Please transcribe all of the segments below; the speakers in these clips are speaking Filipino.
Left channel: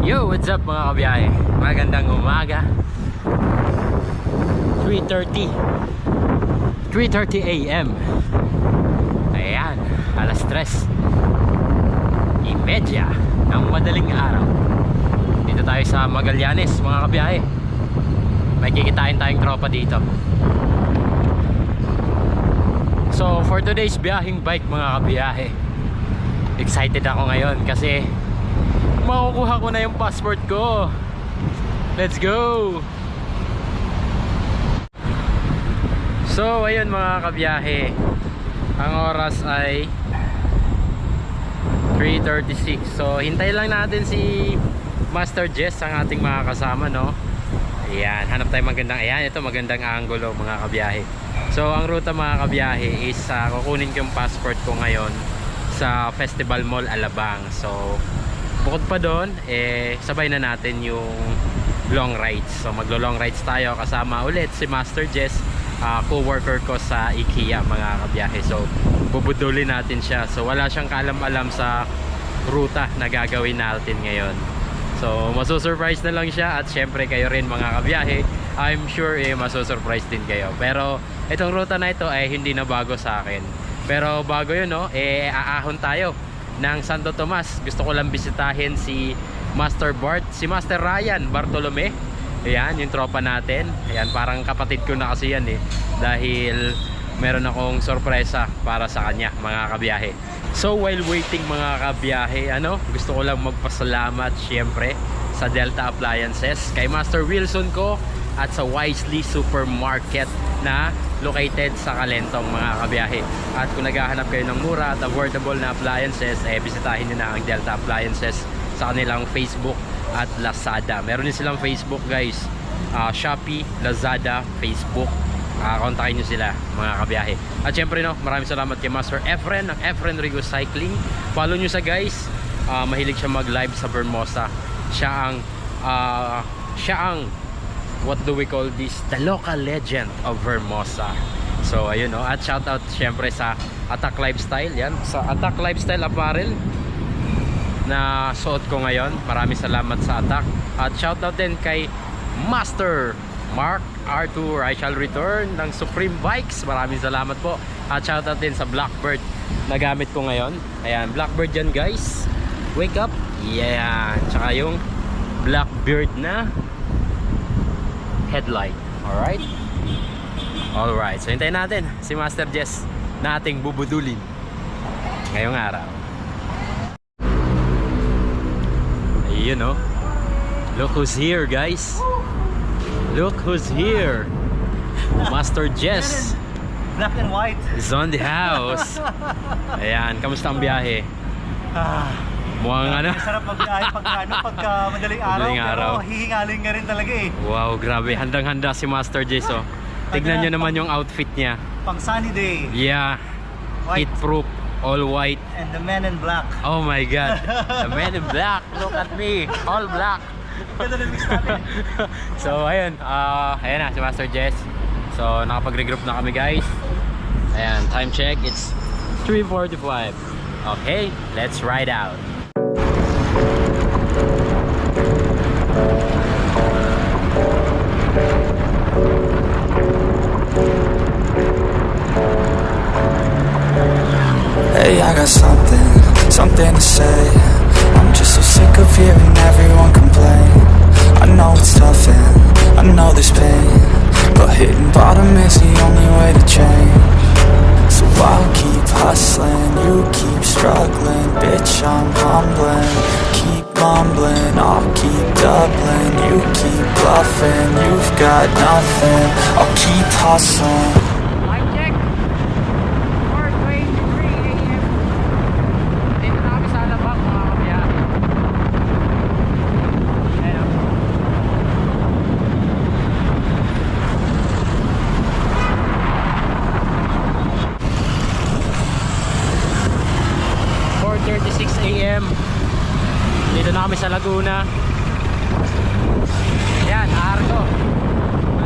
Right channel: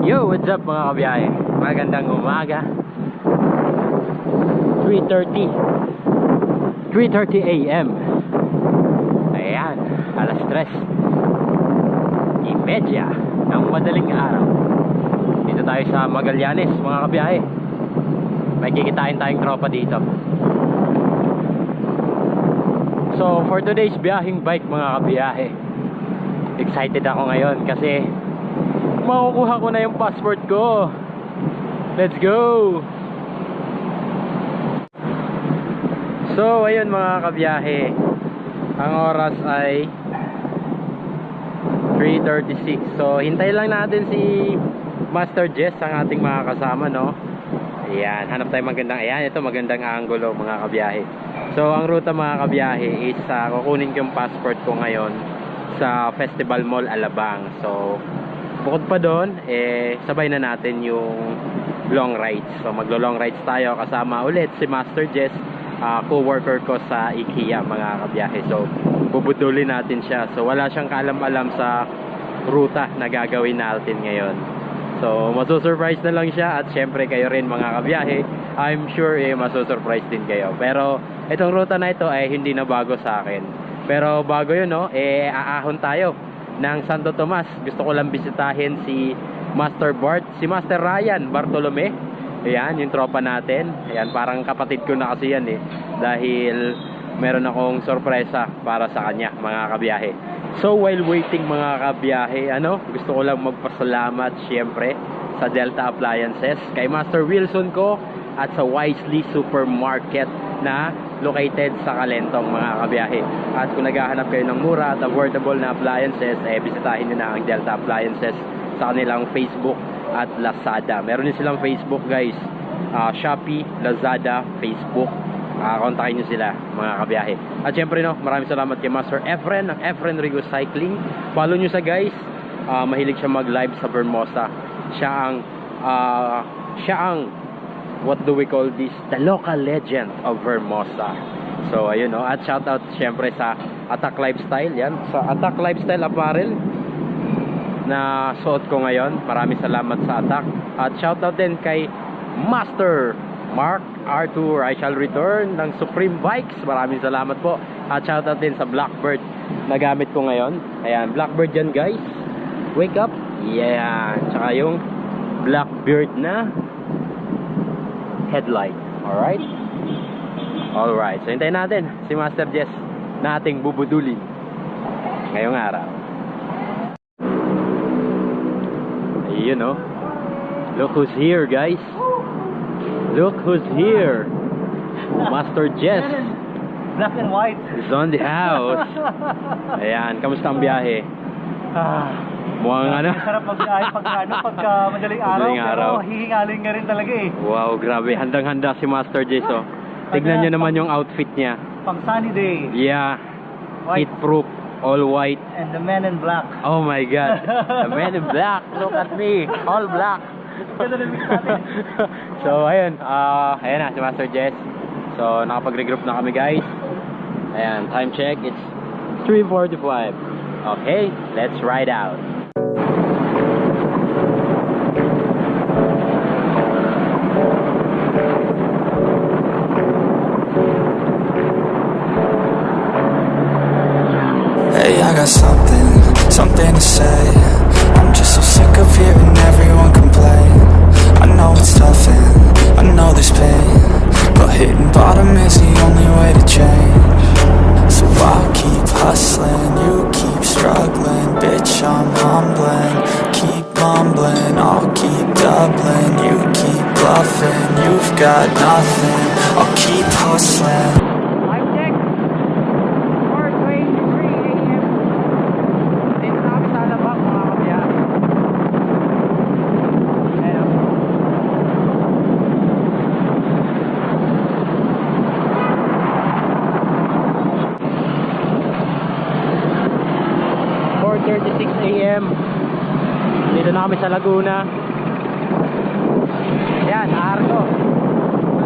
Yo, what's up mga kabiyahe? Magandang umaga. 3:30 AM. Ayan, alas 3:30 ng madaling araw. Dito tayo sa Magallanes mga kabiyahe. May kikitain tayong tropa dito. So for today's biyahing bike mga kabiyahe, excited ako ngayon kasi makukuha ko na yung passport ko. Let's go! So ayun mga kabiyahe, ang oras ay 3:36. So hintayin lang natin si Master Jess, ang ating mga kasama, no? Ayan, hanap tayo magandang, ayan, ito magandang angulo mga kabiyahe. So ang ruta mga kabiyahe is kukunin ko yung passport ko ngayon sa Festival Mall Alabang. So bukod pa doon, sabay na natin yung long rides. So maglo-long rides tayo kasama ulit si Master Jess, co-worker ko sa IKEA mga kabiyahe. So bubudulin natin siya. So wala siyang kaalam-alam sa ruta na gagawin natin ngayon. So masusurprise na lang siya, at syempre kayo rin mga kabiyahe, I'm sure masusurprise din kayo. Pero itong ruta na ito ay hindi na bago sa akin. Pero bago yun, no, aahon tayo ng Santo Tomas. Gusto ko lang bisitahin si Master Bart, si Master Ryan Bartolome. Ayan, yung tropa natin. Ayan, parang kapatid ko na kasi yan dahil meron akong sorpresa para sa kanya mga kabiyahe. So while waiting mga kabiyahe, gusto ko lang magpasalamat syempre sa Delta Appliances, kay Master Wilson ko, at sa Wisely Supermarket na located sa Calentong mga kabiyahe. At kung naghahanap kayo ng mura at affordable na appliances, bisitahin nyo na ang Delta Appliances sa kanilang Facebook at Lazada. Meron din silang Facebook guys, Shopee, Lazada, Facebook. Kontakin nyo sila mga kabiyahe. At syempre maraming salamat kay Master Efren ng Efren Rigo Cycling. Follow nyo sa guys, mahilig siya mag live sa Vermosa. Siya ang what do we call this, the local legend of Vermosa. So ayun, at shoutout syempre sa Attack Lifestyle. Yan, sa Attack Lifestyle Apparel na suot ko ngayon. Maraming salamat sa Attack. At shoutout din kay Master Mark Arthur, I shall return ng Supreme Bikes. Maraming salamat po. At shoutout din sa Blackbird na gamit ko ngayon. Ayan, Blackbird yan guys. Wake up. Yeah. Tsaka yung Blackbird na headlight. Alright? Alright. So hintayin natin si Master Jess na ating bubudulin ngayong araw. Ayun Look who's here guys. Look who's here. Master Jess. Black and white is on the house. Ayan, kamusta ang biyahe? Mukhang sarap magbiyahe pagka madaling araw. Madaling araw. Pero hihingaling nga rin talaga Wow, grabe. Handang-handa si Master Jess Tignan nyo naman yung outfit niya. Pang sunny day. Yeah. White. Heat proof. All white. And the men in black. Oh my God. The men in black. Look at me. All black. Ganda na mix natin. So ayun, ayan na si Master Jess. So nakapag-regroup na kami guys. Ayan, time check, it's 3:45. Okay, let's ride out. Hey, I got something to say. I'm just so sick of hearing everyone complain. I know it's tough and I know there's pain, but hitting bottom is the only way to change. So I'll keep hustling, you keep struggling. Bitch, I'm humbling, keep mumbling. I'll keep doubling, you keep bluffing. You've got nothing, I'll keep hustling. Dito na kami sa Laguna. Yan, Arco,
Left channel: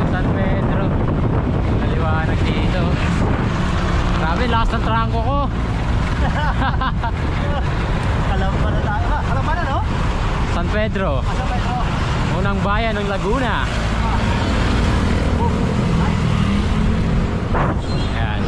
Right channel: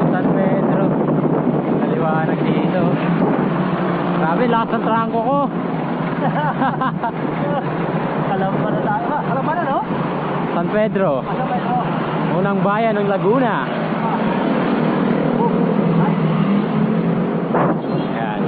San Pedro. Kaliwanag dito. Grabe, lakas ng trangko ko. Alam pa na tayo. Alam pa na, no? San Pedro. Asa ba ito? Unang bayan ng Laguna. Ayan.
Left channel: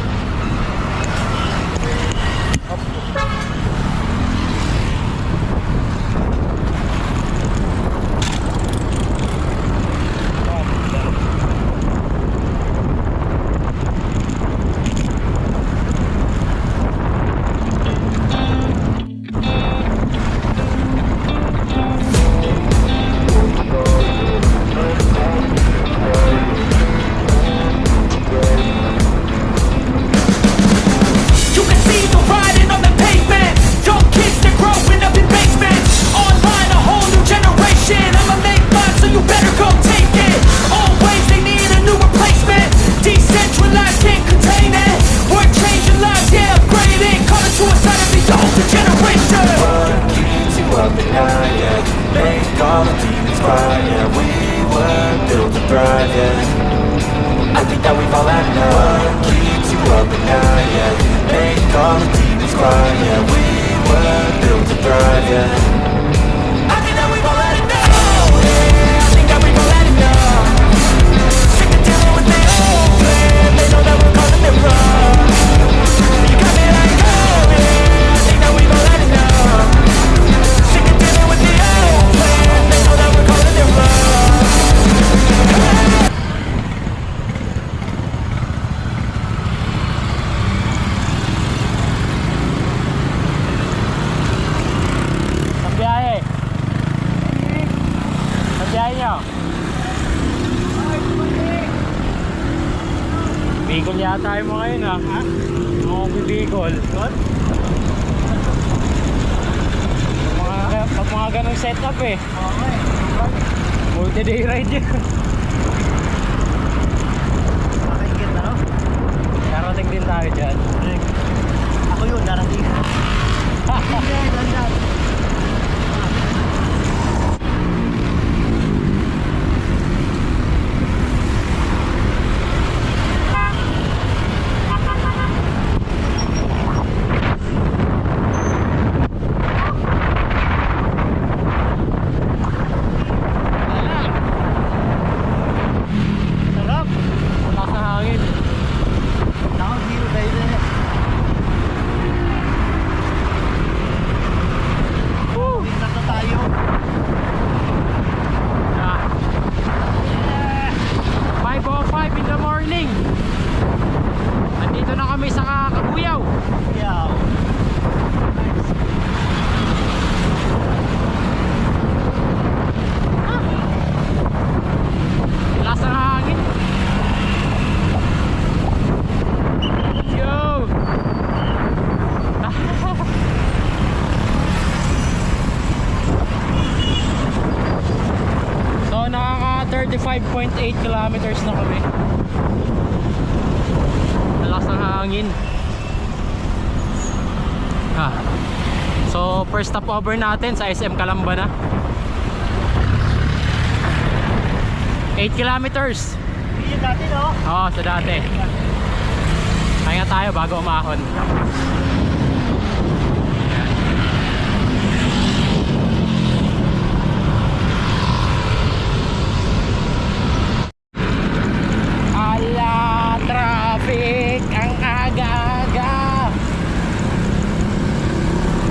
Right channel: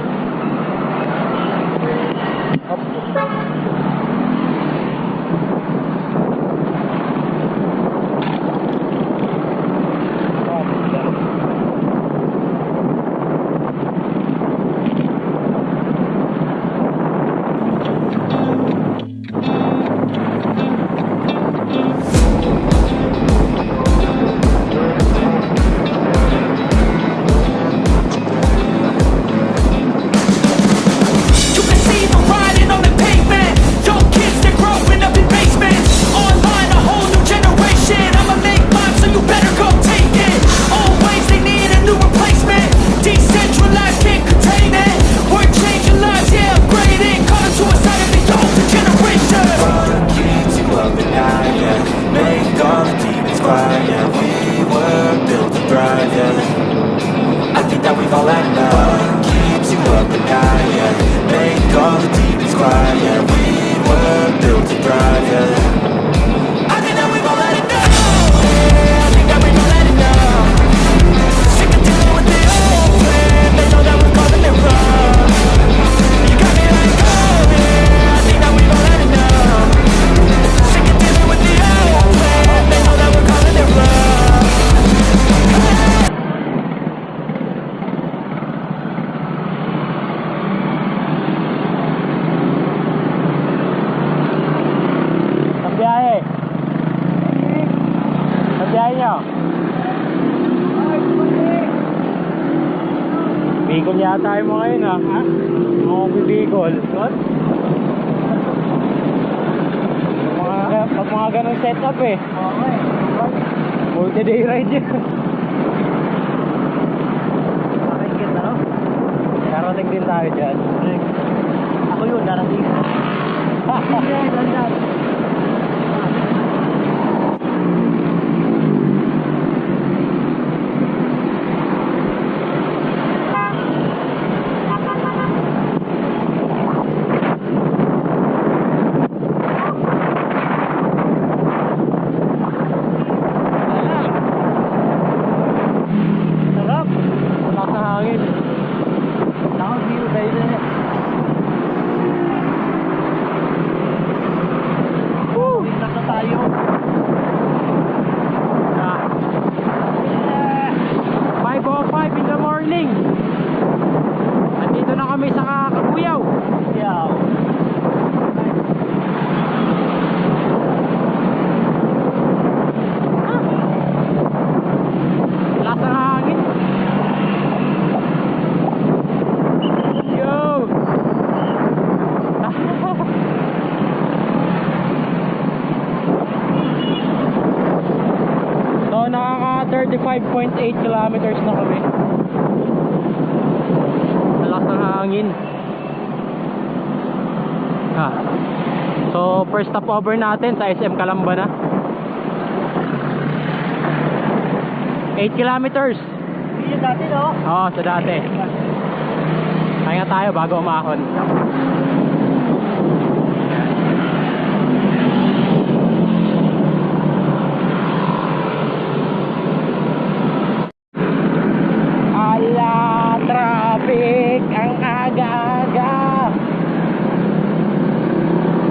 You can see the writing on the pavement. Young kids, they're growing up in basements. Online, a whole new generation. I'ma make mine, so you better go take it. Always, they need a new replacement. Decentralized, can't contain it. We're changing lives, yeah, upgrading. Call it suicide of the older generation. What keeps you up at night, yeah? Make all the demons quiet, yeah. We were built to thrive, yeah. I think that we've all had enough. What keeps you up at night, yeah? Make all the demons quiet, yeah. We were built to thrive, yeah. I think that we've all had enough. Yeah, I think that we've all had enough. Sick of dealing with the old plan. They know that we're calling it wrong. You got me like, oh yeah, I think that we've all had enough. Sick of dealing with the old plan. They know that we're calling it wrong. Ang biyahe. Ang biyahe nyo. Bicol yata yung mga yun, ha? Mga Bicol. Pag mga ganong setup eh. Multi-day ride yun. Makaingit na, no? Darating din tayo dyan. Ako yun, darating. Yan, dandan. Sarap. Lakas ng hangin. Now, here, baby. Winter na tayo. Ah. 5:05 in the morning. Nandito na kami sa Kabuyaw. Yeah. Lakas ng hangin. Yo! So nakaka 35.8 kilometers na kami. Lakas ng hangin. So first stopover natin sa SM Calamba na. 8 kilometers. Yun dati, no? Oo, sa dati. Kaya tayo bago umahon. Ayan. Ala, traffic ang aga-aga.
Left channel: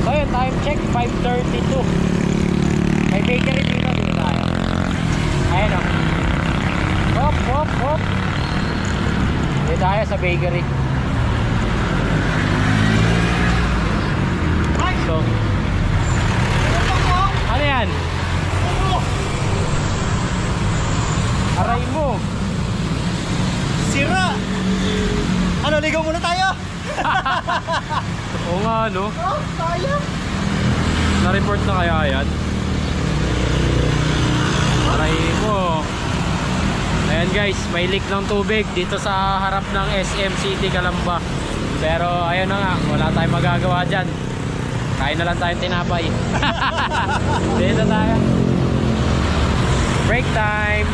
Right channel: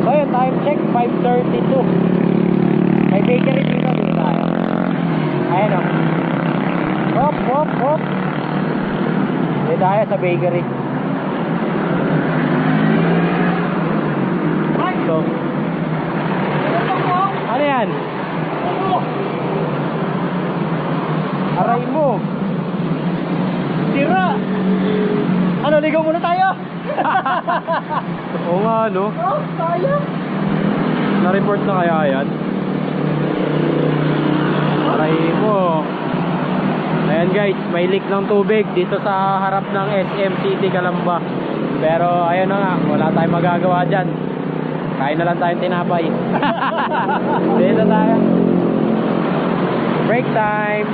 So yun, time check 5:32. May bakery dito tayo. Ayan o. Hop, hop, hop. Dito tayo sa bakery. So, ano yan? Aray mo. Sira! Ano, ligaw muna tayo? Oo nga, no? Oh, tayo! Na-report na kaya yan? Aray mo. Ayan guys, may leak ng tubig dito sa harap ng SM City Calamba. Pero ayun na nga, wala tayong magagawa dyan. Kain na lang tayong tinapay. Dito tayo. Break time.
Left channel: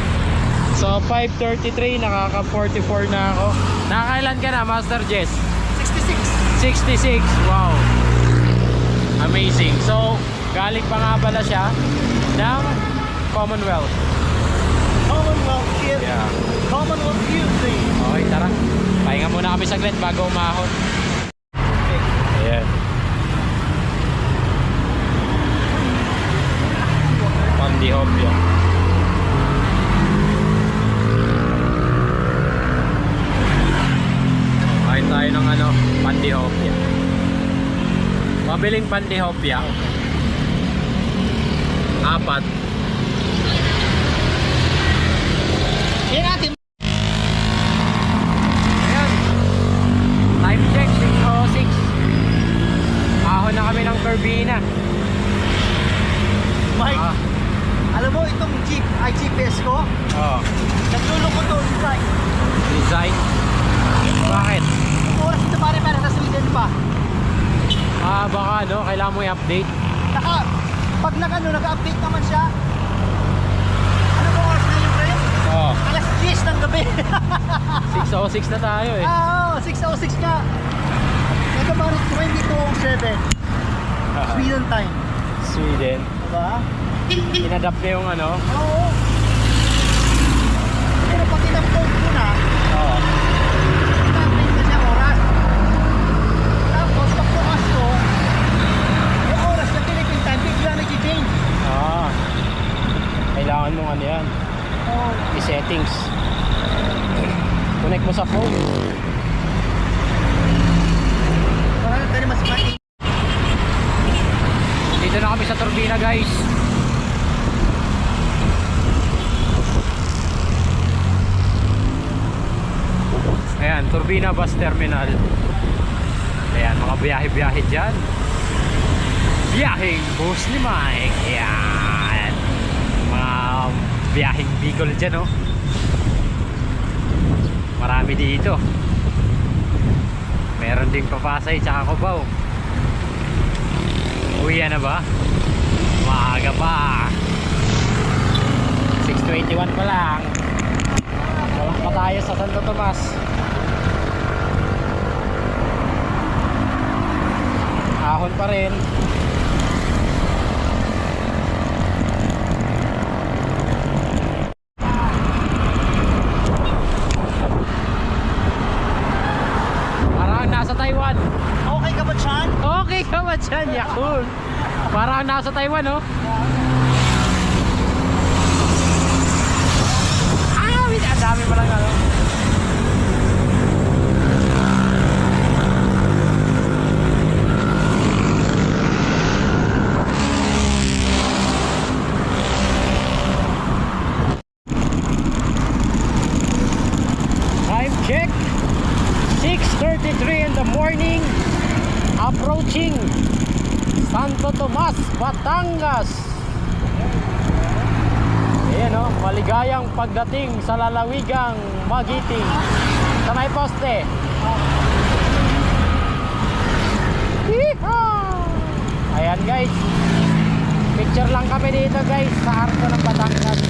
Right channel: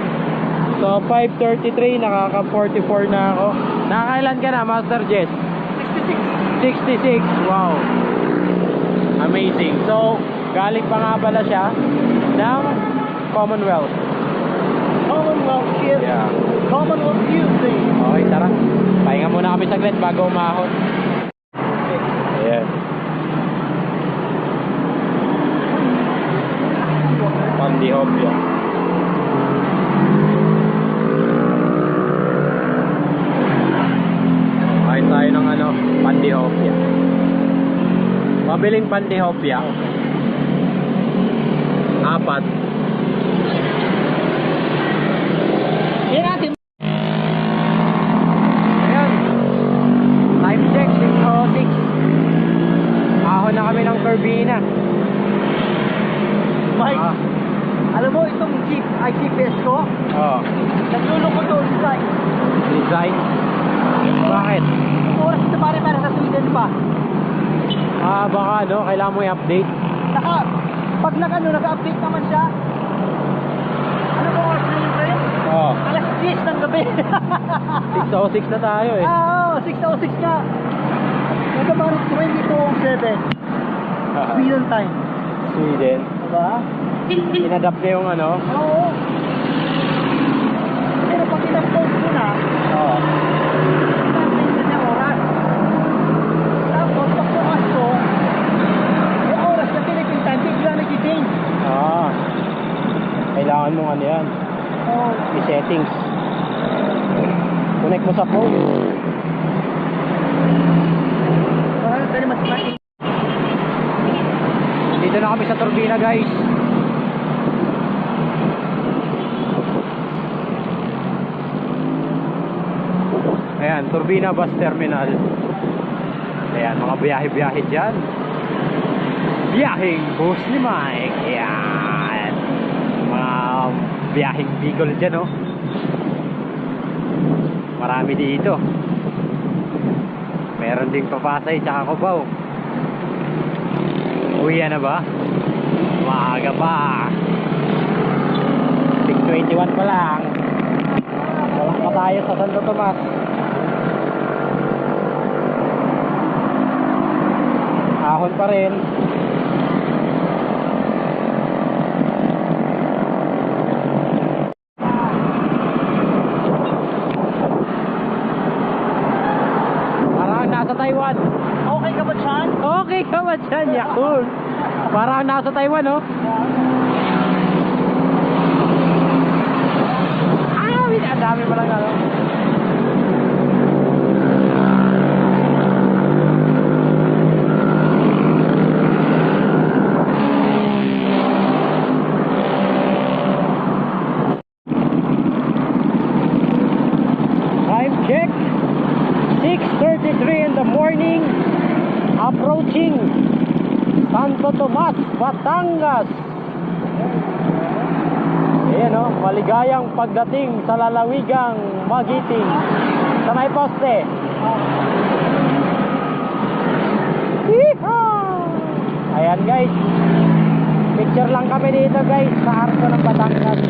So 5:33, nakaka 44 na ako. Nakakailan ka na, Master Jess? 66! 66, wow. Amazing. So galing pa nga pala siya ng Commonwealth. Commonwealth ship. Yeah. Commonwealth music. Okay, tara. Pahinga muna kami saglit bago umahon. Ayan. Pandihopia. Kain tayo ng ano, Pandihopia. Pabiling Pandihopia. Apat. Yan natin. Ayan. Time check, 6:06. Ahon na kami ng turbina. Mike, Ah, alam mo itong jeep, ay GPS ko, oh. nagluloko to design. Design. Bakit? Oras ito pare para sa Sweden pa. Ah, baka ano, kailangan mo i-update. Pag nag-update naman siya. Ano ba oras na yun kayo? Oh, Alas 10 ng gabi. 6:06 na tayo eh. Oo, 6:06 nga. Ito pare 22:07. Sweden time. Sweden. Diba? Inadapt na yung ano. Oo. Pero pag in-upload ko na, Oh. in-update na siya oras. Tapos pag bukas ko, yung oras na Philippine time, bigla nag-change. Ah. Kailangan mong ano yan. Oo. I-settings. Connect mo sa phone. Parang dali mas mati. Dito na kami sa turbina, guys. Ayan, Turbina Bus Terminal. Ayan, mga biyahe-biyahe dyan. Biyaheng bus ni Mike. Ayan. Mga biyaheng Bicol dyan, oh. Marami dito. Meron ding Papasay tsaka Cubao. Uwi na ba? Maaga pa. 6:21 pa lang. Wala pa tayo sa Santo Tomas. Ahon pa rin. Parang nasa Taiwan. Okay ka ba, Chan? Okay ka ba dyan, Yakul? Parang nasa Taiwan, oh. Ah, ang dami pa lang, ano. Time check. 6:33 in the morning. Approaching Santo Tomas, Batangas. Ayan o, maligayang pagdating sa lalawigang Magiting. Sa may poste. Yeehaw! Ayan guys, picture lang kami dito guys sa arko ng Batangas.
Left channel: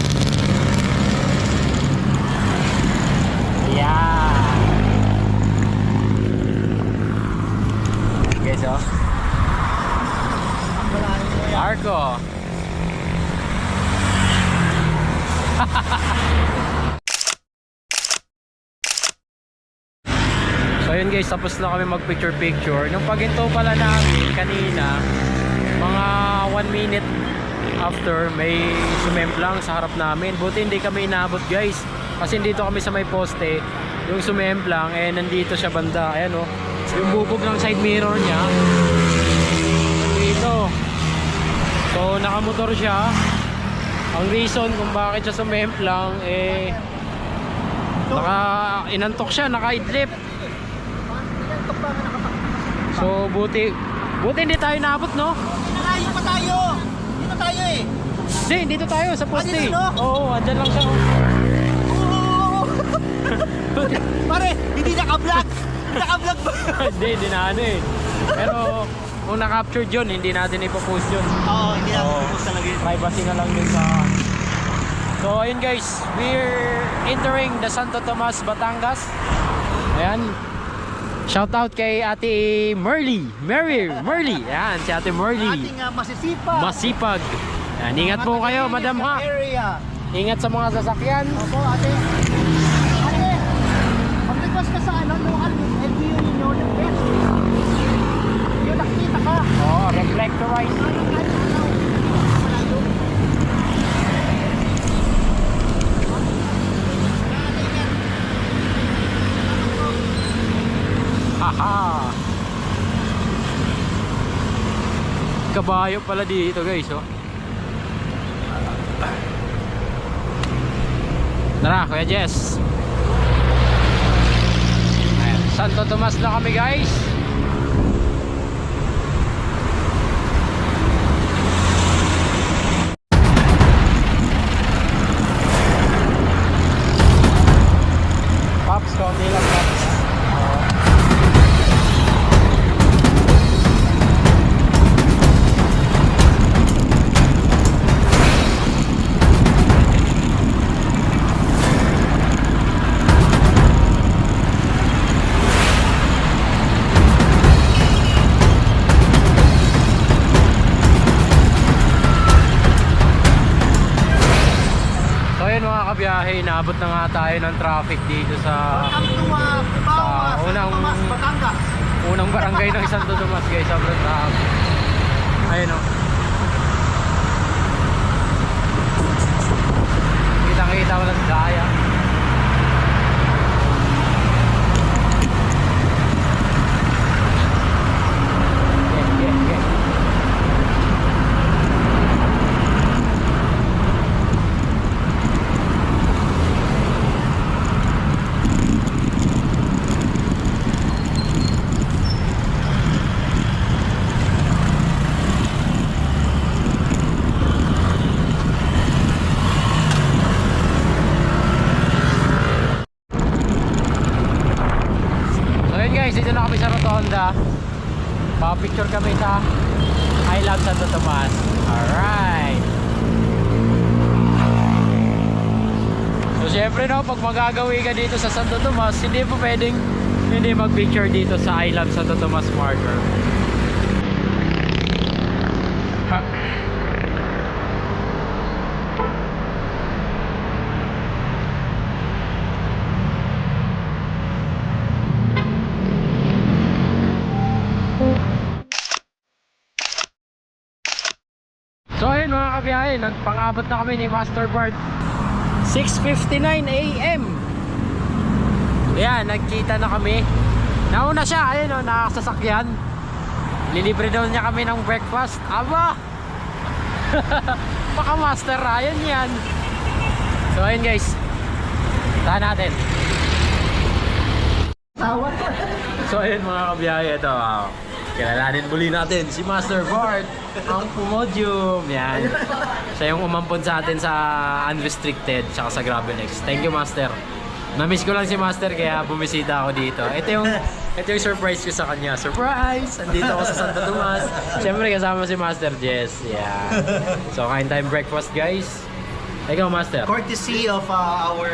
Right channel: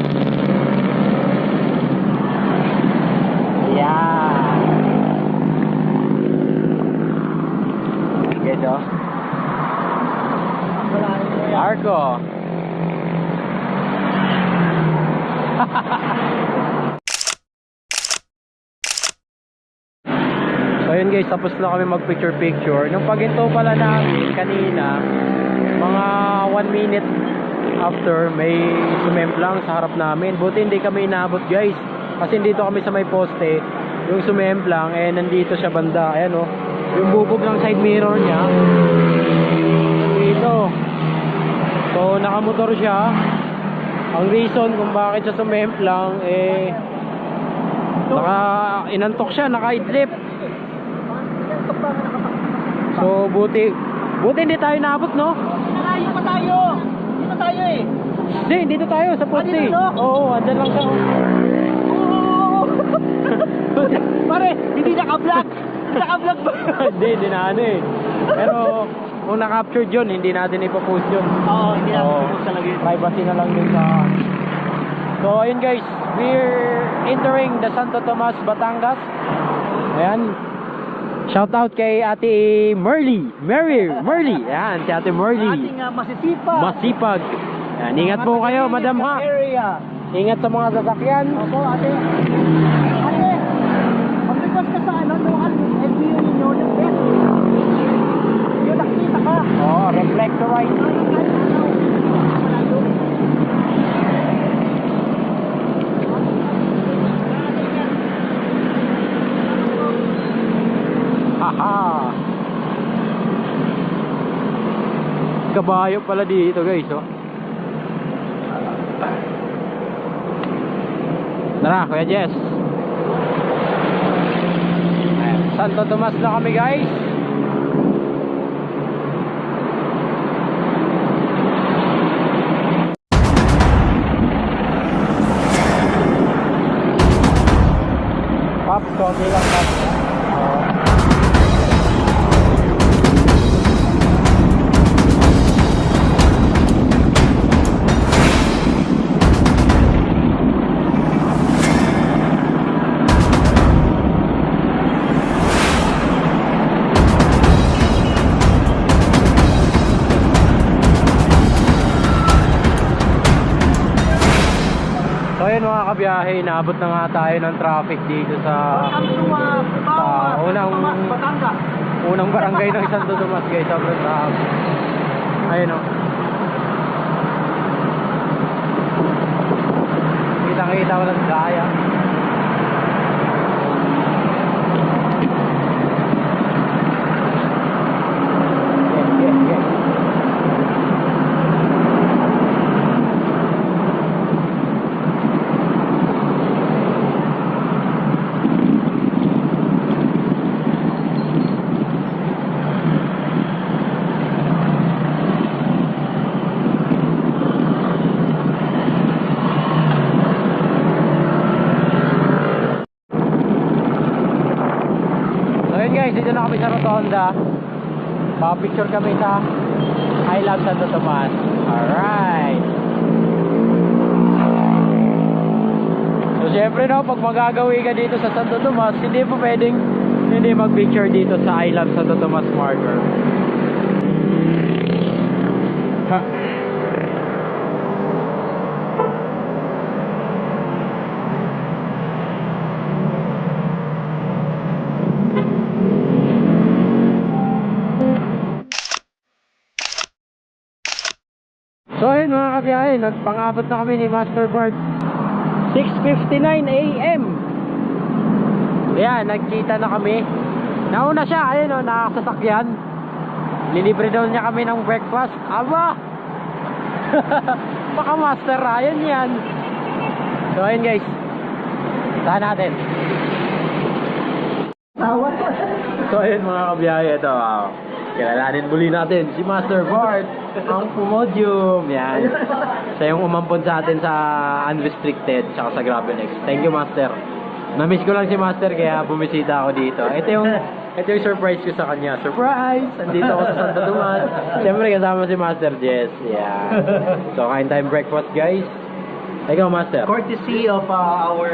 Ayan guys, oh. Arco. So yun guys, tapos na kami mag picture. Nung paginto pala namin kanina, mga 1 minute after, may sumemplang sa harap namin. Buti hindi kami inabot guys, kasi dito kami sa may poste. Yung sumemplang, eh nandito siya banda. Ayan oh, yung bubog ng side mirror niya dito. So nakamotor siya. Ang reason kung bakit siya sumemplang, eh inantok siya, nakaidlip. So buti hindi tayo naabot, no? Nalayo pa tayo! Dito tayo eh! Hindi, dito tayo sa poste. dito, no? Oo, andyan lang siya. Oo! Pare, hindi naka-vlog! Naka-vlog ba? Hindi na ano eh. Pero kung na-captured yun, hindi natin ipopost yun. Oo, hindi na Oo. focus talaga yun. Privacy na lang din sa... So ayun guys, we're entering the Santo Tomas, Batangas. Ayan. Shout out kay Ate Merly. Merly. Ayan, si Ate Merly. Ating masisipag. Masipag. Yan, ingat po kayo, madam ha. Area. Ingat sa mga sasakyan. Opo, ate. Ate, mag-request ka sa ano, local LGU ninyo, yung best. Yung nakikita ka. Oo, reflectorize. Haha. Kabayo pala dito guys, oh. Tara, Kuya Jess. Ayan, Santo Tomas na kami guys. Pops, konti lang Pops. So yun mga kabiyahe, naabot na nga tayo ng traffic dito sa Tomas, Batangas. unang barangay ng Santo Tomas guys. Sobrang traffic. Ayun o. Kita-kita ko ng daya. Yeah. So yun guys, dito na kami sa Rotonda. Pa-picture kami sa I Love Santo Tomas. Alright. So syempre no, pag magagawi ka dito sa Santo Tomas, hindi po pwedeng hindi mag-picture dito sa I Love Santo Tomas marker. So ayun mga kabiyahe, nagpang-abot na kami ni Master Bart. 6:59 AM. Ayan, nagkita na kami. Nauna siya, ayun o, nakasasakyan. Lilibre daw niya kami ng breakfast. Aba! Baka Master Ryan yan. So ayun guys, tahan natin. Tawad. So ayun mga kabiyahe, ito kilalanin muli natin si Master Bart, ang Pumodium. Yan. Siya yung umampon sa atin sa Unrestricted tsaka sa Gravel X. Thank you Master. Na-miss ko lang si Master kaya bumisita ako dito. Ito yung surprise ko sa kanya. Surprise! Andito ako sa Santo Tomas. Siyempre kasama si Master Jess. Yan. So kain tayong breakfast guys. Ikaw Master. Courtesy of our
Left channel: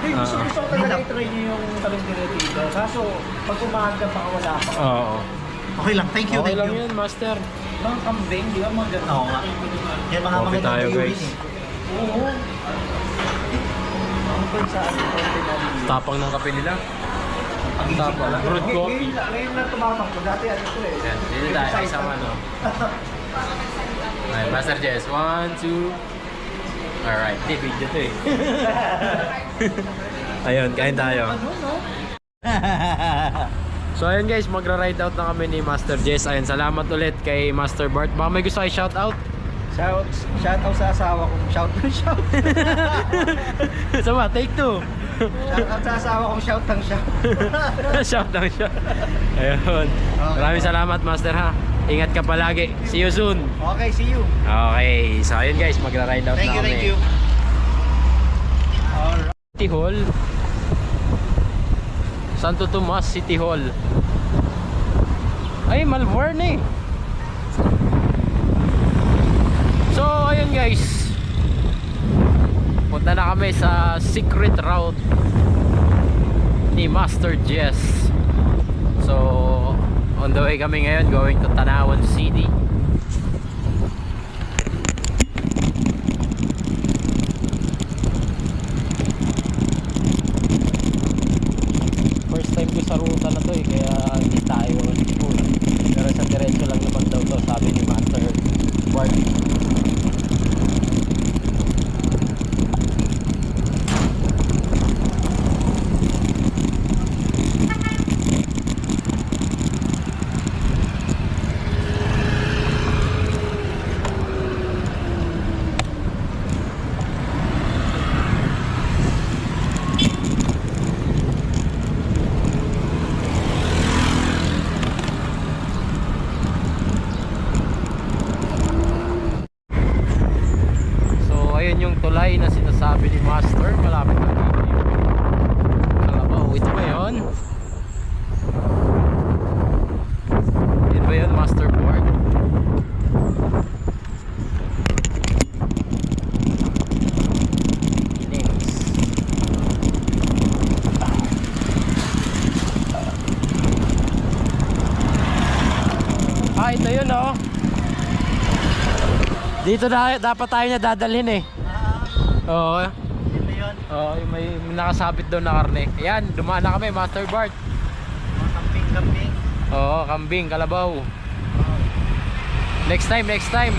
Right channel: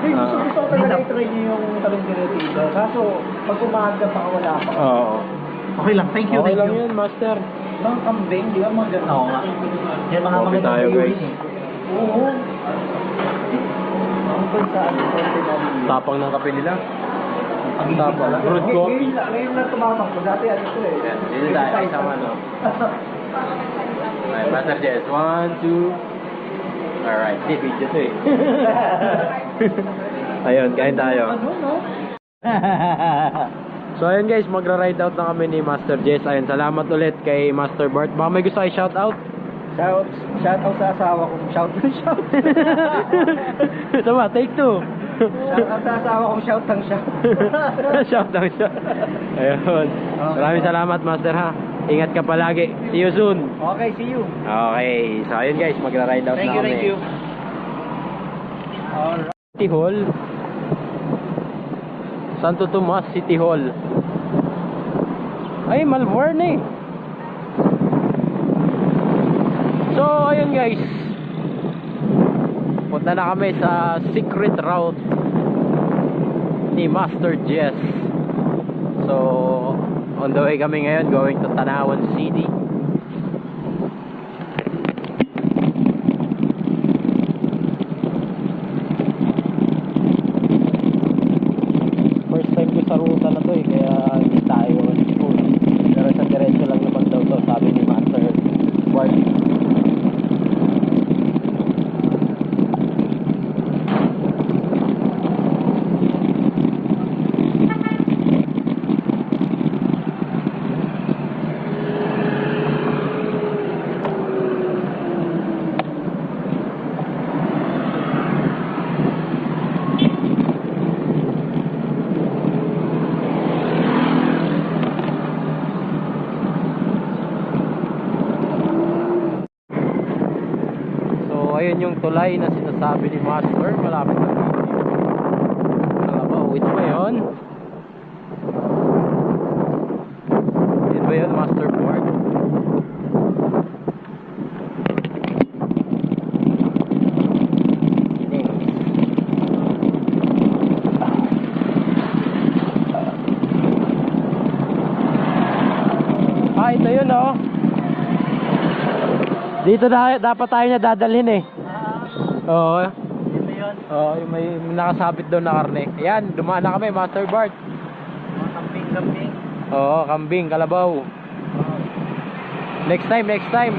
gusto ko talaga i-try niyo yung talong dito. Kaso pag umaga pa wala pa. Oo. Okay lang, thank you, Okay thank lang you. yun Master. Mga kambing, di ba mga ganun? Oo nga. Yan mga Coffee tayo, guys. Oo. Ang pansaan ko Tapang ng kape nila. Ang tapang. Brewed coffee. Ngayon na tumapang ko. Dati ano ito eh. Yan, dito tayo, isama no. Ay, Master Jess, 1, 2. Alright, di video to eh. Ayun, kain tayo. So ayun guys, magra-ride out na kami ni Master Jess. Ayun, salamat ulit kay Master Bart. Baka may gusto kayo shout out? Shout out sa asawa kong shout. Sama, take 2. Shout out sa asawa kong shout. Shout lang siya. Ayun. Maraming salamat Master ha. Ingat ka palagi. See you soon. Okay, see you. Okay, so ayun guys, magra-ride out Thank na you, kami. thank you. Alright. City Hall. Santo Tomas City Hall. Ay, Malvern eh. So, ayun guys. Punta na kami sa secret route ni Master Jess. So, on the way kami ngayon going to Tanawan City. sa ruta na to eh, kaya hindi tayo sure. Pero sa diretso lang naman daw to, sabi ni Master Bart. So ayun yung tulay na sinasabi ni Master, malapit na dito yung Kalabaw. Ito ba yun? Yun ba yun, Master Board? Ito yun oh. Dito na dapat tayo niya dadalhin eh. Oo. Ito yun. Oo, yung may nakasabit doon na karne. Ayan, dumaan na kami, Master Bart. Mga kambing-kambing. Oo, kambing, kalabaw. Next time, next time.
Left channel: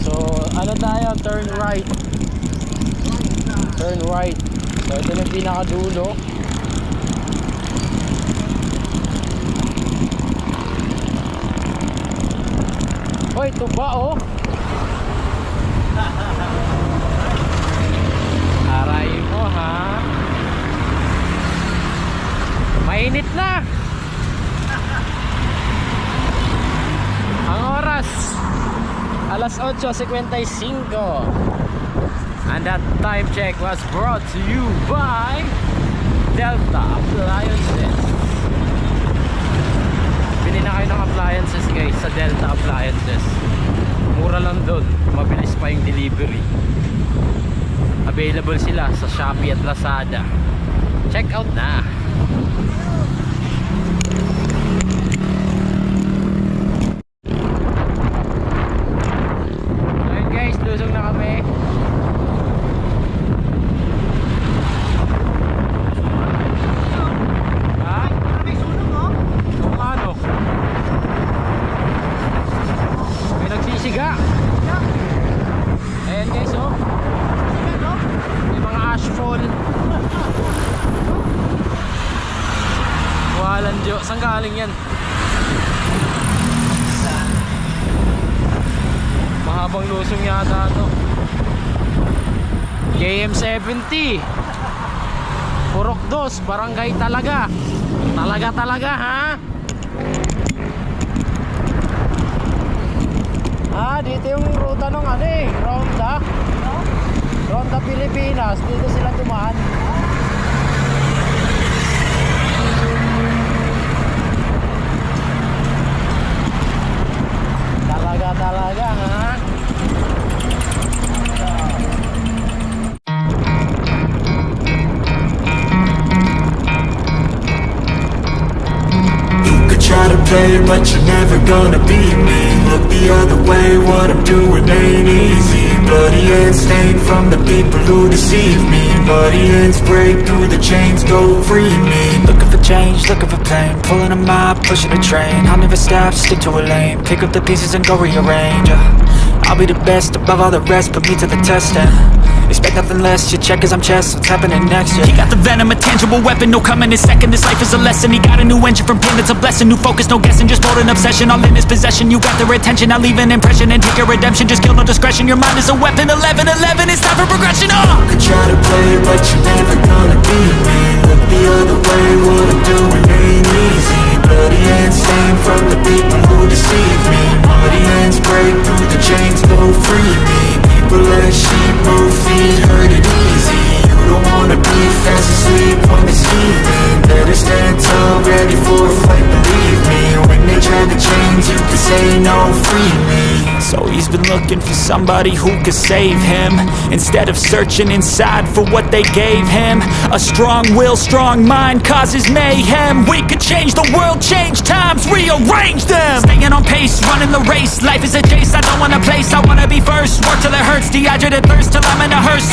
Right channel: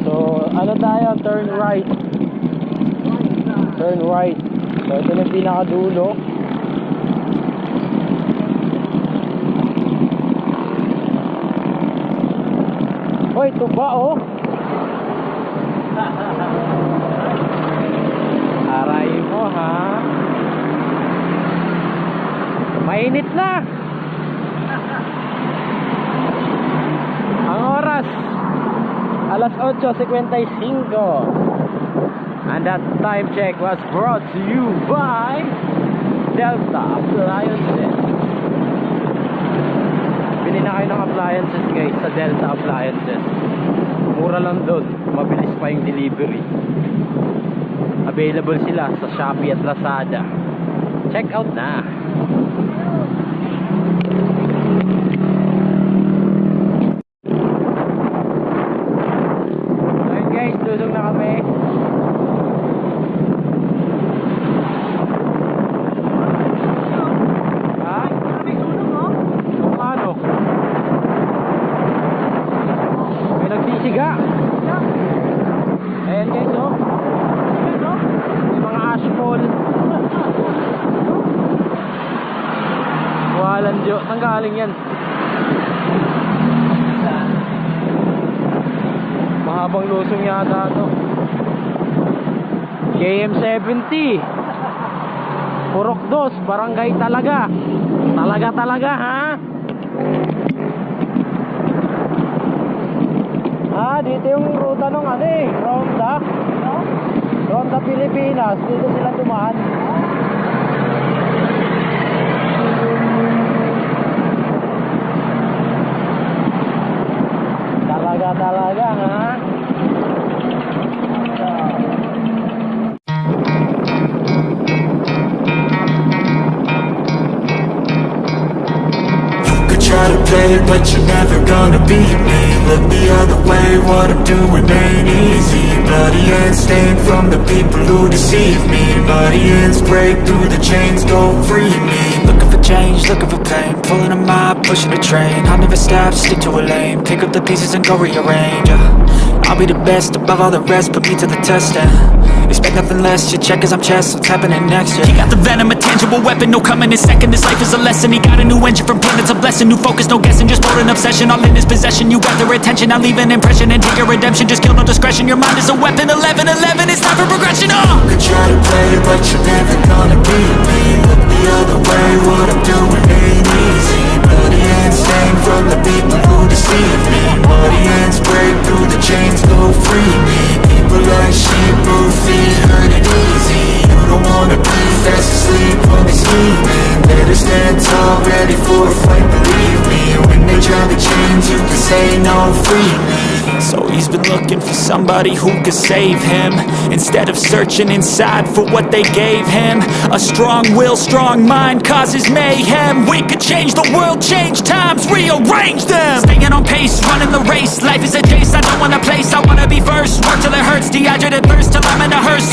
So, ano tayo? Turn right. Turn right. So, ito na yung pinakadulo. Hoy, ito ba oh? Aray mo ha. Mainit na. Ang oras alas 8:55. And that time check was brought to you by Delta Appliances. Bili na kayo ng appliances guys sa Delta Appliances. Mura lang doon, mabilis pa yung delivery. Available sila sa Shopee at Lazada. Check out na. Ayun guys, lusog na kami. Ha? May sunog oh. Kung ano? May nagsisiga. Ayan guys oh. May mga ashfall. Walang Diyos. Saan galing yan? Mahabang lusong yata to. KM70 Purok 2 Barangay talaga. Talaga ha. Ah, dito yung ruta ng ano eh, Ronda Pilipinas. Dito sila dumaan. Talaga ha. Try to play, but you're never gonna beat me. Look the other way, what I'm doing ain't easy. Bloody hands stained from the people who deceive me. Muddy hands break through the chains, go free me. Looking for change, looking for pain. Pulling a mob, pushing a train. I'll never stop, stick to a lane. Pick up the pieces and go rearrange. I'll be the best above all the rest, put me to the test and expect nothing less, you check as I'm chess, what's happening next, yeah. He got the venom, a tangible weapon, no coming in second. This life is a lesson. He got a new engine from pain, that's a blessing. New focus, no guessing, just bold an obsession. All in his possession, you got their attention. I'll leave an impression and take your redemption. Just kill, no discretion. Your mind is a weapon. 11-11, it's time for progression. You could try to play, but you're never gonna beat me. Look the other way, what I'm doing ain't easy. Bloody hands stained from the people who deceive me. Muddy hands break through the chains, go free me. People like sheep move feet, hurt it easy. You don't wanna be fast asleep when they're scheming. Better stand tall, ready for a fight, believe me. When they try the chains, you can say no, free me. So he's been looking for somebody who could save him, instead of searching inside for what they gave him. A strong will, strong mind causes mayhem. We could change the world, change times, rearrange them. Staying on pace, running the race. Life is a chase, I don't want a place, I wanna be first. Work till it hurts, dehydrated thirst till I'm in a hearse.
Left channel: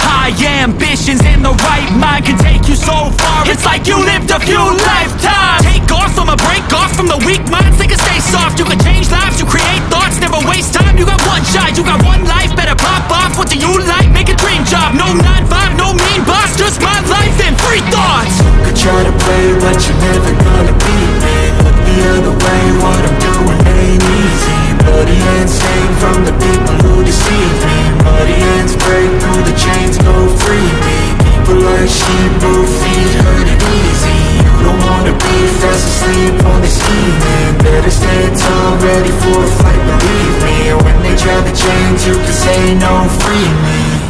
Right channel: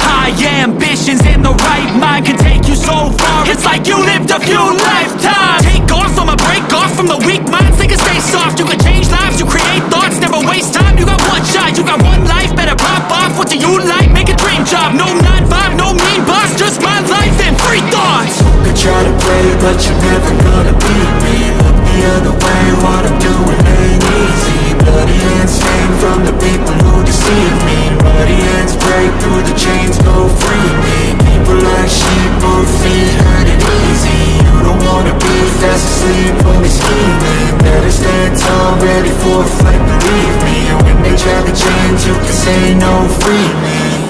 High ambitions in the right mind can take you so far. It's like you lived a few lifetimes. Take off, I'ma break off from the weak minds. They can stay soft, you can change lives, you create thoughts, never waste time. You got one shot, you got one life, better pop off. What do you like? Make a dream job. No 9-5, no mean boss, just my life and free thoughts. You could try to play, but you're never gonna beat me. Look the other way, what I'm doing ain't easy. Bloody hands stained from the people who deceive me. Muddy hands break through the chains, go free me. People like sheep move feet, hurt it easy. You don't wanna be fast asleep on this scheming. Better stand tall, ready for a fight, believe me. When they try to change, you can say no, free me.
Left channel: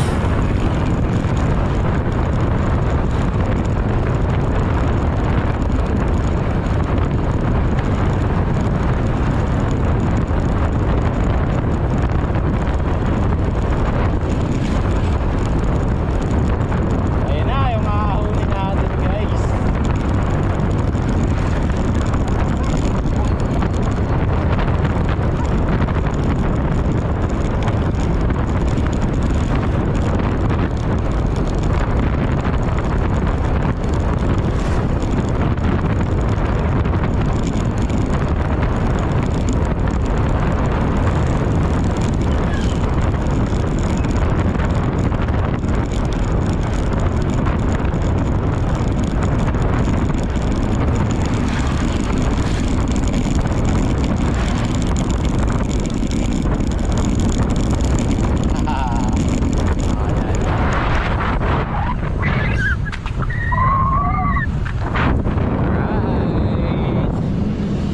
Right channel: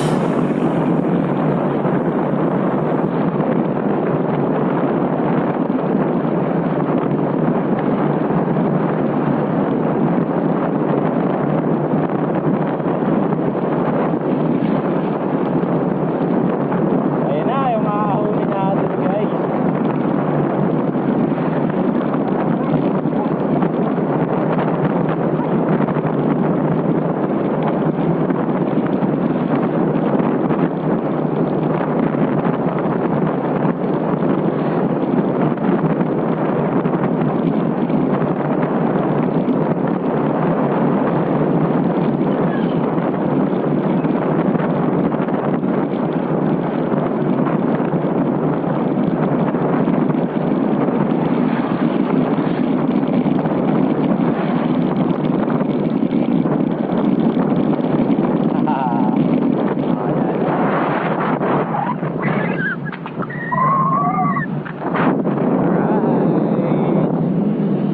Ayun na, yung makakahuli natin guys.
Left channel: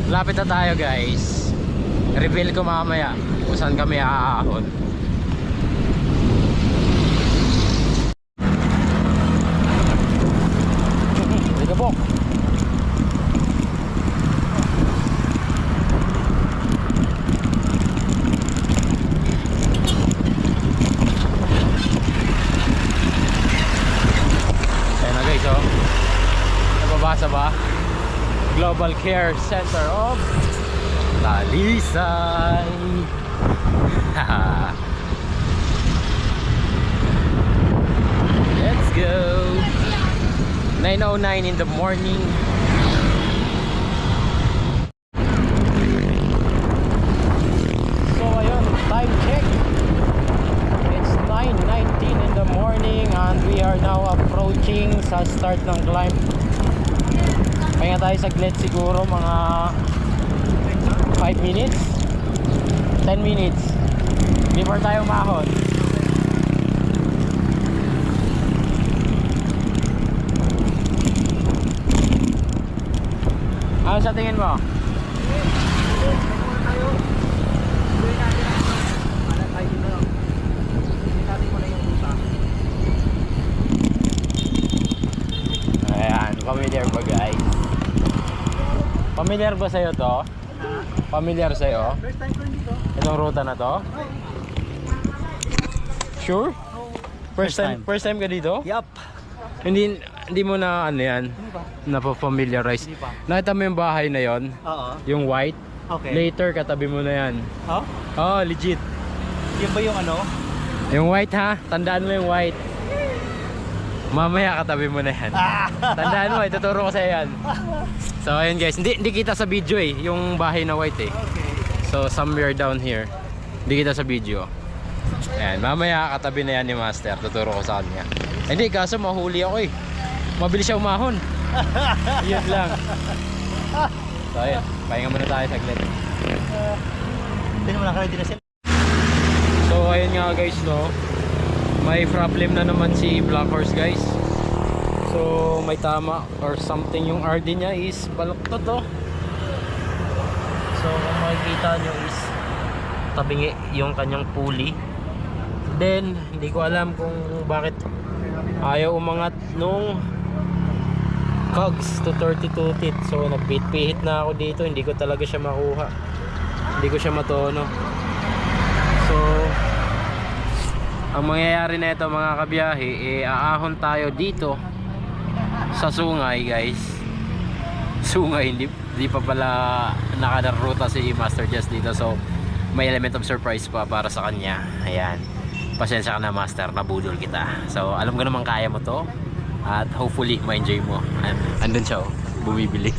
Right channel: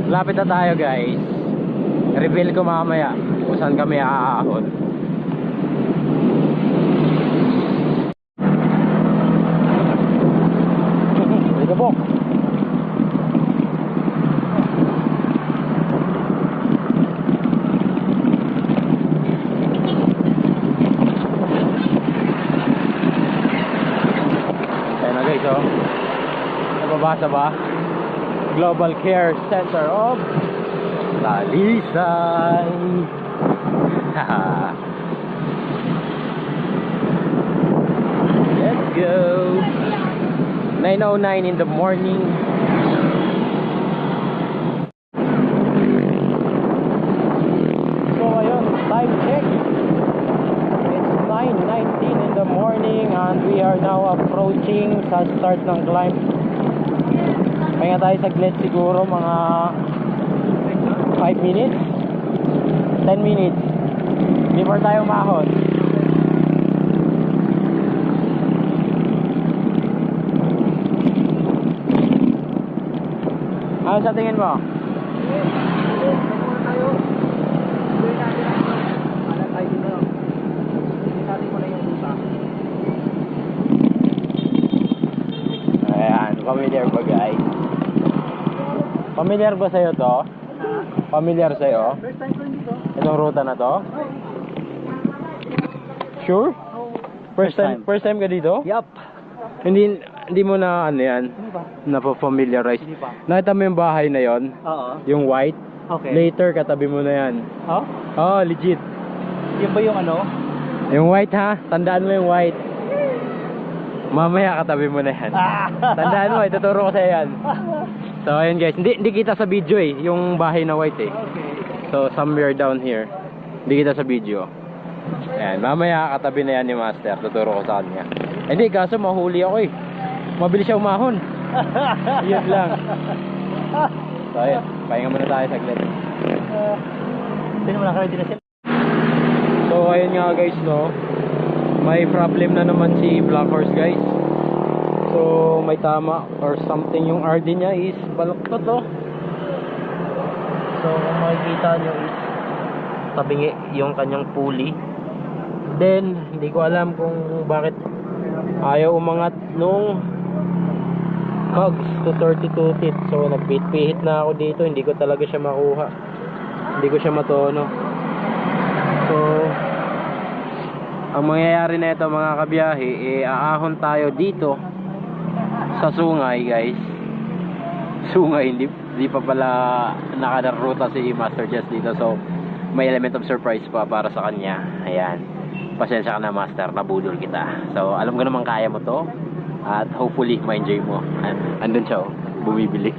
Lapit na tayo guys. Reveal ko mamaya kung saan kami aahon. Dito po. Ayan na guys, oh. Nababasa ba? Global Care Center of Talisay. Let's go. 9:09 in the morning. So ayun, time check. It's 9:19 in the morning and we are now approaching sa start ng climb. Pahinga tayo saglit, siguro mga 5 minutes 10 minutes before tayo umahon. Ano sa tingin mo? Ayan, familiar ba guys? Familiar ba sa'yo to? Familiar sa'yo? First time ko rin dito. Itong ruta na to? Sure? First time ka dito? Yup. Hindi mo na ano yan? Hindi ba? Napapamiliarize? Hindi pa. Nakita mo yung bahay na yon? Oo. Yung white? Okay. Later katabi mo na yan. Oh? Oh, legit. Yun ba yung ano? Yung white ha? Tandaan mo yung white. Mamaya katabi mo na yan. Tandaan mo, ituturo ko sa'yo yan. So ayun guys, hindi kita sa video eh, yung bahay na white eh. Okay. So somewhere down here, hindi kita sa video. Ayan, mamaya katabi na yan ni Master, tuturo ko sa kanya. Hindi, kaso mahuli ako eh. Mabilis siya umahon. Yun lang. So ayun, pahinga muna tayo saglit. Hindi naman nakaready na sila. So ayun nga guys, no, may problem na naman si Black Horse guys. So may tama or something, yung RD niya is baluktot to. So kung makikita nyo is tabingi yung kanyang pulley. Then hindi ko alam kung bakit ayaw umangat nung cogs to 32 teeth. So nagpihit na ako dito, hindi ko talaga siya makuha, hindi ko siya matono. So ang mangyayari na ito mga kabiyahe, aahon tayo dito sa Sungay guys. Sungay, hindi pa pala nakaruta si Master Jess dito, so may element of surprise pa para sa kanya. Ayan, pasensya ka na Master, nabudol kita. So alam ko naman kaya mo to, at hopefully ma-enjoy mo. Andun siya oh, bumibili.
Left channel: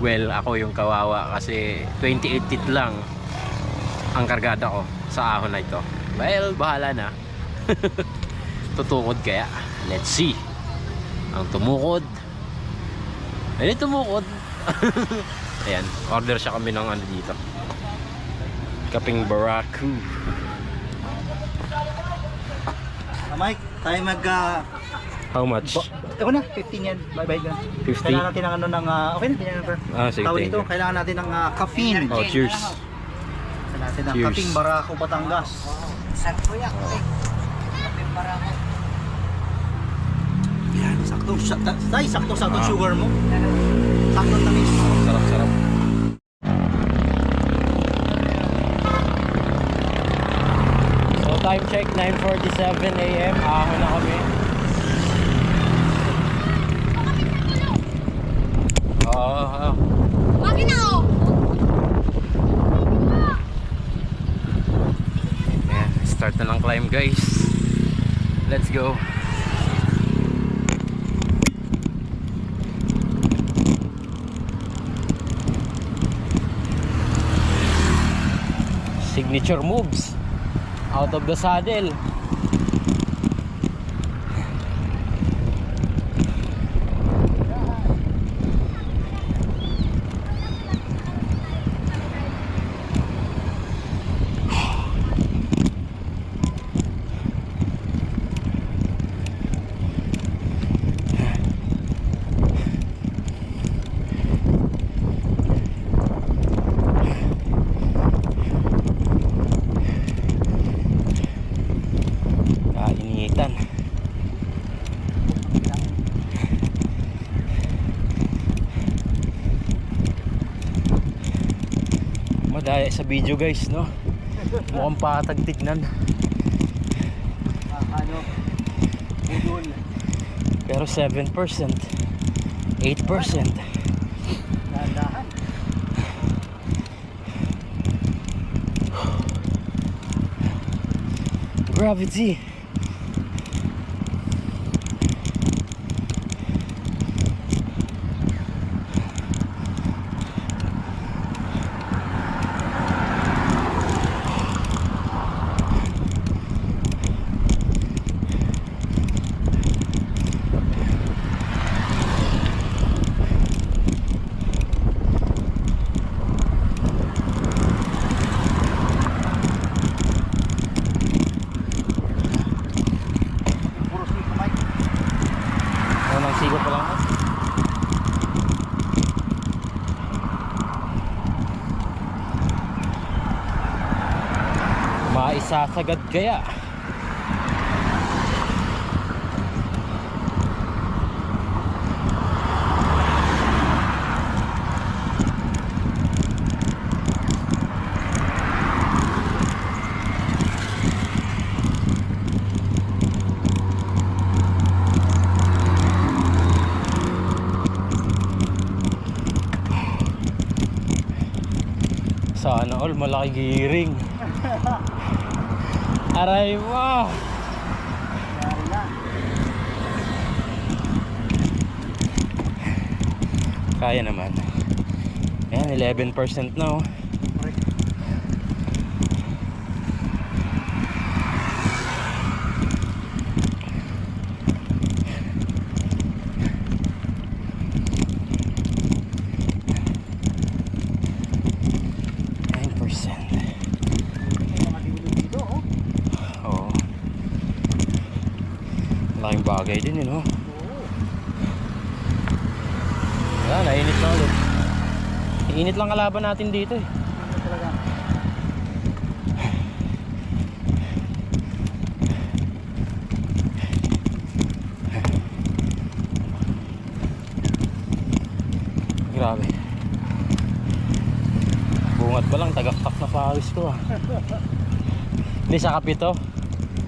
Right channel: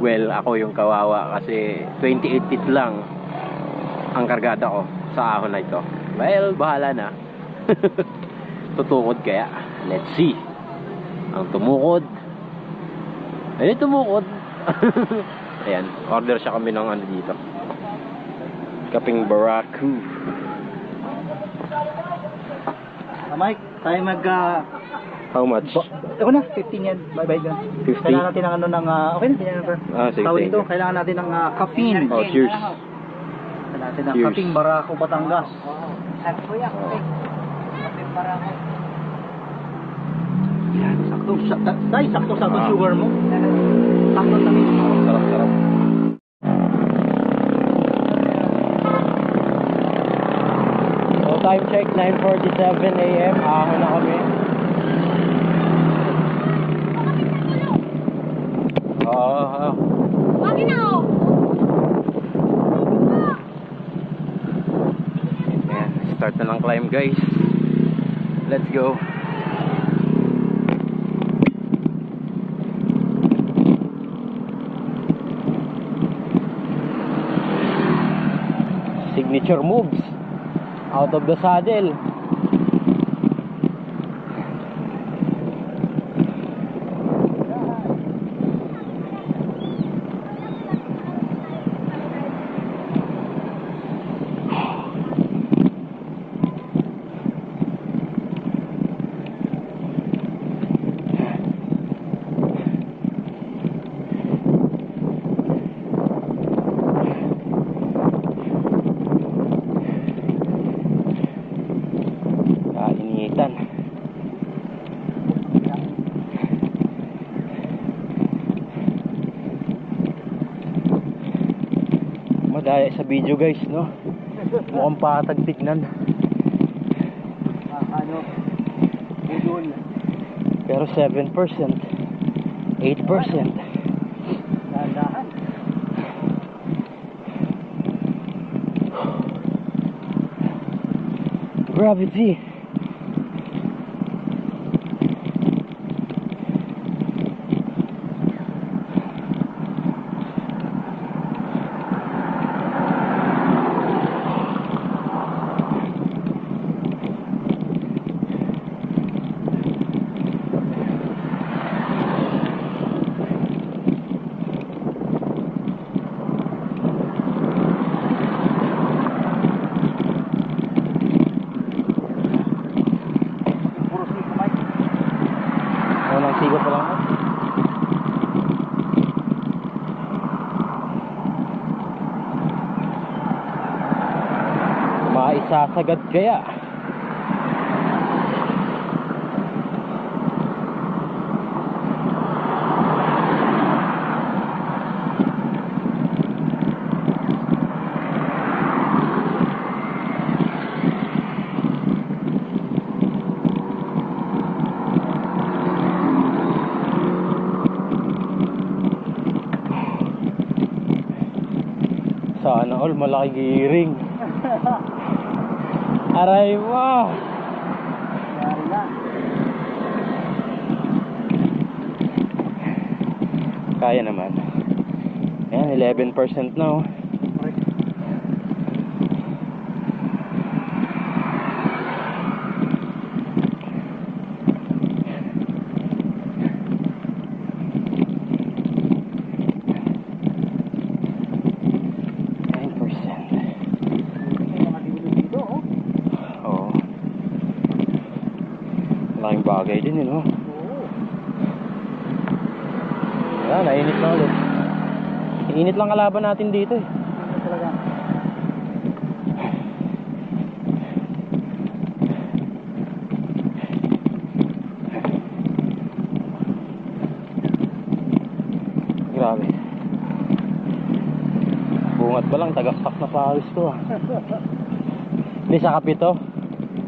Well, ako yung kawawa kasi 28 tit lang ang kargada ko sa ahon na ito. Well, bahala na. Tutukod kaya. Let's see. Ang tumukod. Ayun, tumukod. Ayan, order siya kami ng ano dito. Kaping Baraku. Mike, tayo mag... How much? Ako na, 15 yan. Bye-bye ka. 50? Kailangan natin ng ano ng... okay na, tinyan na. Ah, sige, Tawag thank dito, you. kailangan natin ng caffeine. Oh, cheers. Kailangan natin ng Cheers. kaping Barako, Batangas. Sakto yan. Kapit para ako. Yan, sakto sugar mo. Sakto tamis. Sarap, sarap. So time check, 9:47 AM. Ahon na kami. Bakit na ako? Ayan, start na ng climb guys. Let's go. Signature moves out of the saddle. Kainitan. Madaya sa video guys, no? Mukhang patag tignan. Ano? Budol. Pero 7%, 8%. Dahan-dahan. Gravity. Puro siko, Mike. Unang sigo pa lang. Maisasagad kaya. Sana all malaki giring. Aray mo. Yari na. Kaya naman. Ayan, 11% na oh. Oo. Malaking bagay din yun, oh. Wala, nainit na ulit. Init lang kalaban natin dito eh. Ano talaga? Grabe. Bunga Bungat pa lang, tagaktak na pawis ko ah. Hindi sa kapito.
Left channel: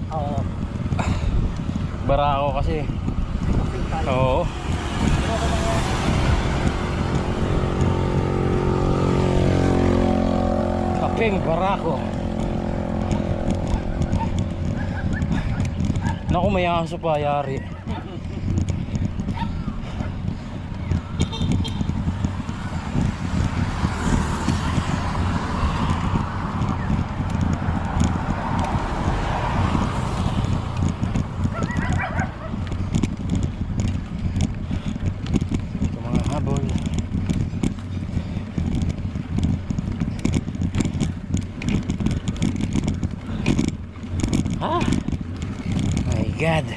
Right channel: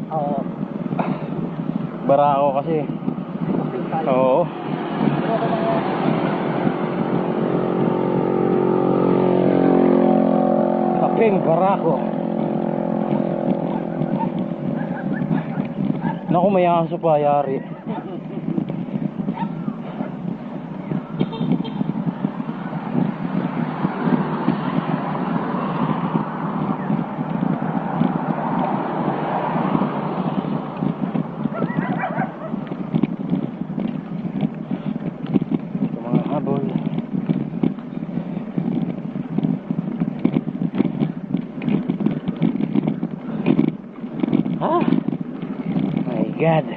Oo. Bara ako kasi. Oo. Kaping barako. Naku, may aso pa, yari. Ito mga habol. Ah, my God.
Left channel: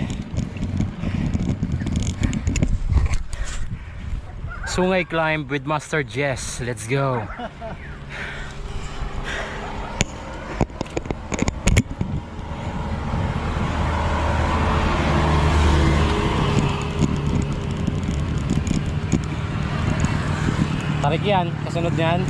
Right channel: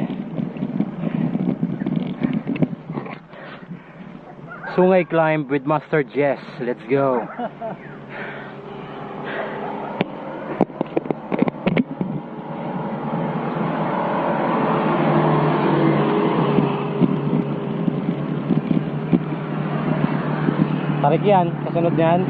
Sungay climb with Master Jess. Let's go. Tarik yan, kasunod yan.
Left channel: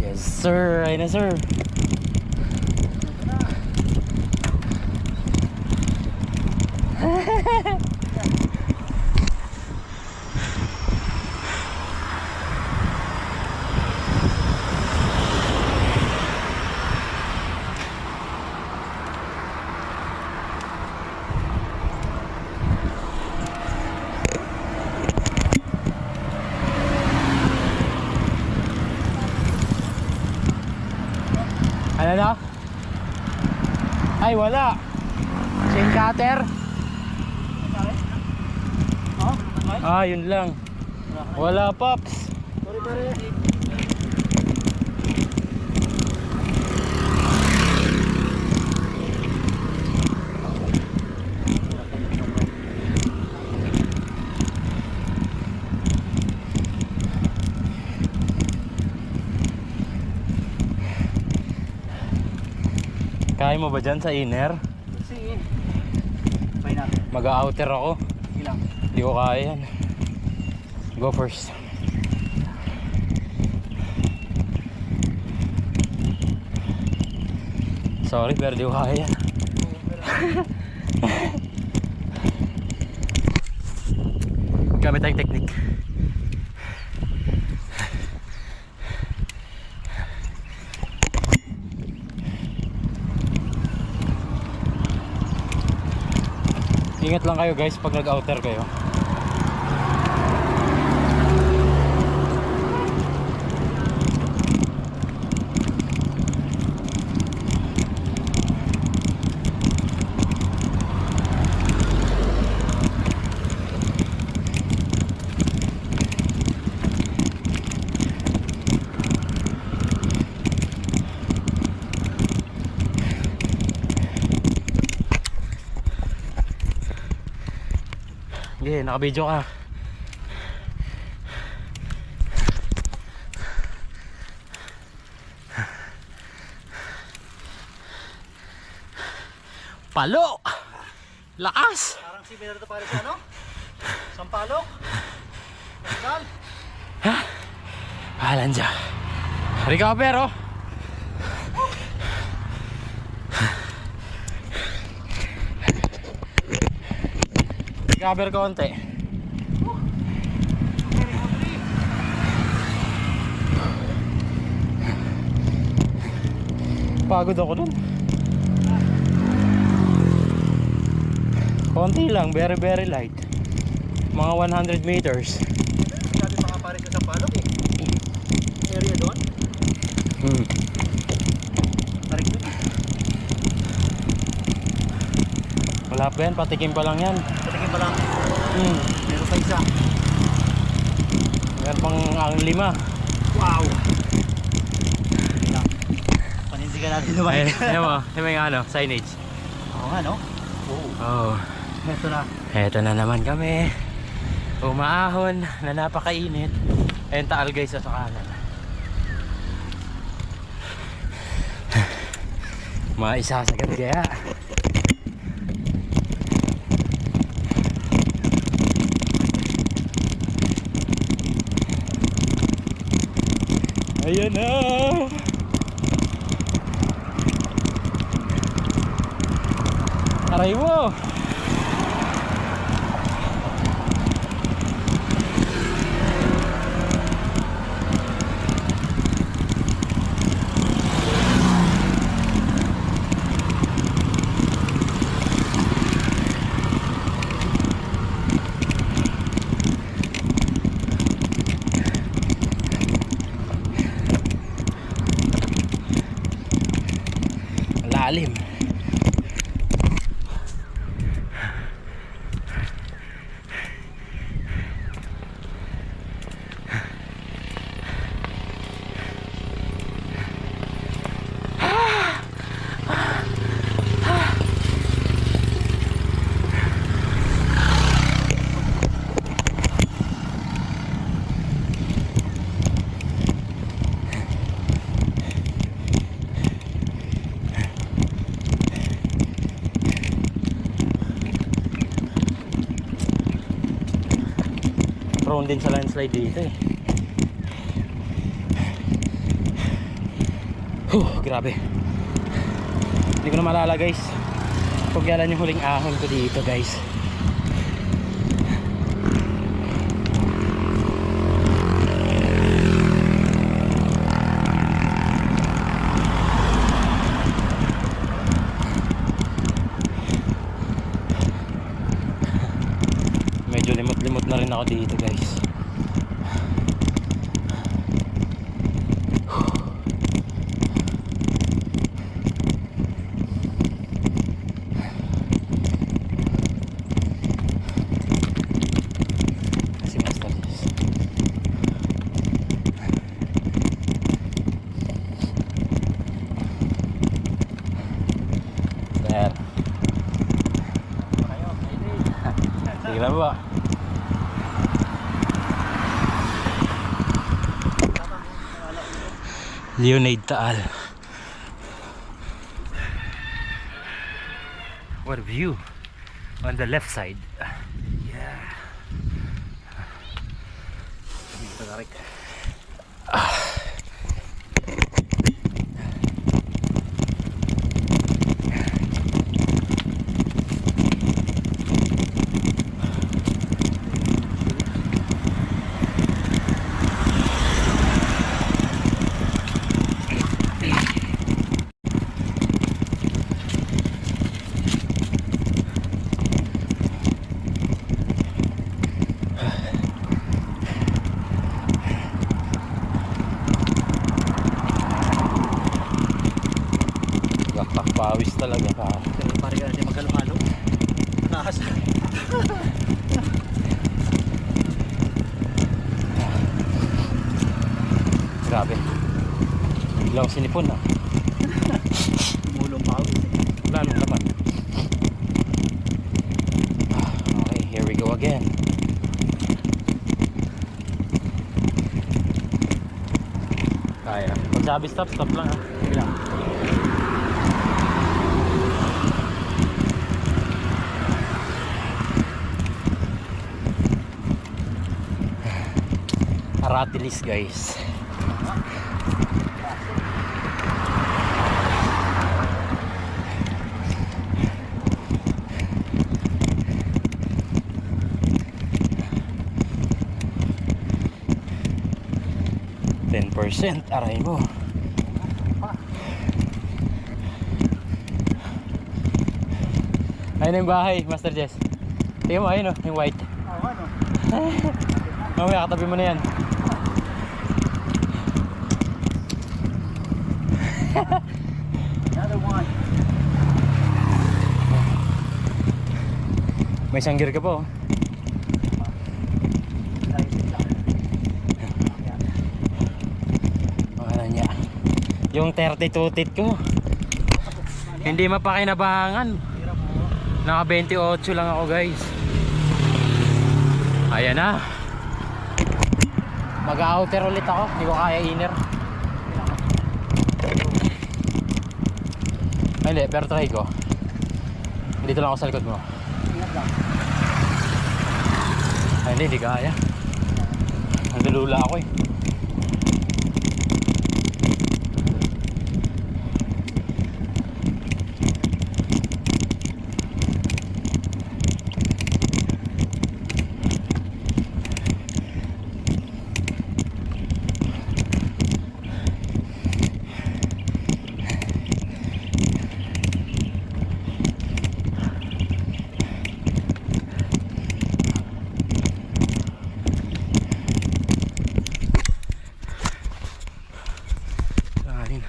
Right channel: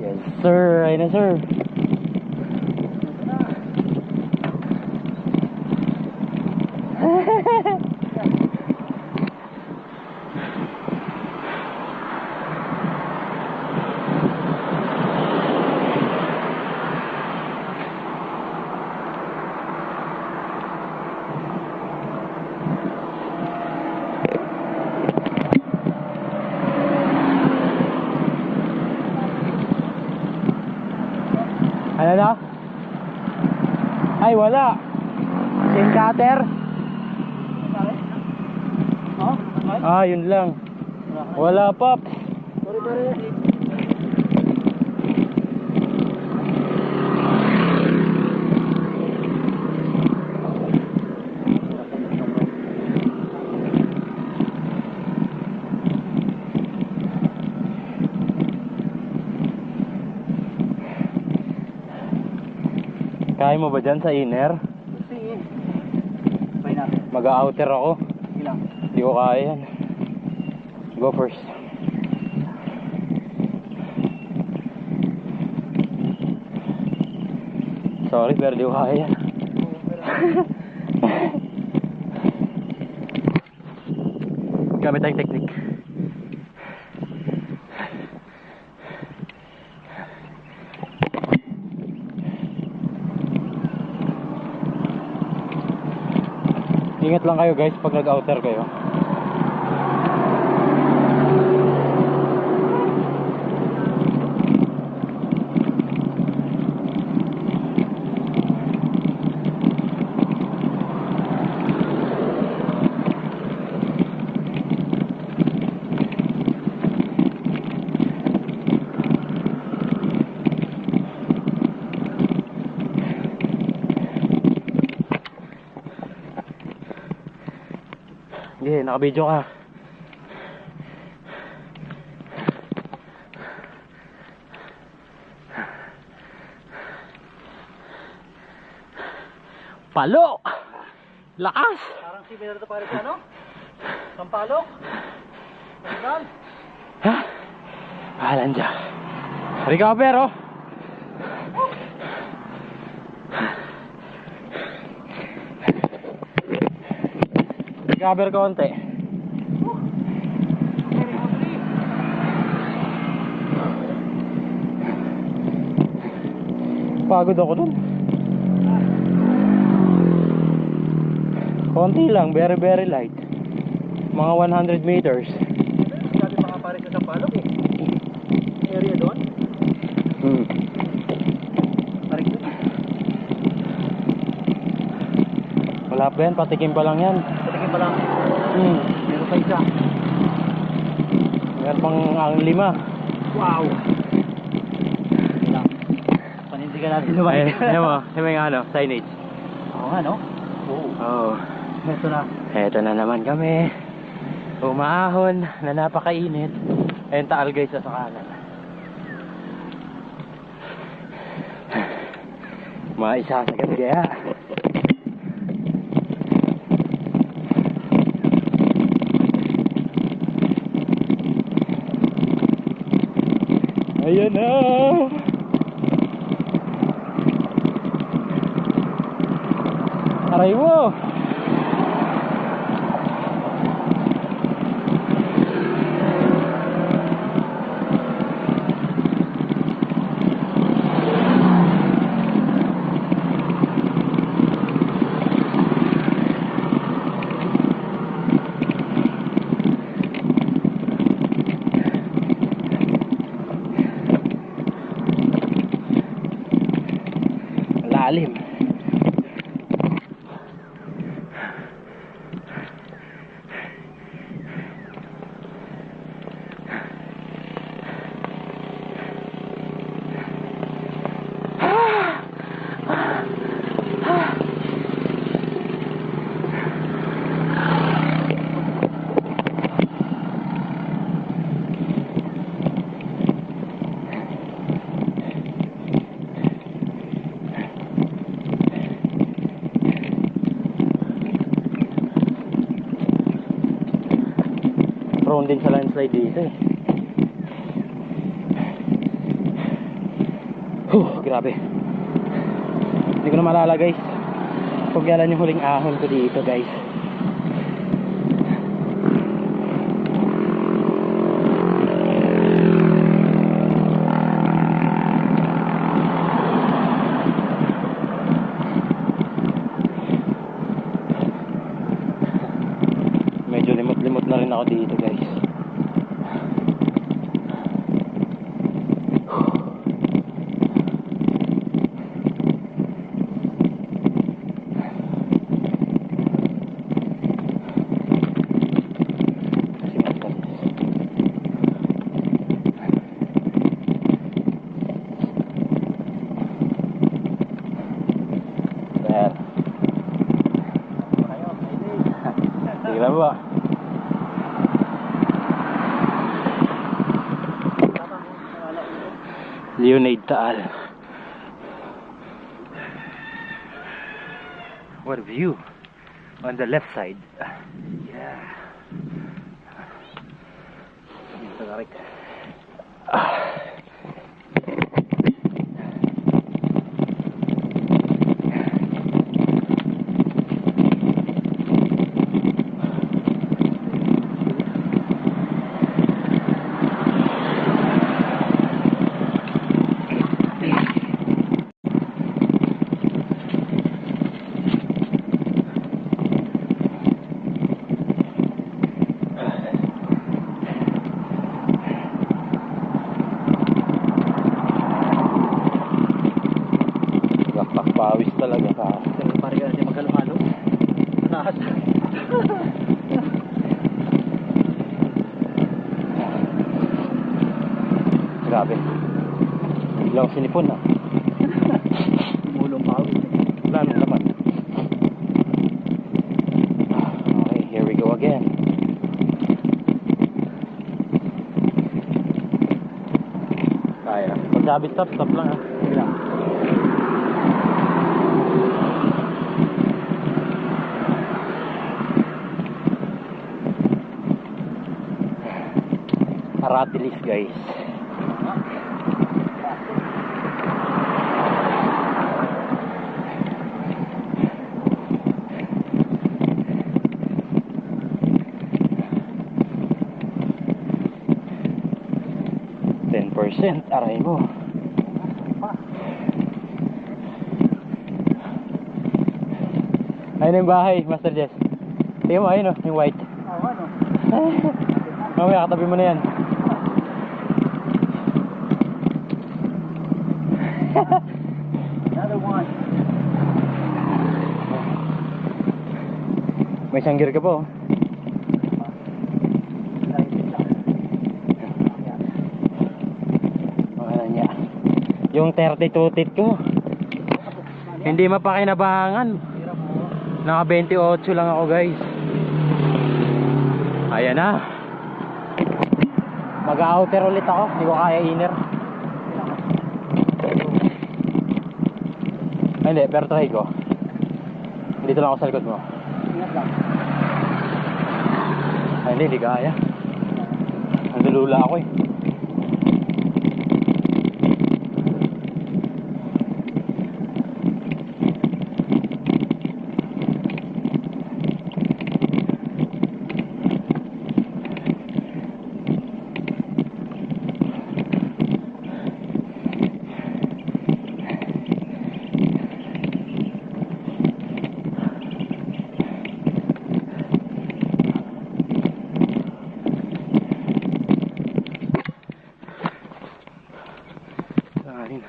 Yes sir, ayun na sir. Ano na? Ay wala. Chain cutter. Oh? Ah, yun lang. Wala pops. Sorry pare. Kaya mo ba dyan sa inner? Sige. Try natin. Mag-outer ako. Sige lang. Hindi ko kaya yan. Go first. Sorry, pero di ko kaya yan. Gamit tayong technique. Ingat lang kayo guys pag nag-outer kayo. Sige, naka-video ka. Palo! Lakas! Parang similar to pare sa ano? Sampalok. Pascal. Halan siya. Recover oh! Recover konti. Pagod ako dun. Konti lang, very very light. Mga 100 meters. Dati pa nga pare sa Sampalok eh. Area doon. Tarik doon. Wala pa yan, patikim pa lang yan. Patikin pa lang. Meron pa isa. Meron pang ang 5. Wow. Sige lang. Panindigan natin lumayan. Ayan mo, yung ano, signage. Oo nga no? Oo. Oh, Ito na. eto na naman kami. Umaahon na napakainit. Ayun taal guys sa kanan. Maisasagad kaya. Ayan na. Aray mo. Lalim. Prone din sa landslide dito eh. Grabe. Hindi ko na malala guys. Pagyalan yung huling ahon ko dito guys. Medyo limot-limot na rin ako dito guys. Si Master Jess. There. Sige na ba? Leonade Taal. What a view on the left side. Yeah. Dito na rin. Pawis talaga pa. Pero parang hindi magkalo-halo. Taas. Grabe. Biglang sinipon na. Mulong pawis. Wala nang laman. Okay, here we go again. Kaya. Pag sabi stop, stop lang ha. Sige lang. Aratilis guys. %, aray mo. Ayun yung bahay, Master Jess. Tingnan mo, ayun o, yung white. Mamaya katabi mo na yan. Another one. May isang gear ka po. Yung 32 tit ko hindi mapakinabangan. Naka 28 lang ako guys. Ayan na. Mag-outer ulit ako. Hindi ko kaya inner. Ay, hindi, pero try ko. Dito lang ako sa likod mo. Ingat lang. Ay, hindi kaya. Nandulula ako eh. Kain.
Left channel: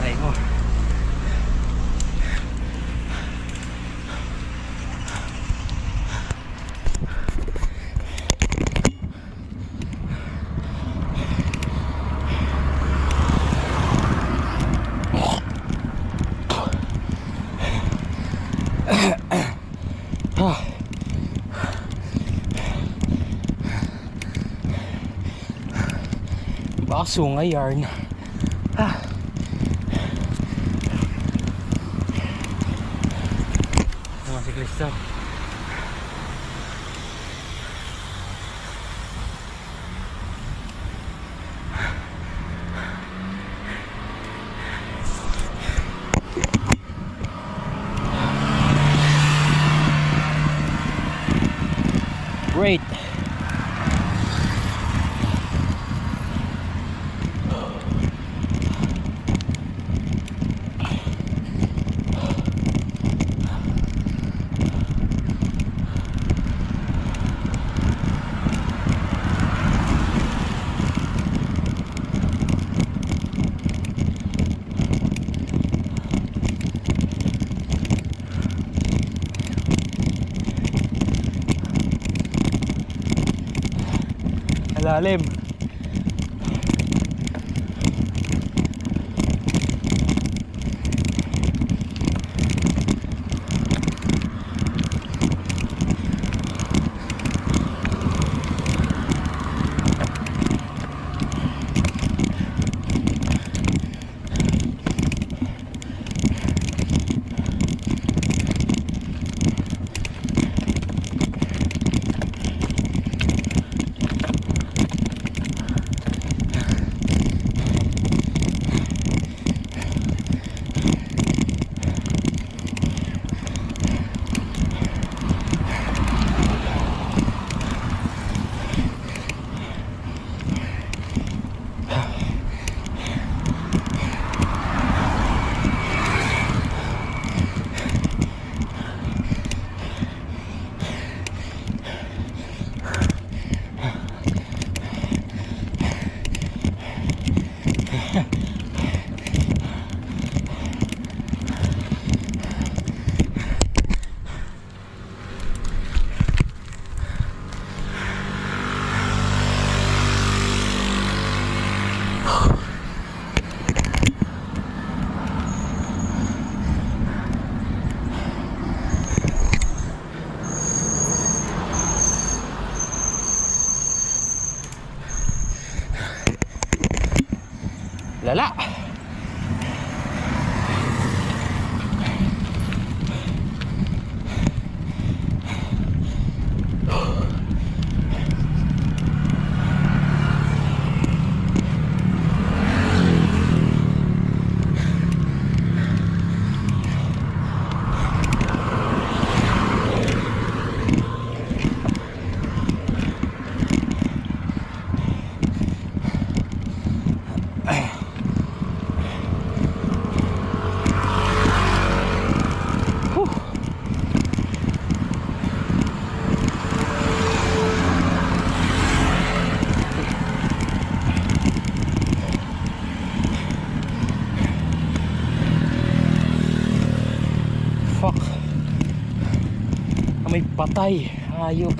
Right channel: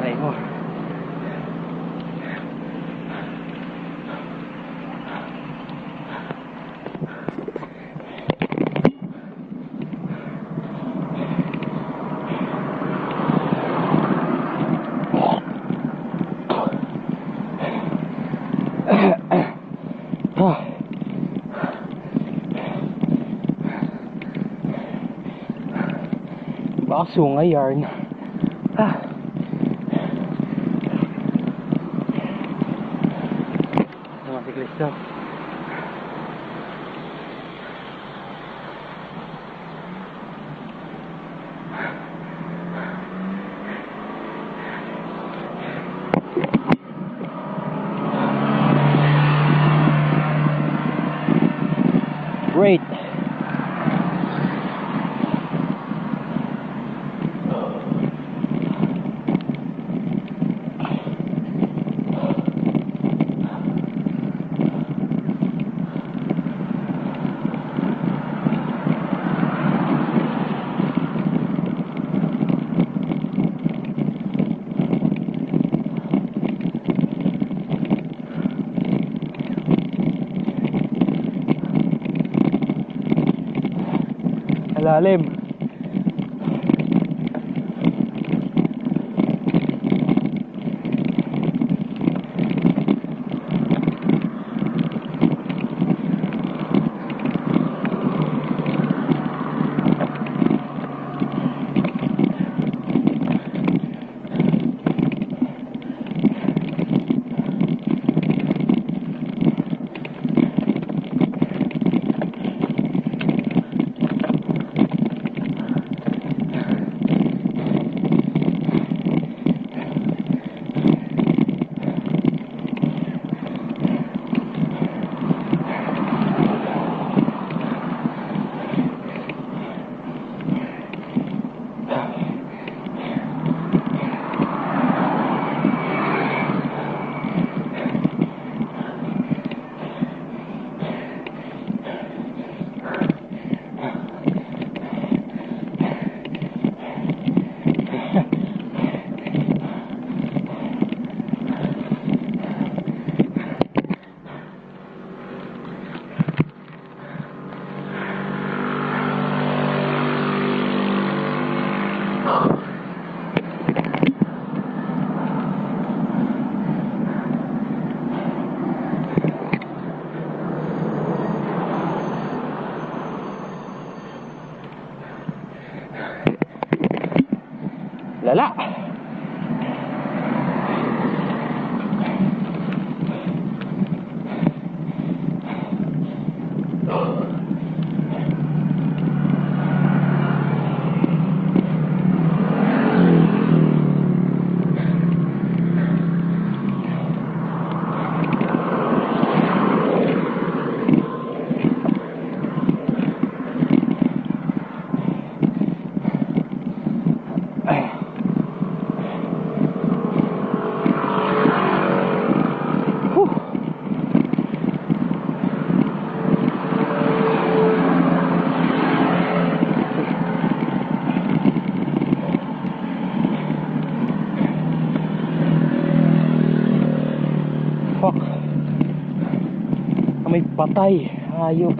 Aray mo. Baka sungay yarn. Mga siklista. Great. Lalim. Lala. Amoy patay. Hayop.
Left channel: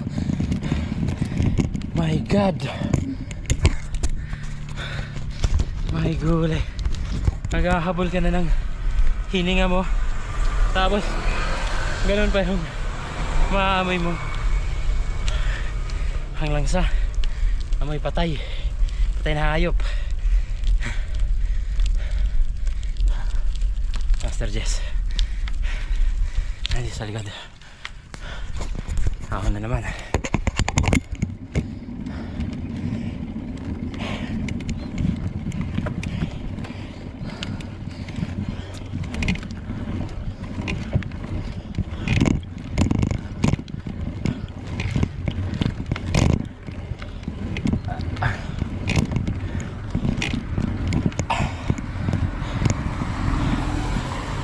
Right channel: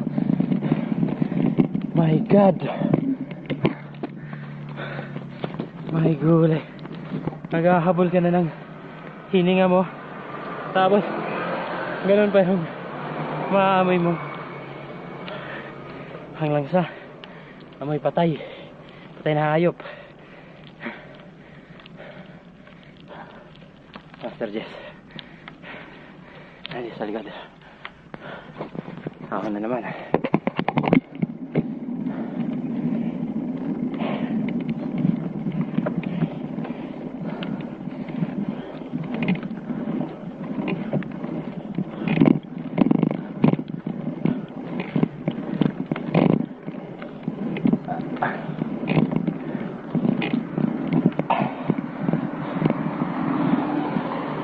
My God. My gulay. Naghahabol ka na ng hininga mo. Tapos ganun pa yung maamoy mo. Hanglang sa amoy patay. Patay na hayop. Master Jess. Ay, sa likod. Ako na naman.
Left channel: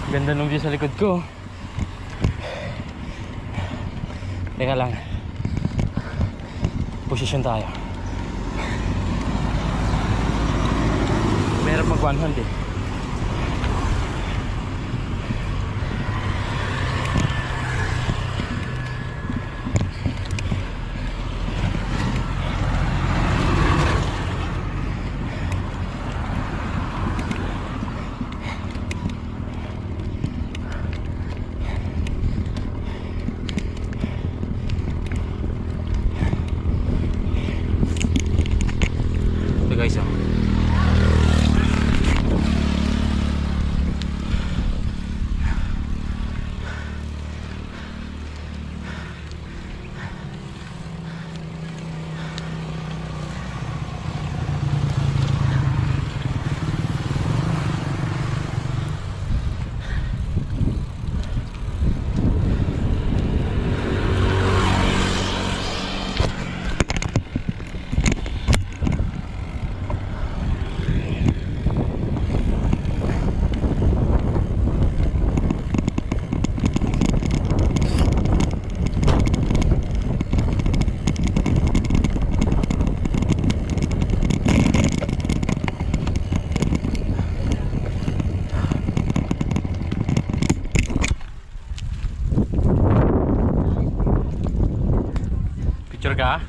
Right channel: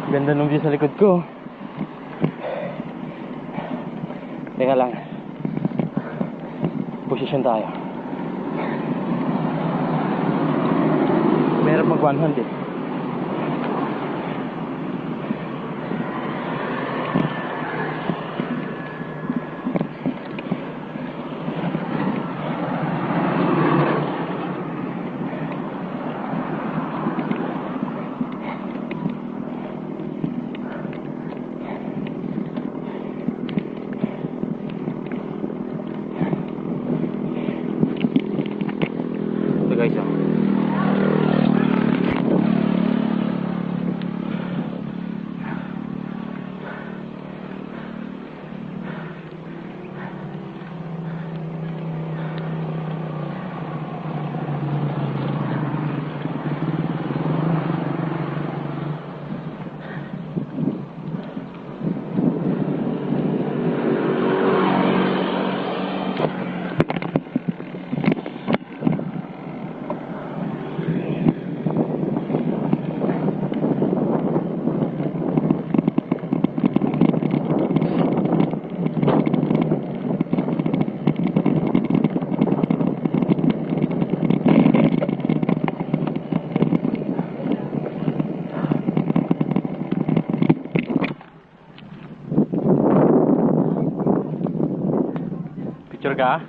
Ganda ng view sa likod ko. Teka lang. Posisyon tayo. Meron mag one hand eh. Guys, oh. Picture ka?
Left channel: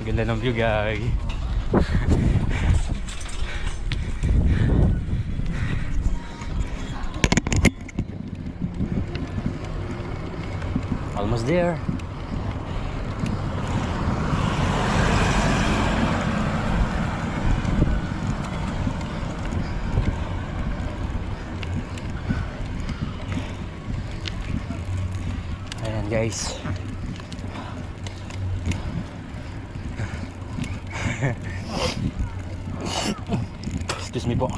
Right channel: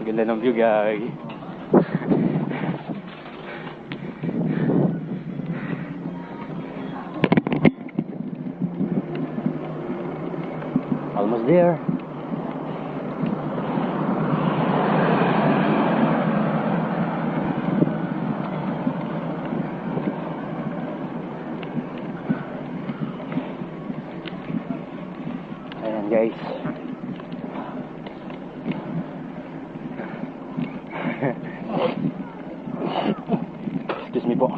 Ganda ng view, guys. Almost there. Ayan, guys. Excuse me po.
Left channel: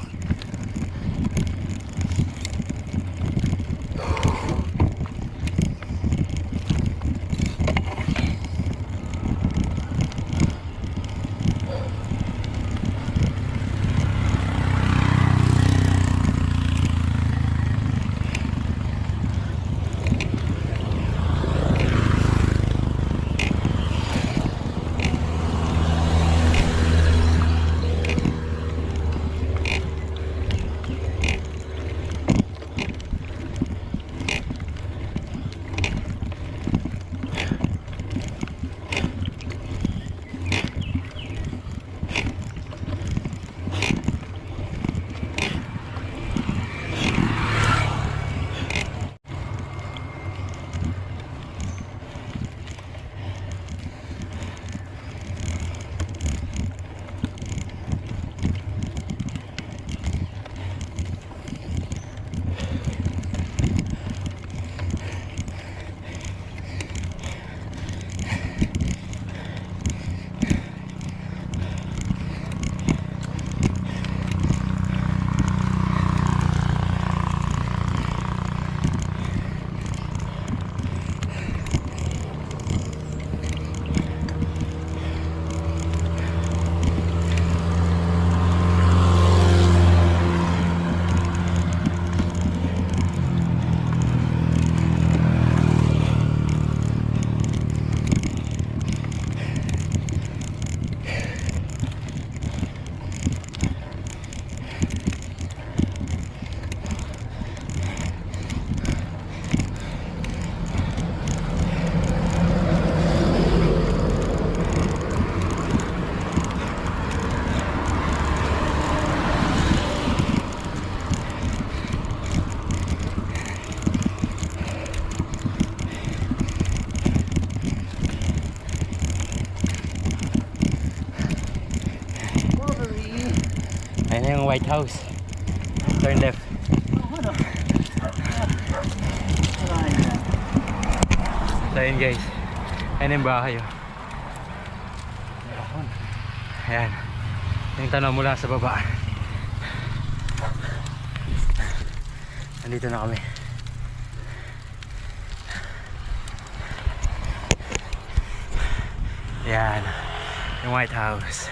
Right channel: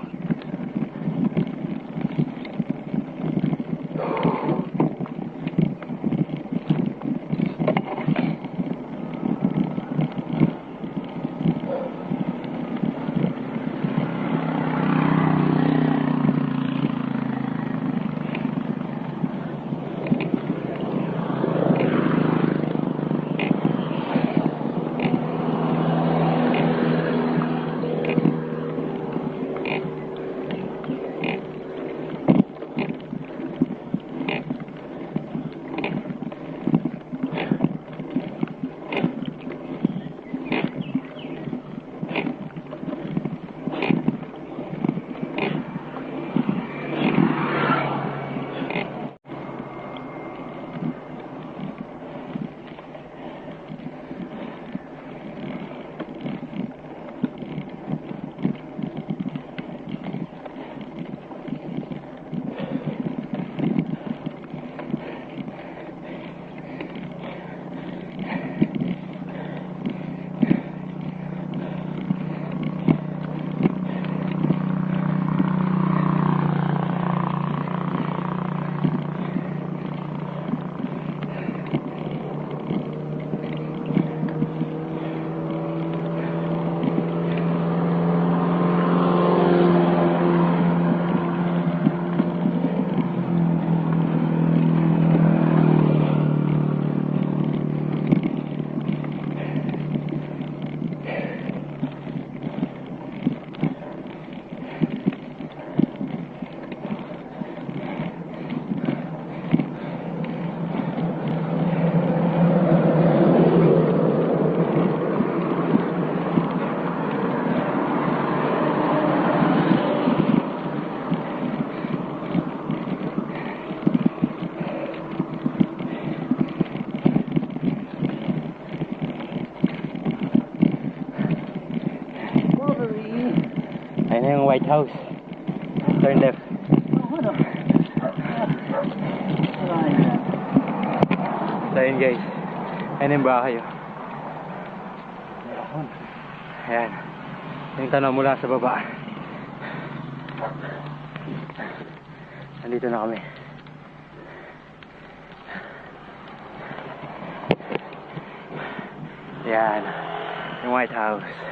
Ayun na yung White House. Turn left. Ano? So yun guys. Ayun yung bahay oh. Ayan. Yung tanaw mula sa baba. Nandito na kami. Ayan. Yung White House.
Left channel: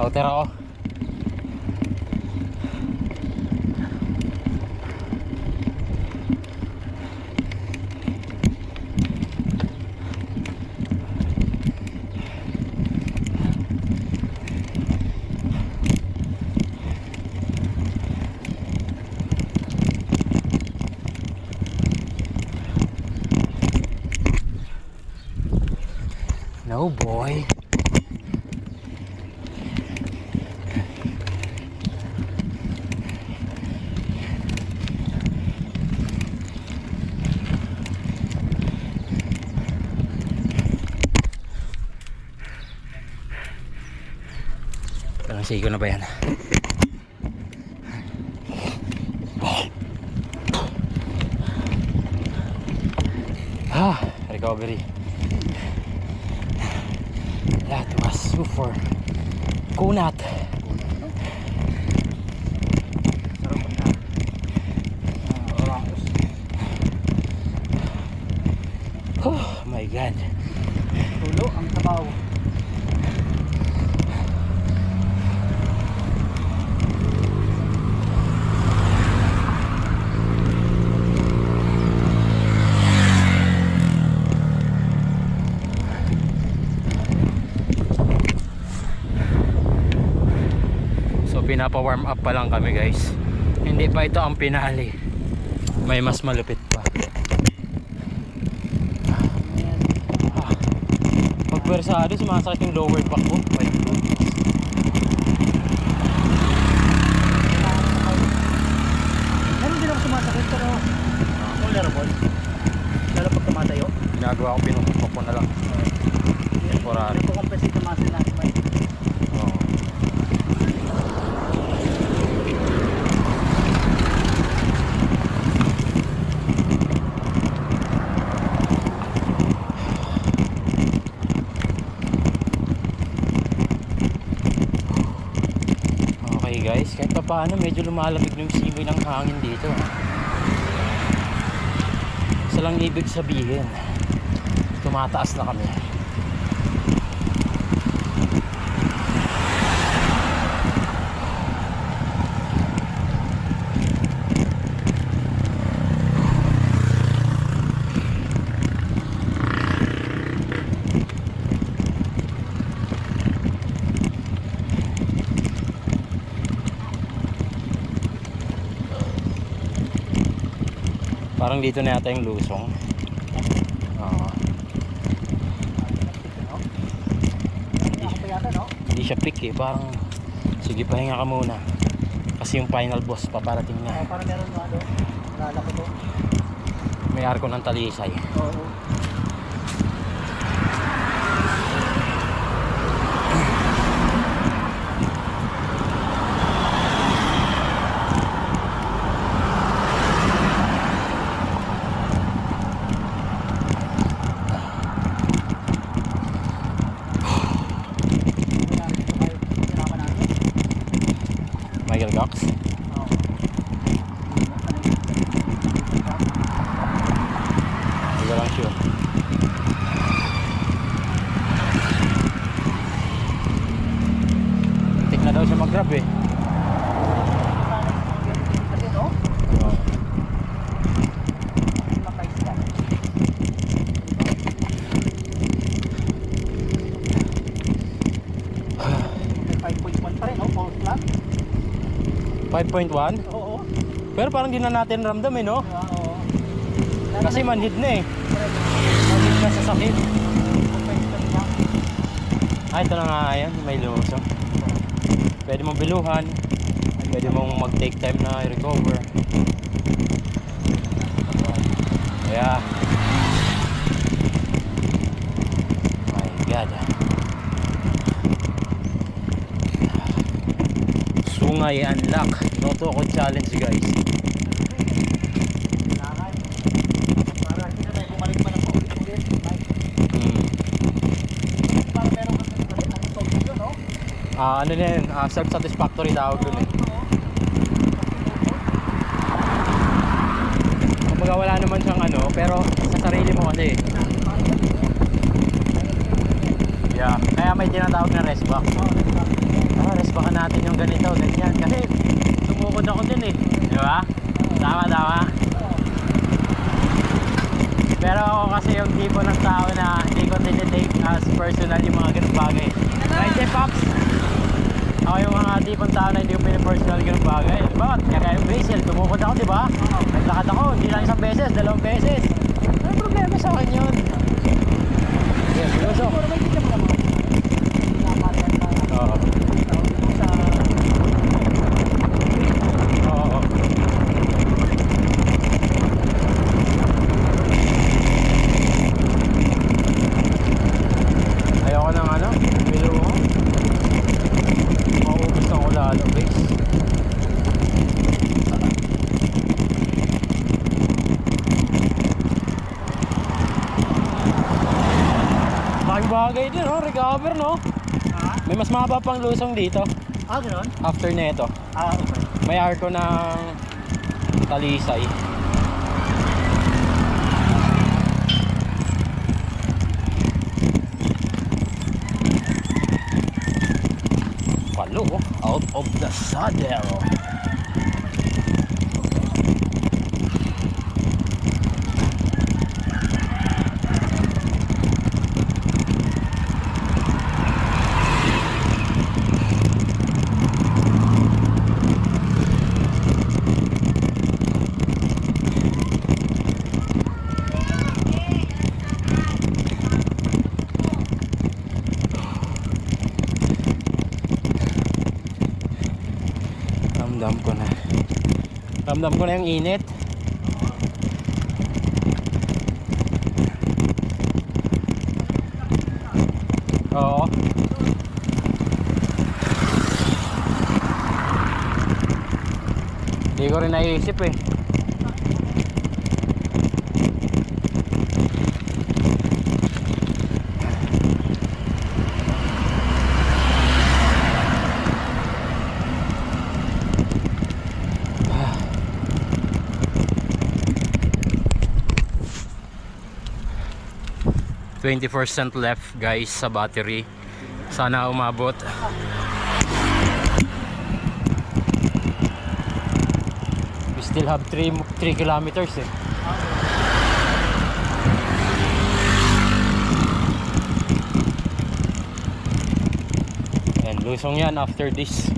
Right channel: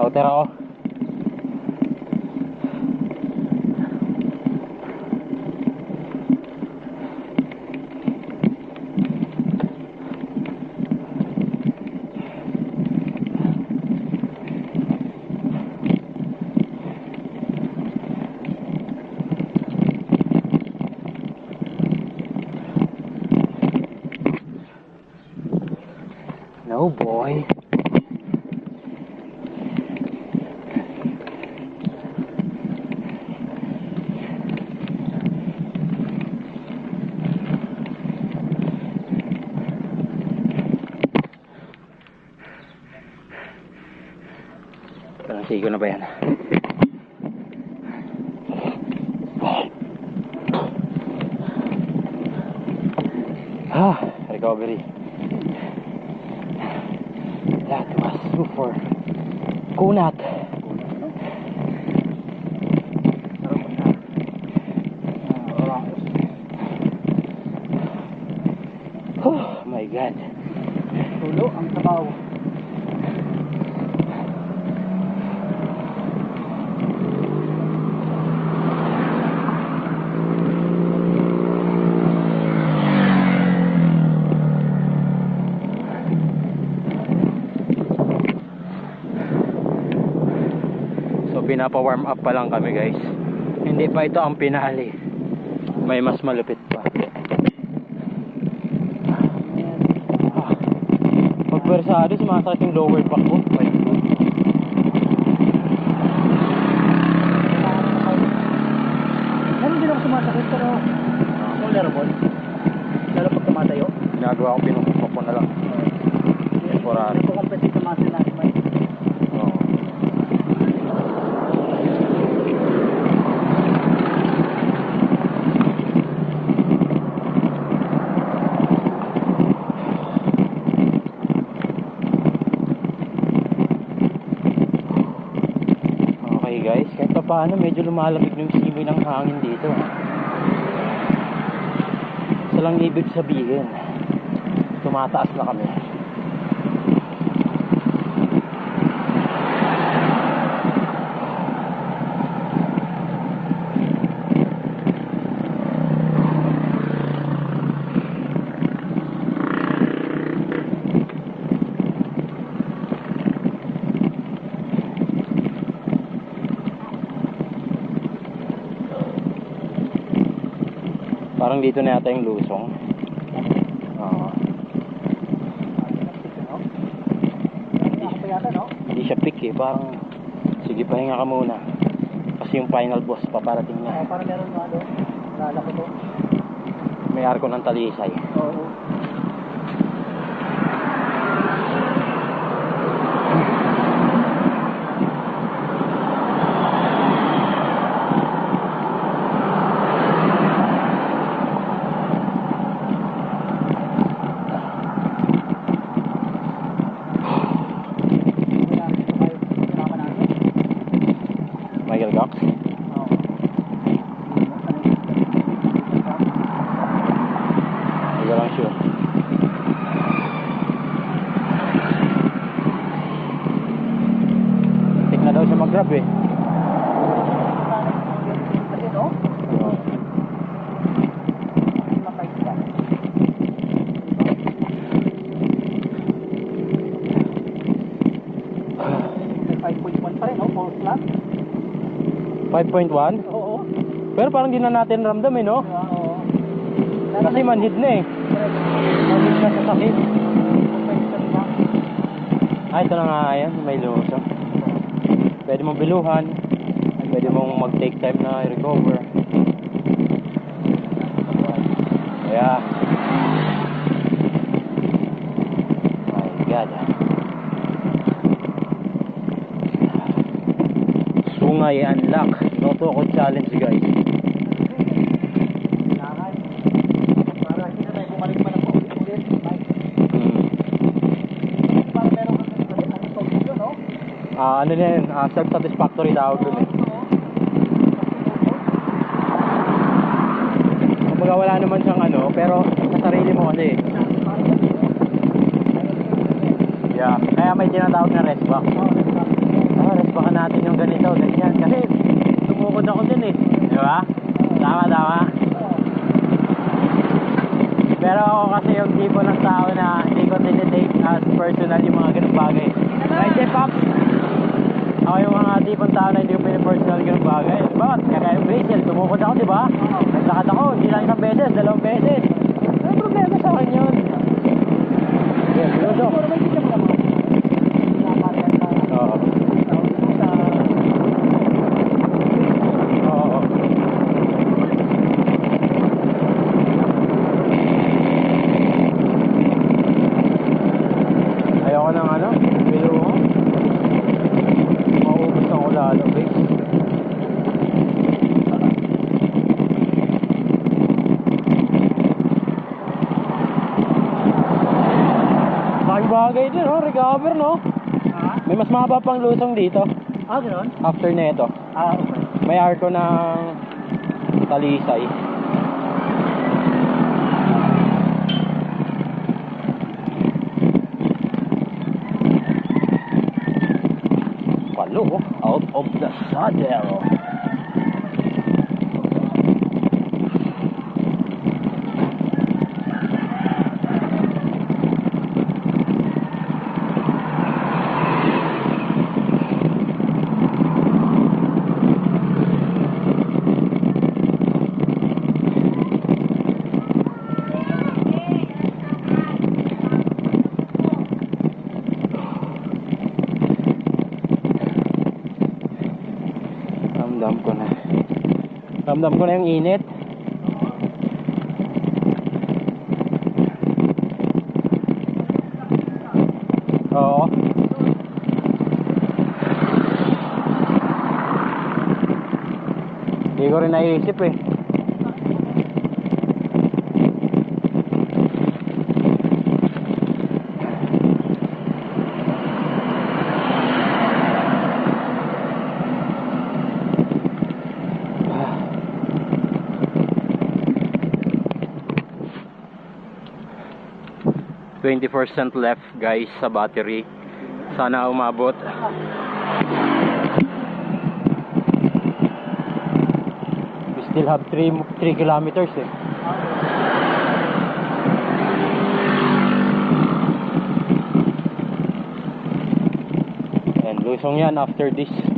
Outer ako. No boy. Parang sigo na ba yan? Recovery. That was super kunat. Oh my god. Tulo ang tabaw. So pinapa-warm up pa lang kami guys. Hindi pa ito ang pinali. May mas malupit pa. Pag bersado, sumasakit yung lower back ko. My goodness. Meron din ako sumasakit pero tolerable. Lalo pag tumatayo. Ginagawa ko, pinupok ko na lang. Temporary. Hindi ko compensate yung muscle natin. Oo. Okay guys, kahit pa paano medyo lumalamig yung simoy ng hangin dito. Isa lang ibig sabihin, tumataas na kami. Parang dito na yata yung lusong. Oo. Ako pa yata, no? Hindi siya pick eh. Parang sige, pahinga ka muna. Kasi yung final boss paparating na. Parang meron nga doon. Nalala ko to. May arko ng Talisay. Oo. Michael Cox. Hindi ko lang sure. mahirap eh. Kasi no? Oo. Makaisda. 5.1 pa rin, no? False flag. 5.1? Oo. Pero parang di na natin ramdam eh, no? Oo. Kasi manhid na eh. Manhid na sa sakit. Ah, ito na nga yan, may lusong. Pwede mong biluhan. Pwede mong mag-take time na i-recover. Kaya my God. Sungay unlock. Totoo challenge guys. Kailangan. Para hindi na tayo bumalik pa ng paulit-ulit. Para meron ka kasi ang solve yun, no? Ano na yun? Self-satisfactory tawag dun eh. Kumbaga wala naman siyang ano, pero sa sarili mo kasi. Yeah, kaya may tinatawag na rest back. Rest backan natin yung ganito, ganyan. Kasi sumukod ako din eh. Di ba? Tama. Pero ako kasi yung tipo ng tao na hindi ko tinitake as personal yung mga ganung bagay. Right, Jeff Pops? Ako yung mga tipong tao na hindi ko pinipersonal ganung bagay. Diba? Kaya yung Basil, tumukod ako, diba? Naglakad ako, hindi lang isang beses, 2 beses. Ano problema sa akin yun? Yes, gusto. Pero may kita mo naman. Oo. Oo. Ayoko ng ano, bilo mo. Maubos na ko lalo, guys. Laking bagay din, no? Recover, no? May mas mahaba pang lusong dito. Gano'n? After nito, Okay. may arko ng Talisay. Palo, out of the saddle. Ramdam ko na yung init. Oo. Hindi ko rin naiisip eh. %20 left guys sa battery. Sana umabot. We still have 3 kilometers eh. And lusong yan after this.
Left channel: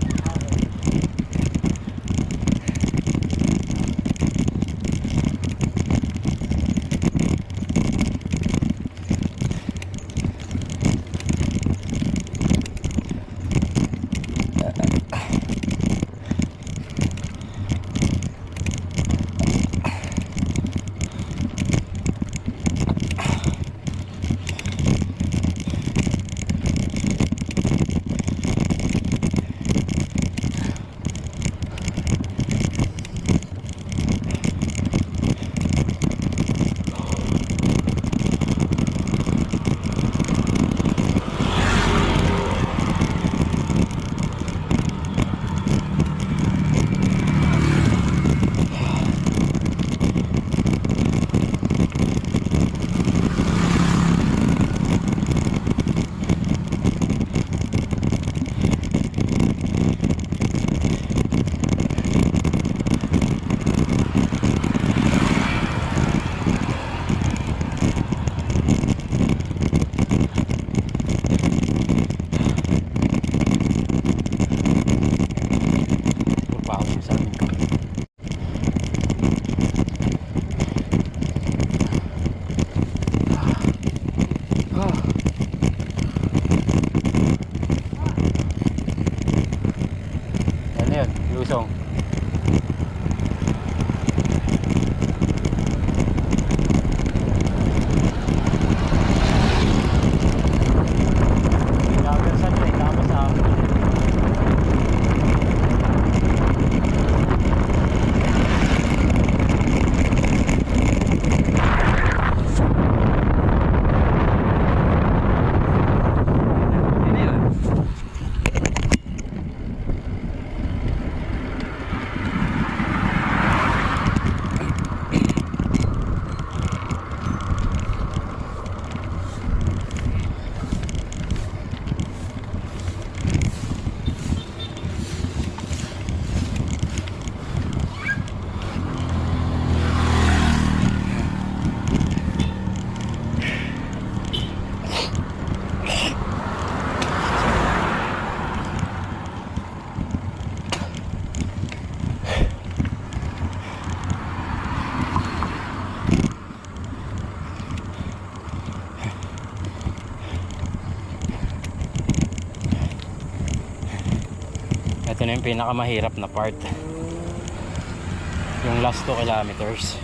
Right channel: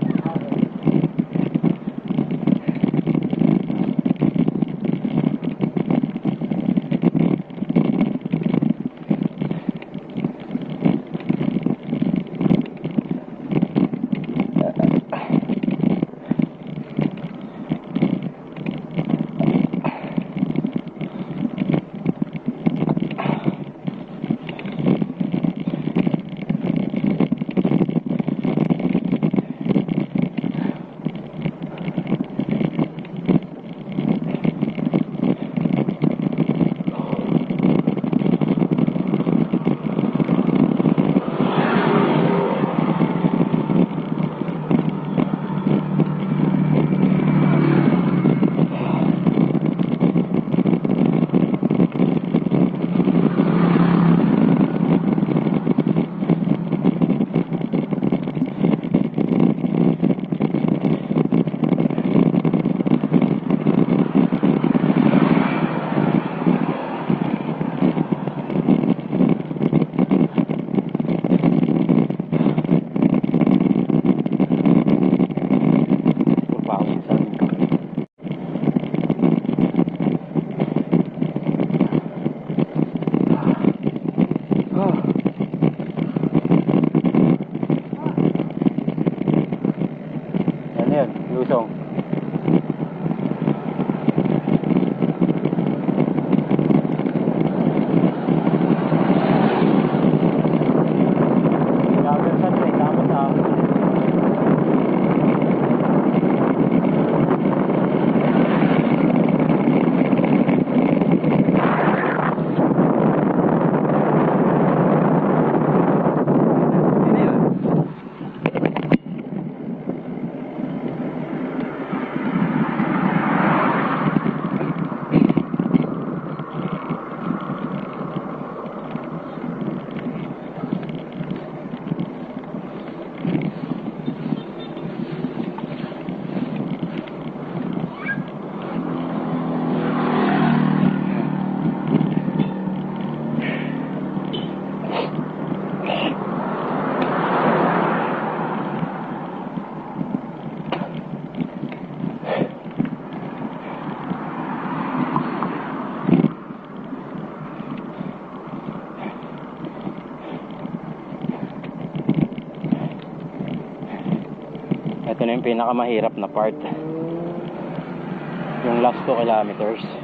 Ito na yung pinakamahirap na part, yung last 2 kilometers.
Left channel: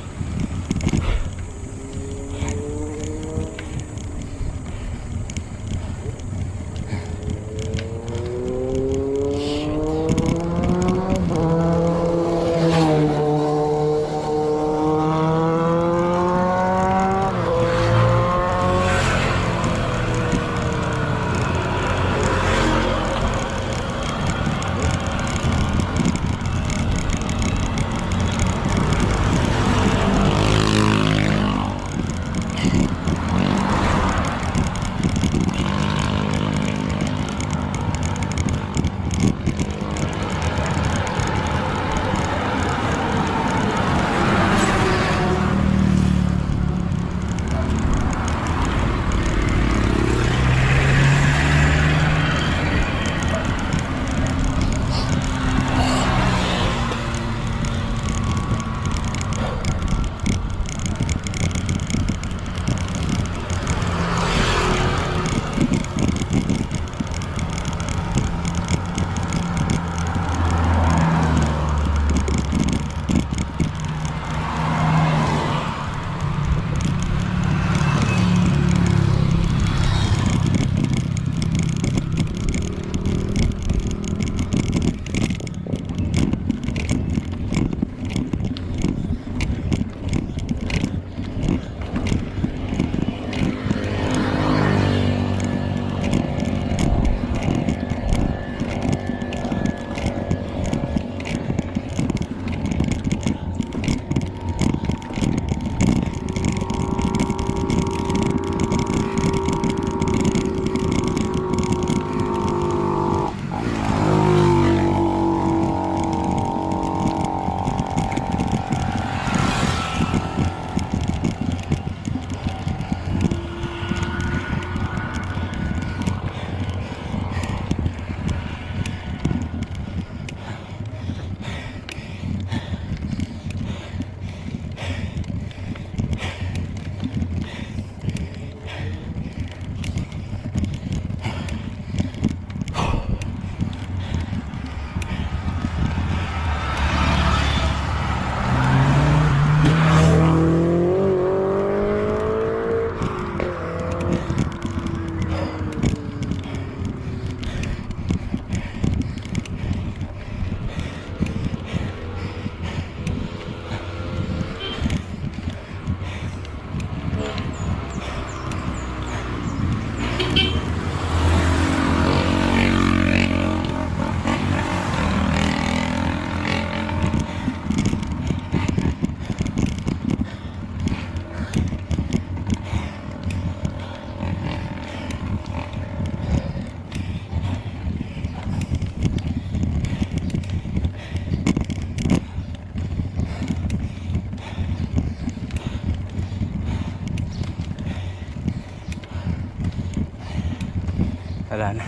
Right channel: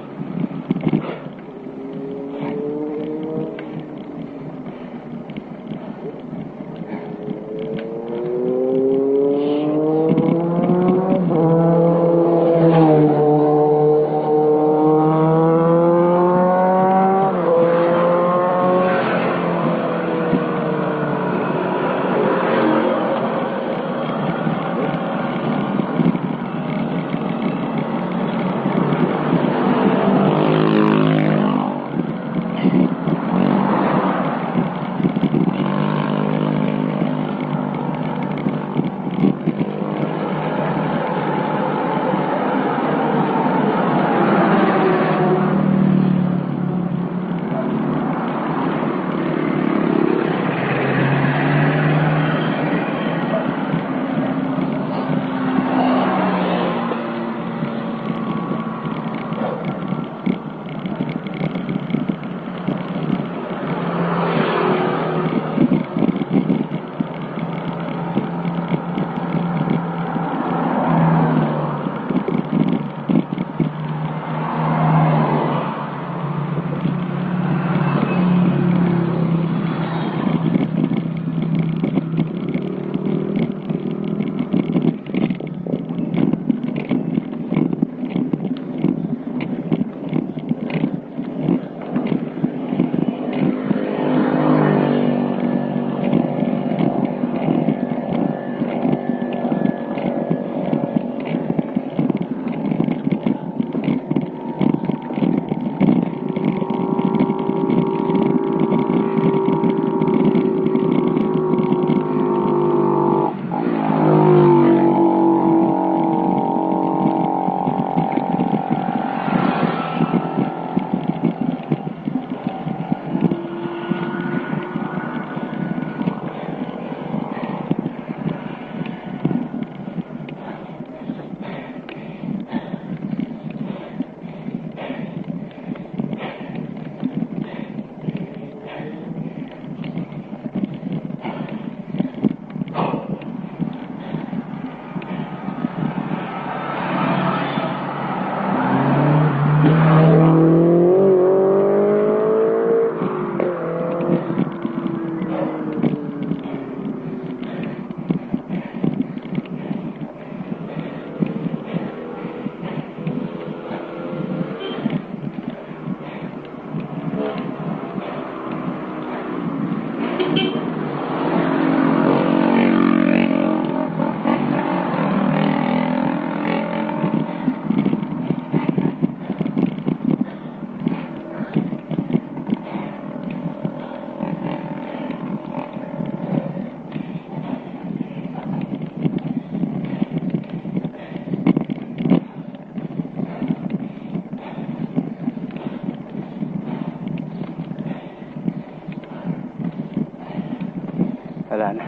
Wala na,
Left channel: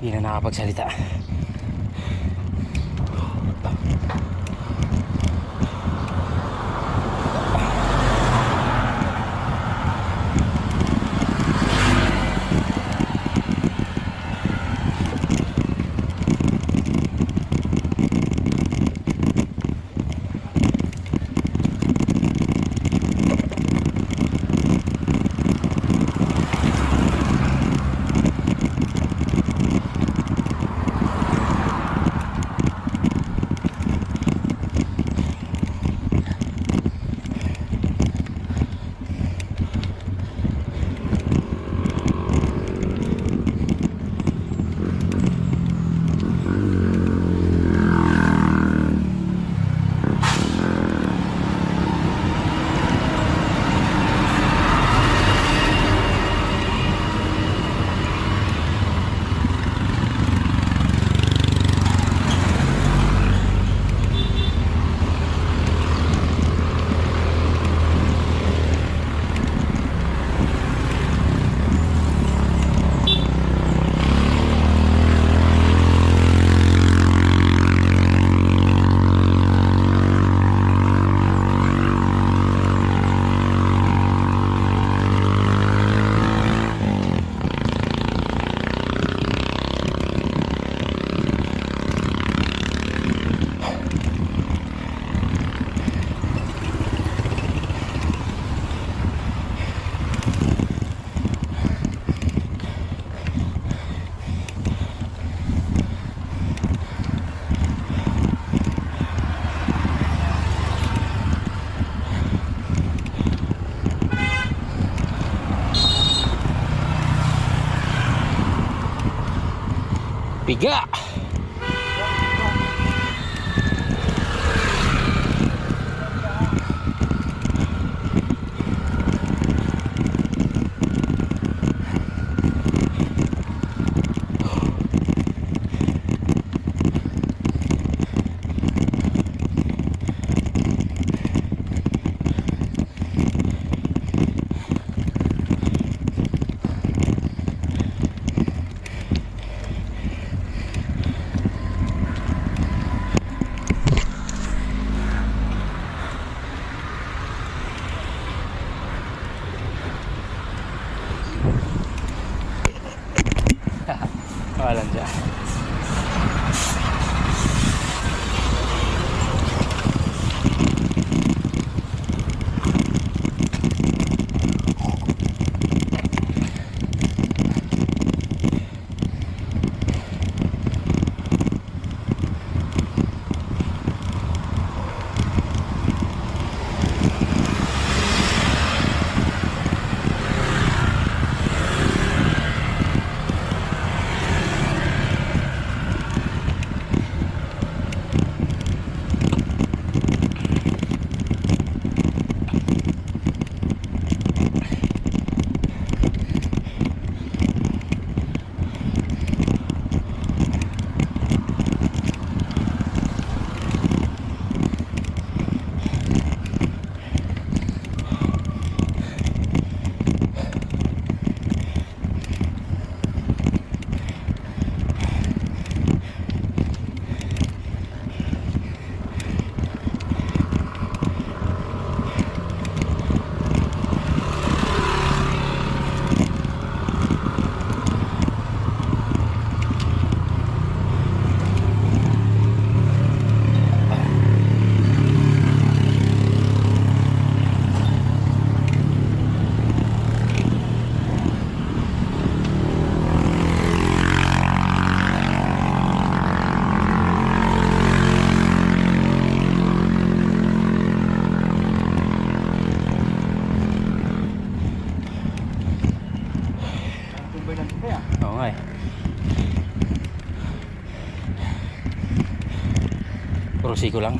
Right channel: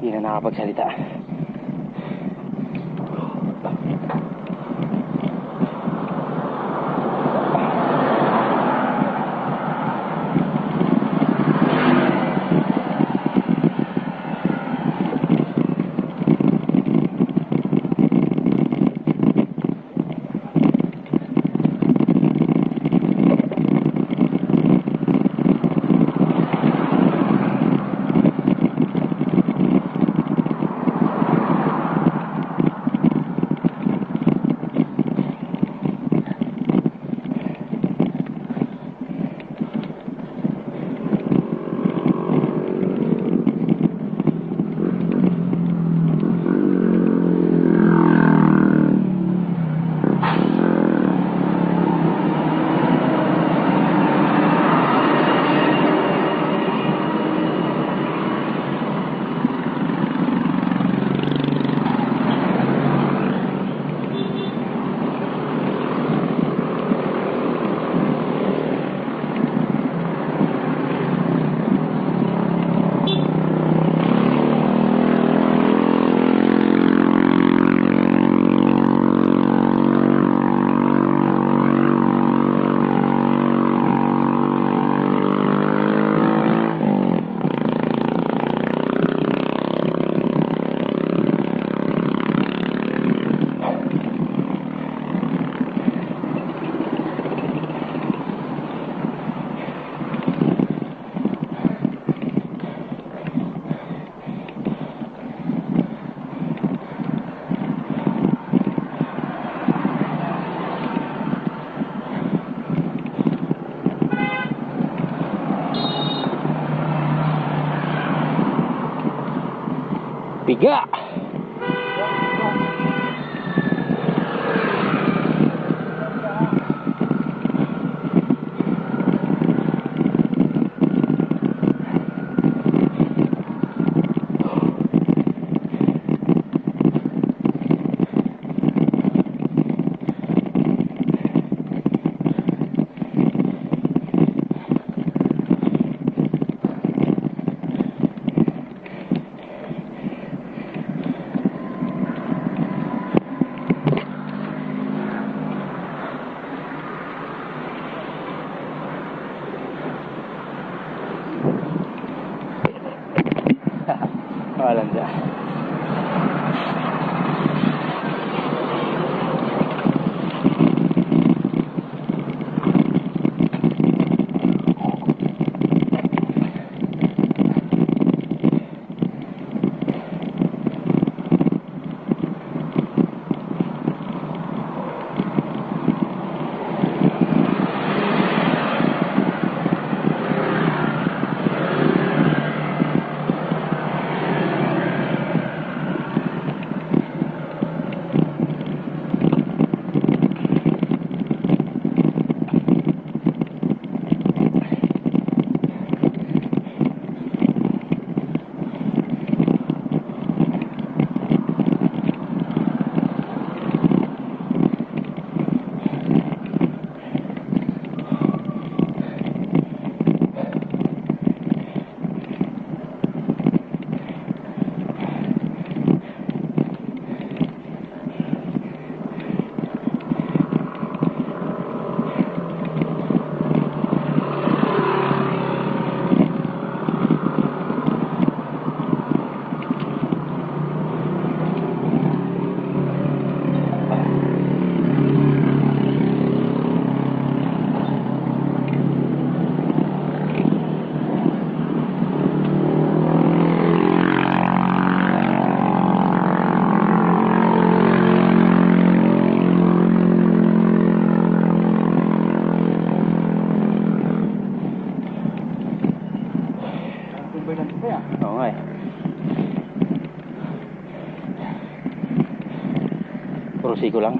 hindi na nakapagsalita. Higa! Walang dyan. Oo nga eh. Puro siko lang.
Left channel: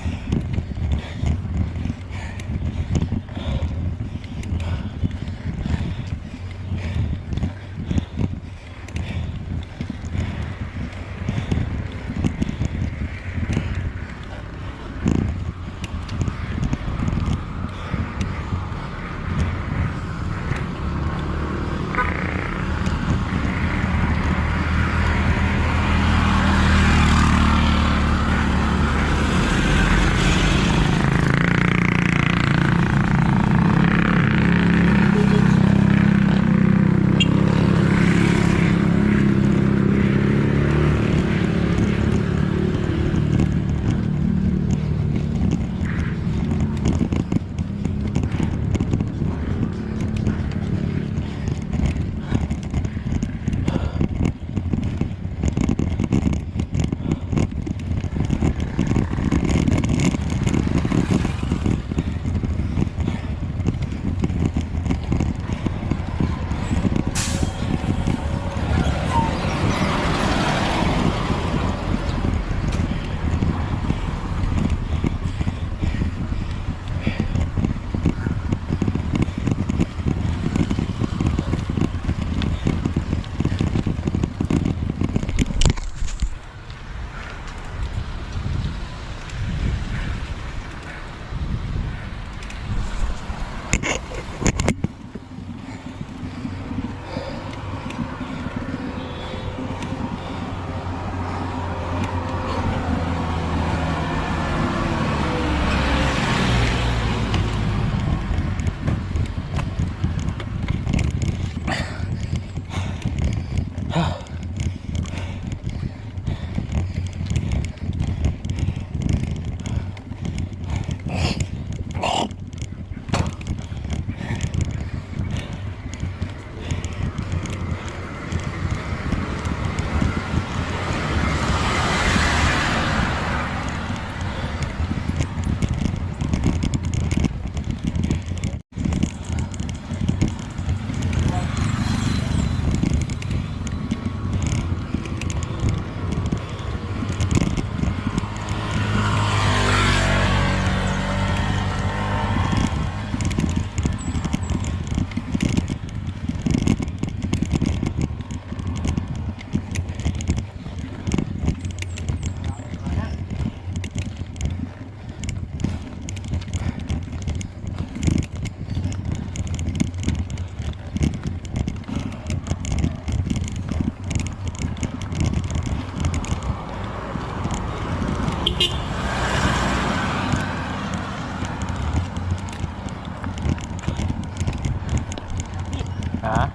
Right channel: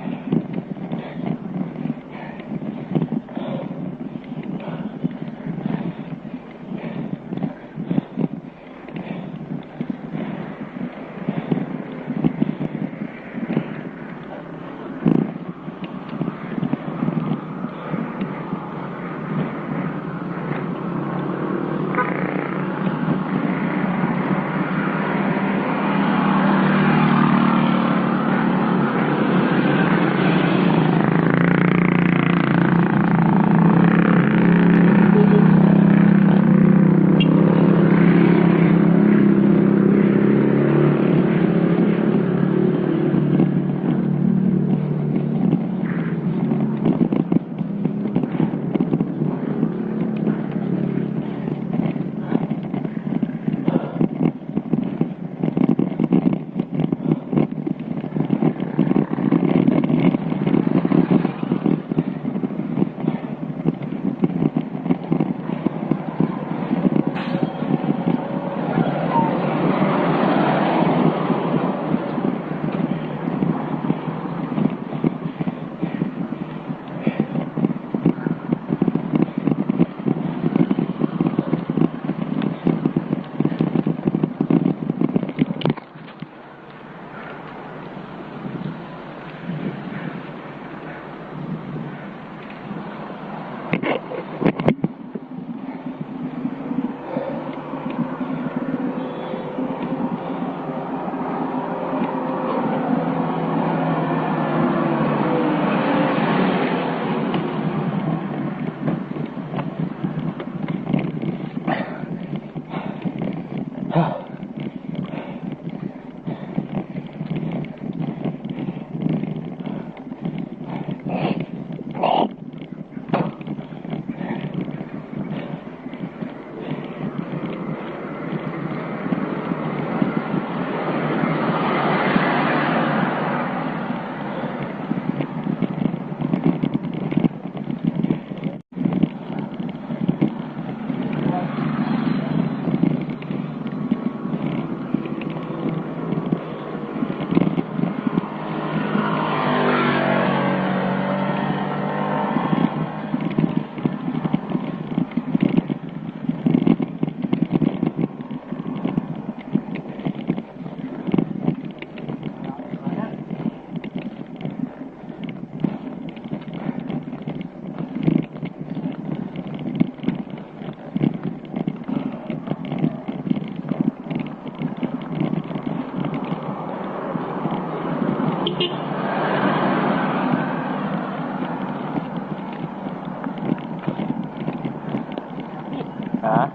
Ha?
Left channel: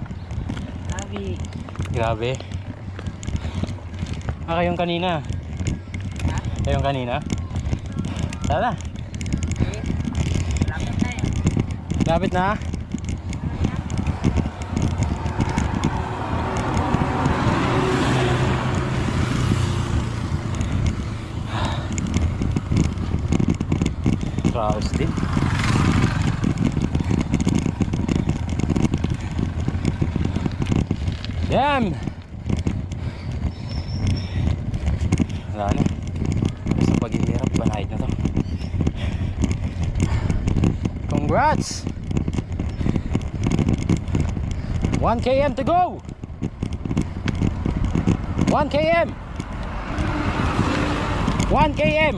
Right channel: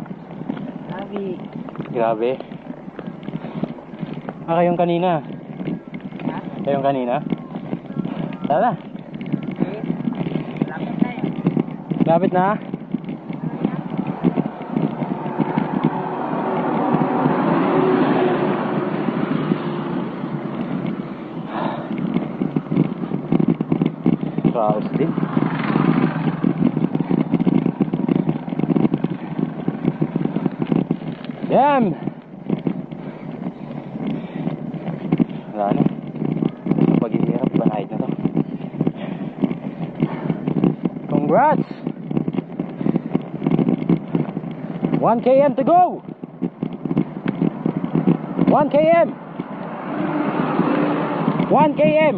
Sabi. Grabe. Kayong kanina. Ha? Kayong kanina? Tara. Eh. Lapit na eh. Lapit na. Raos din. Yan. Wala na. Basta paghihirap, banayad na to. Congrats! 1 km to go! 1 km! 1 km!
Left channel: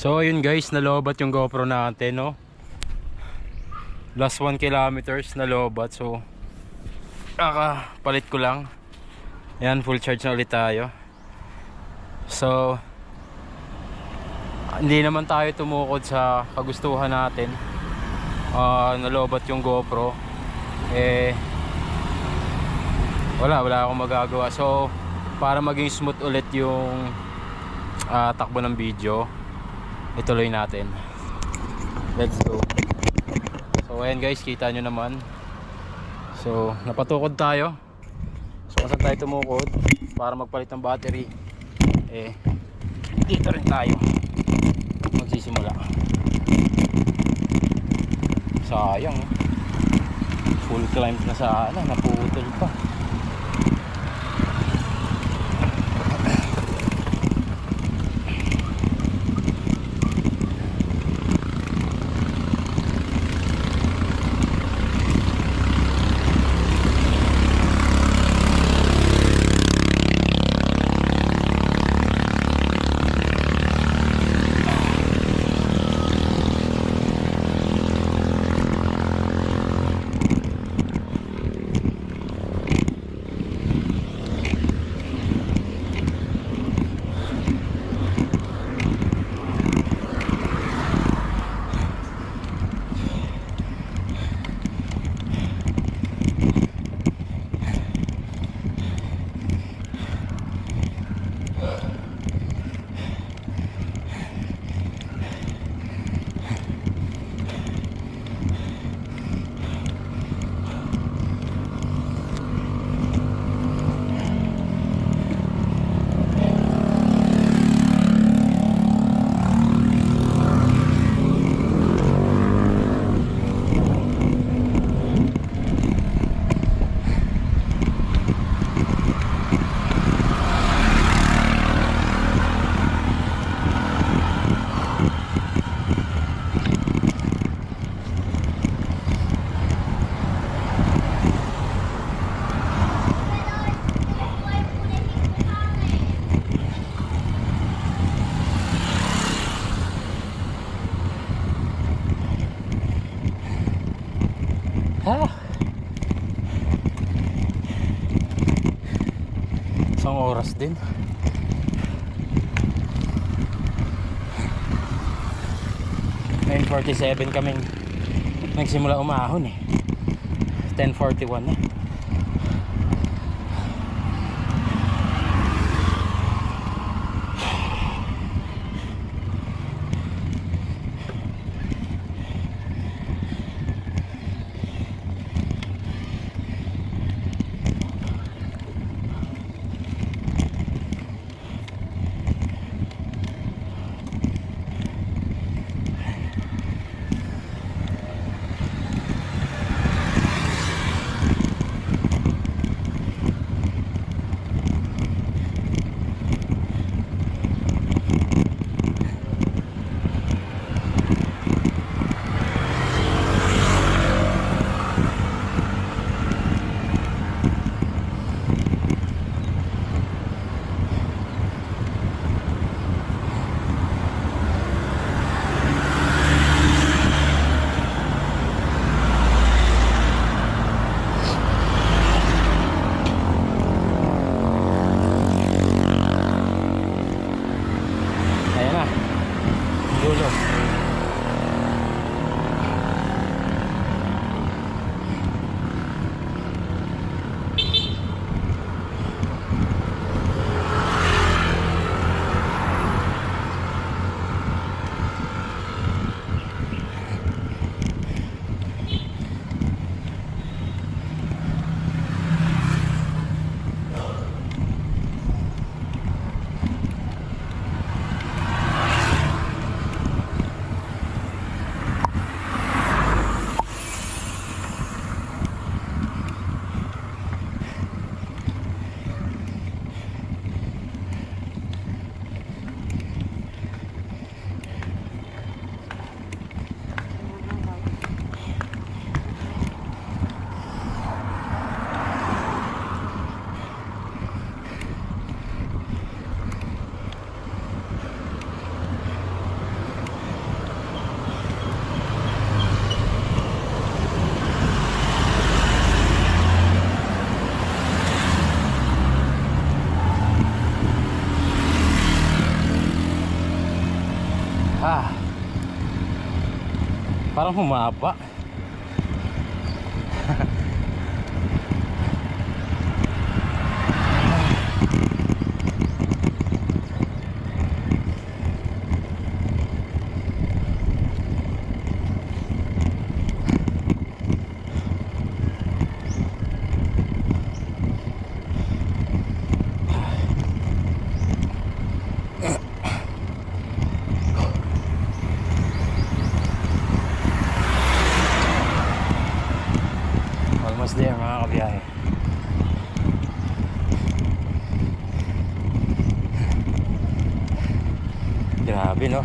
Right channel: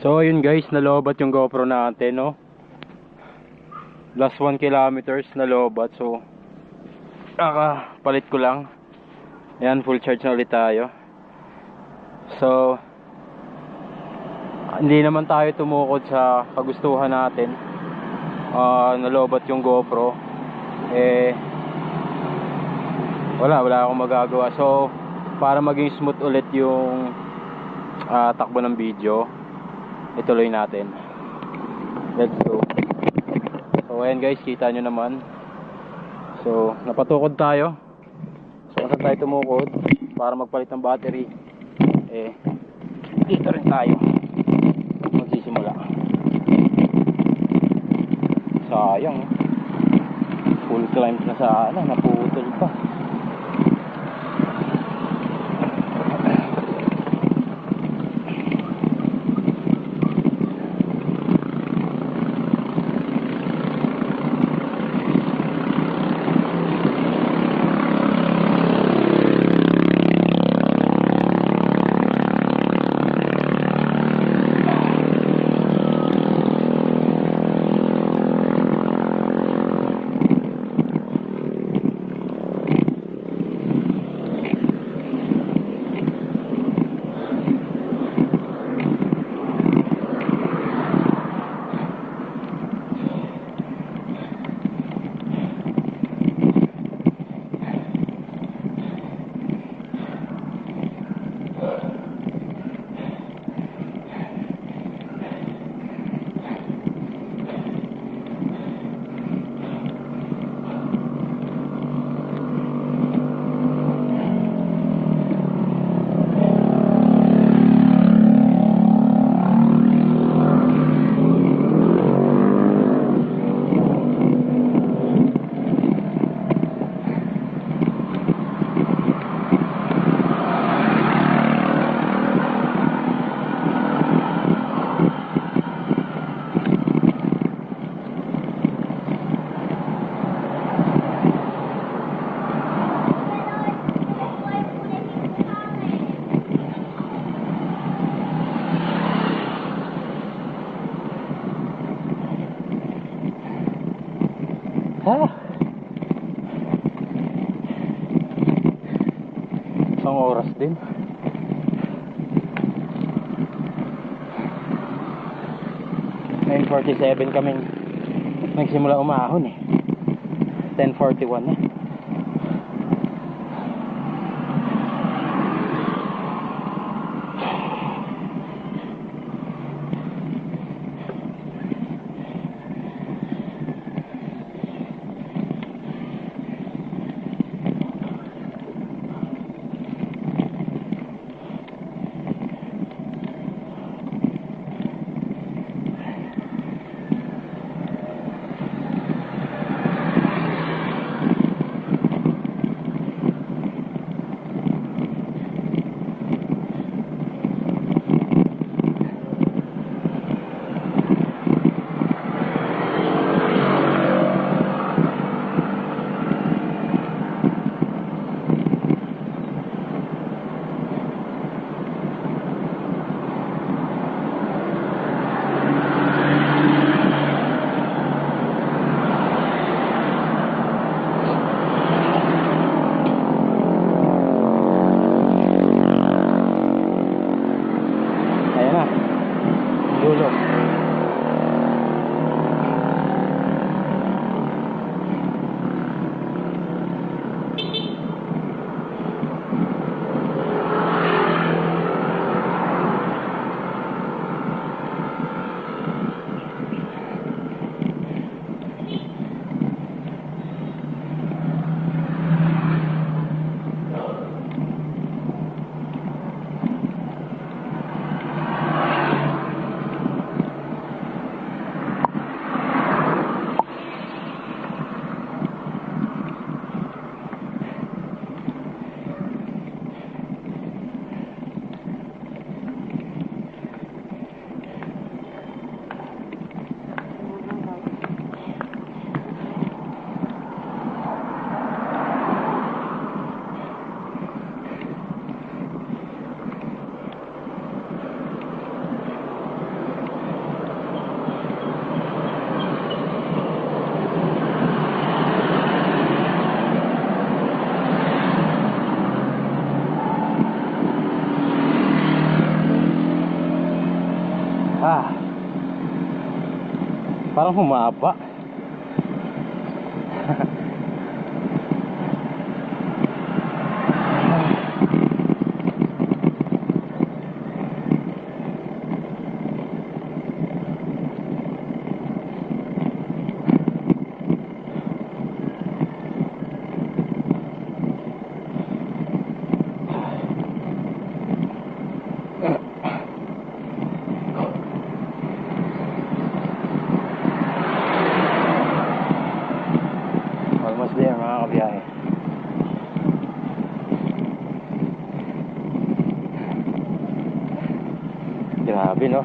So yun guys, nalobat yung GoPro natin, no? Last 1 kilometers nalobat. So palit ko lang. Ayan, full charge na ulit tayo. So hindi naman tayo tumukod sa kagustuhan natin. Nalobat yung GoPro. Wala akong magagawa. So para maging smooth ulit yung takbo ng video, ituloy natin. Let's go. So ayan guys, kita nyo naman. So napatukod tayo. So kung saan tayo tumukod para magpalit ng battery, dito rin tayo magsisimula. Sayang, full climb na sana, naputol pa. Isang oras din. Ngayon 47 kaming nagsimula umahon eh. 10:41 na. Parang humaba. Almost there mga kabiyahe. Grabe no.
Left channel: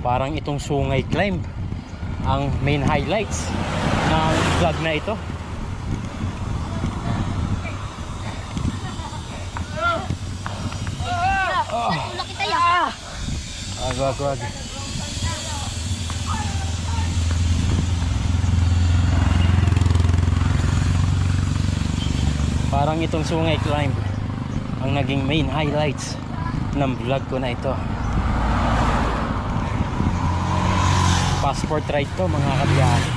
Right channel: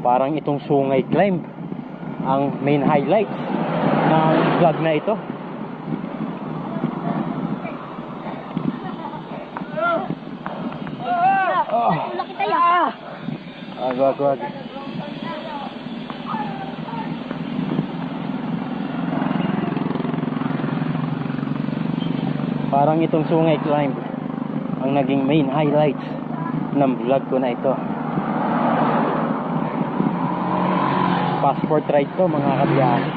Parang itong Sungay Climb ang main highlights ng vlog na ito. Tulak kita ya. Agwag. Parang itong Sungay Climb ang naging main highlights ng vlog ko na ito. Passport ride to mga kabiyahe.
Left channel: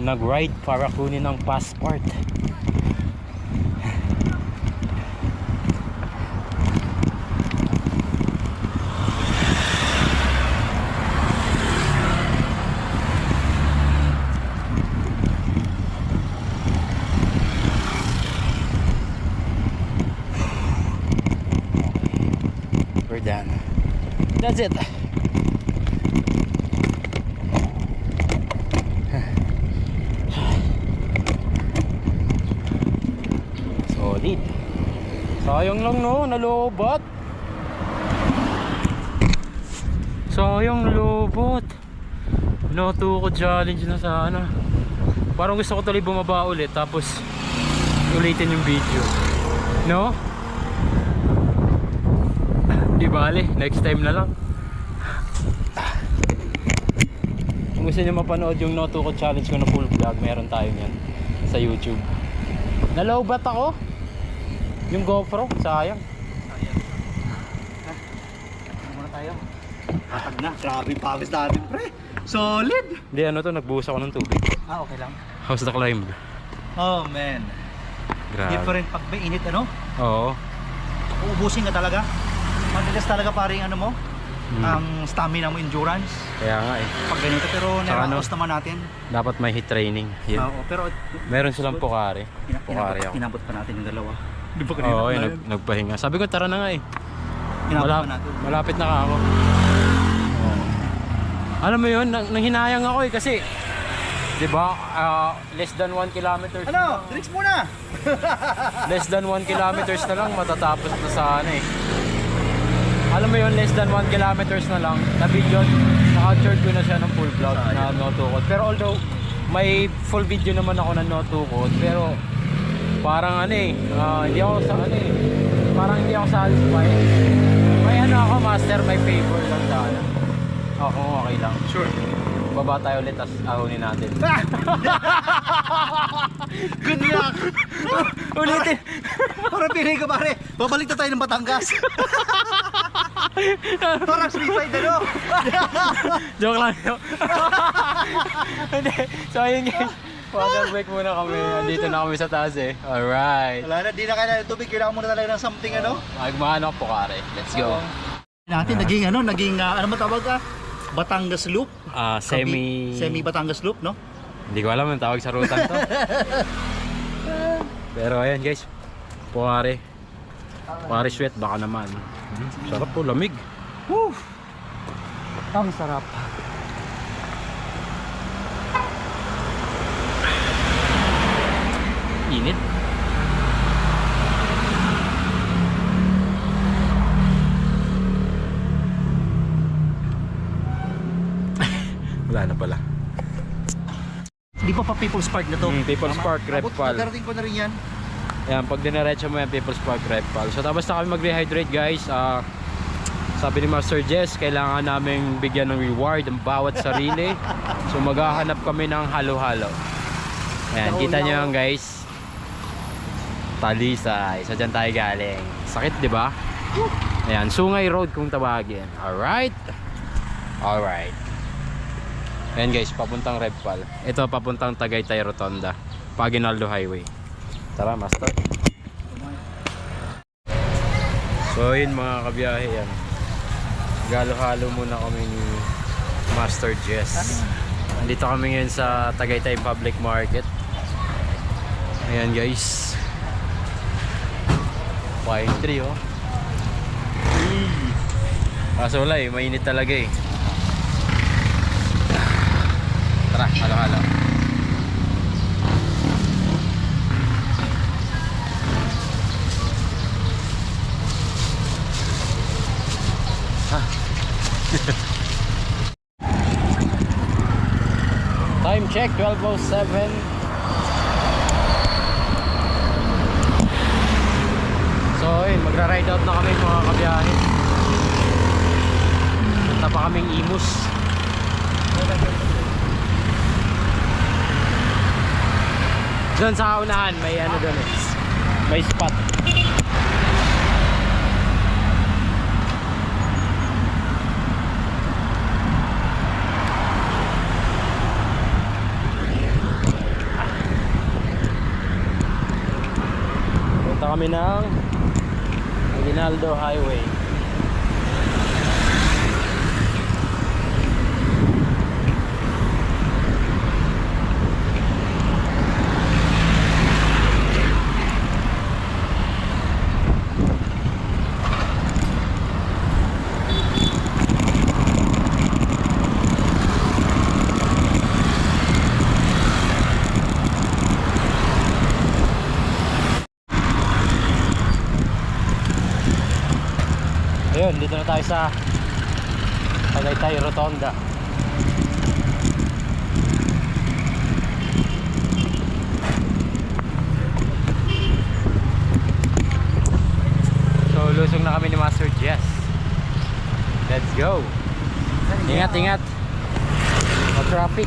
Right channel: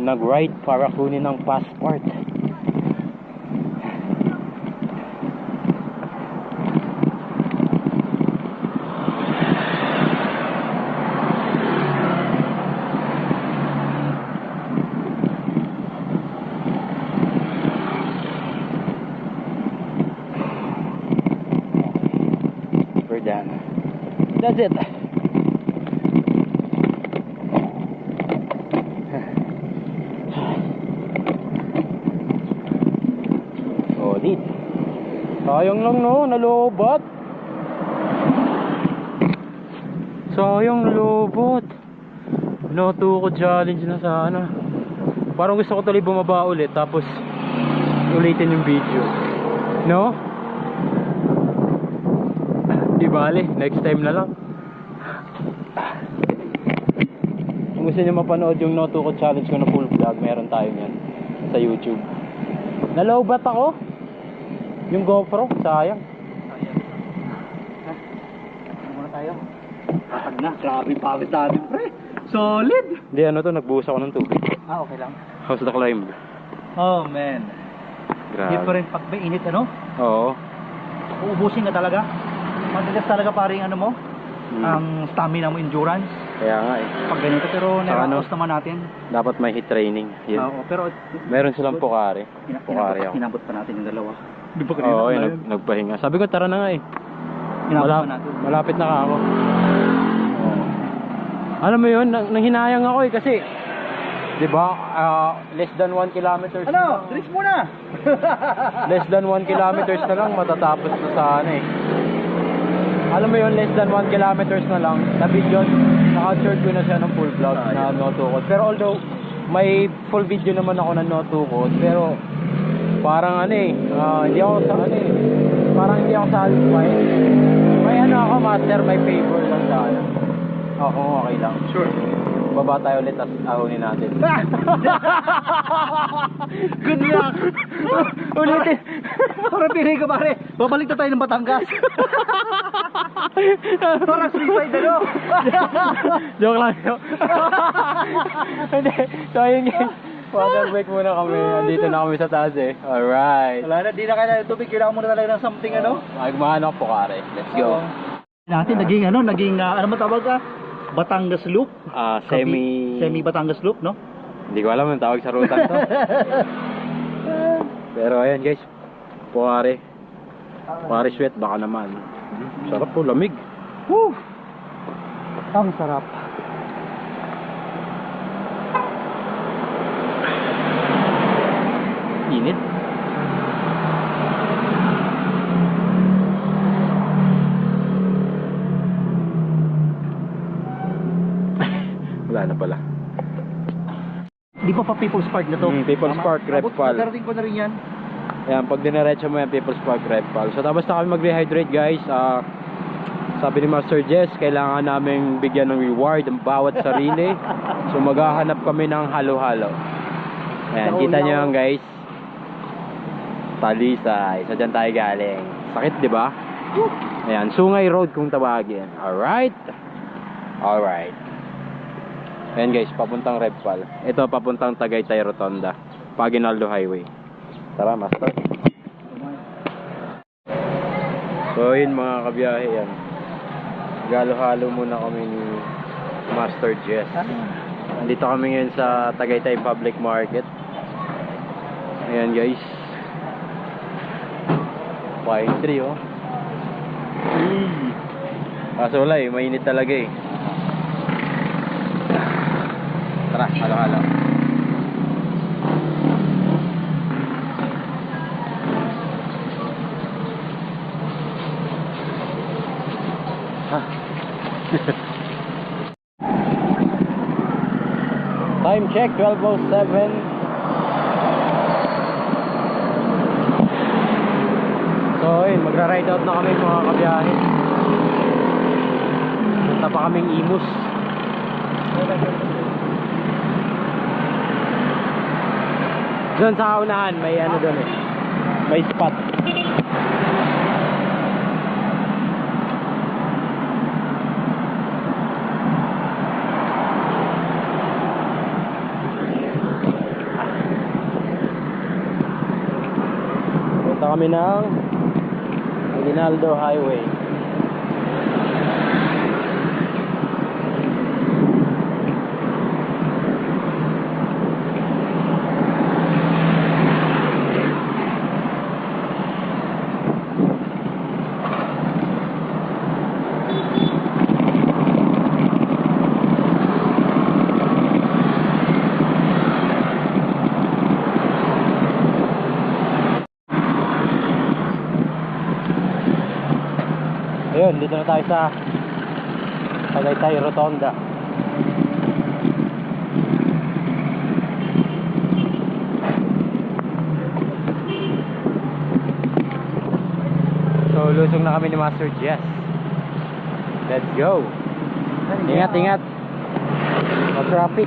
Nag-ride para kunin ang passport. We're done. That's it. Solid. Sayang lang no, nalobot. Sayang nalobot. Natuko challenge na sana. Parang gusto ko tuloy bumaba ulit tapos ulitin yung video. No? Di bale, next time na lang. Kung gusto nyo mapanood yung No Tukod challenge ko na full vlog, meron tayo nyan sa YouTube. Nalowbat ako. Yung GoPro, sayang. Muna tayo. Patag na. Grabe pawis natin, pre. Solid. Hindi, ano to, nagbuhos ako ng tubig. Okay lang. How's the climb? Oh, man. Grabe. Different pag may init, ano? Oo. Uubusin ka talaga. Madalas talaga paring ano mo, ang stamina mo, endurance. Kaya nga eh. Pag ganito, pero Saka naraos naman natin. Dapat may hit training. Yun. Oo, pero Meron silang Pocari. Pocari ako. inabot pa natin yung dalawa. Di ba kanina? Oo, nagpahinga. Sabi ko, tara na nga eh. Inabot pa natin. Malapit na ka ako. Oo. Alam mo yun, nanghinayang ako eh kasi di ba, less than 1 kilometers Ano? Drinks muna! less than 1 kilometers na lang matatapos na sana eh. Alam mo yun, less than 1 kilometers na lang na-video, naka-short ko na siya ng full vlog na No Tukod. Pero although may full video naman ako ng No Tukod, pero parang ano eh, hindi ako sa ano eh, parang hindi ako satisfied. May ano ako, master, may favor lang sana. Ako, okay lang. Sure. Baba tayo ulit, tas ahonin natin. Good luck! Ulitin! Parang pinay ka pare, babalik na tayo ng Batangas. Parang suicide ano? Joke lang yun. Hindi. So ayun guys, water break muna kami. Andito na kami sa taas eh. Alright. Wala na, di na kailangan ng tubig, kailangan muna talaga ng something ano? Magmahan ako Pocari. Let's go. Natin, naging ano ba tawag ka? Batangas Loop? Semi Batangas Loop, no? Hindi ko alam ang tawag sa rutan to. Pero ayan guys, Pocari. Pocari sweat baka naman. Sarap po, lamig. Woo! Ang sarap. Init. Wala na pala. Di ba pa People's Park na to? People's Park, Repal. Pagkarating ko na rin yan. Ayan, pag dinaretso mo yan, People's Park, Repal. So tapos na kami mag-rehydrate guys. Sabi ni Master Jess, kailangan naming bigyan ng reward ang bawat sarili. So maghahanap kami ng halo-halo. Ayan, kita nyo yan guys. Talisay. So dyan tayo galing. Sakit, di ba? Ayan, Sungay Road kung tawagin. Alright. Alright. Ayan guys, papuntang Redpal. Ito papuntang Tagaytay Rotonda. Paginaldo Highway. Tara, master. So yun mga kabiyahe yan. Galo-halo muna kami ni Master Jess. Nandito kami ngayon sa Tagaytay Public Market. Ayan guys. Pine tree oh. Kaso wala eh, mainit talaga eh. Tara, halo-halo. Time check, 12:07. So ayun, magra-ride out na kami mga kabiyahe. Punta pa kaming Imus. Doon sa kaunahan, may ano doon eh. May spot. Punta kami ng Aguinaldo Highway. Ayun, dito na tayo sa Tagaytay Rotonda. So, lusong na kami ni Master Jess. Let's go. Ingat, ingat. Mag-traffic.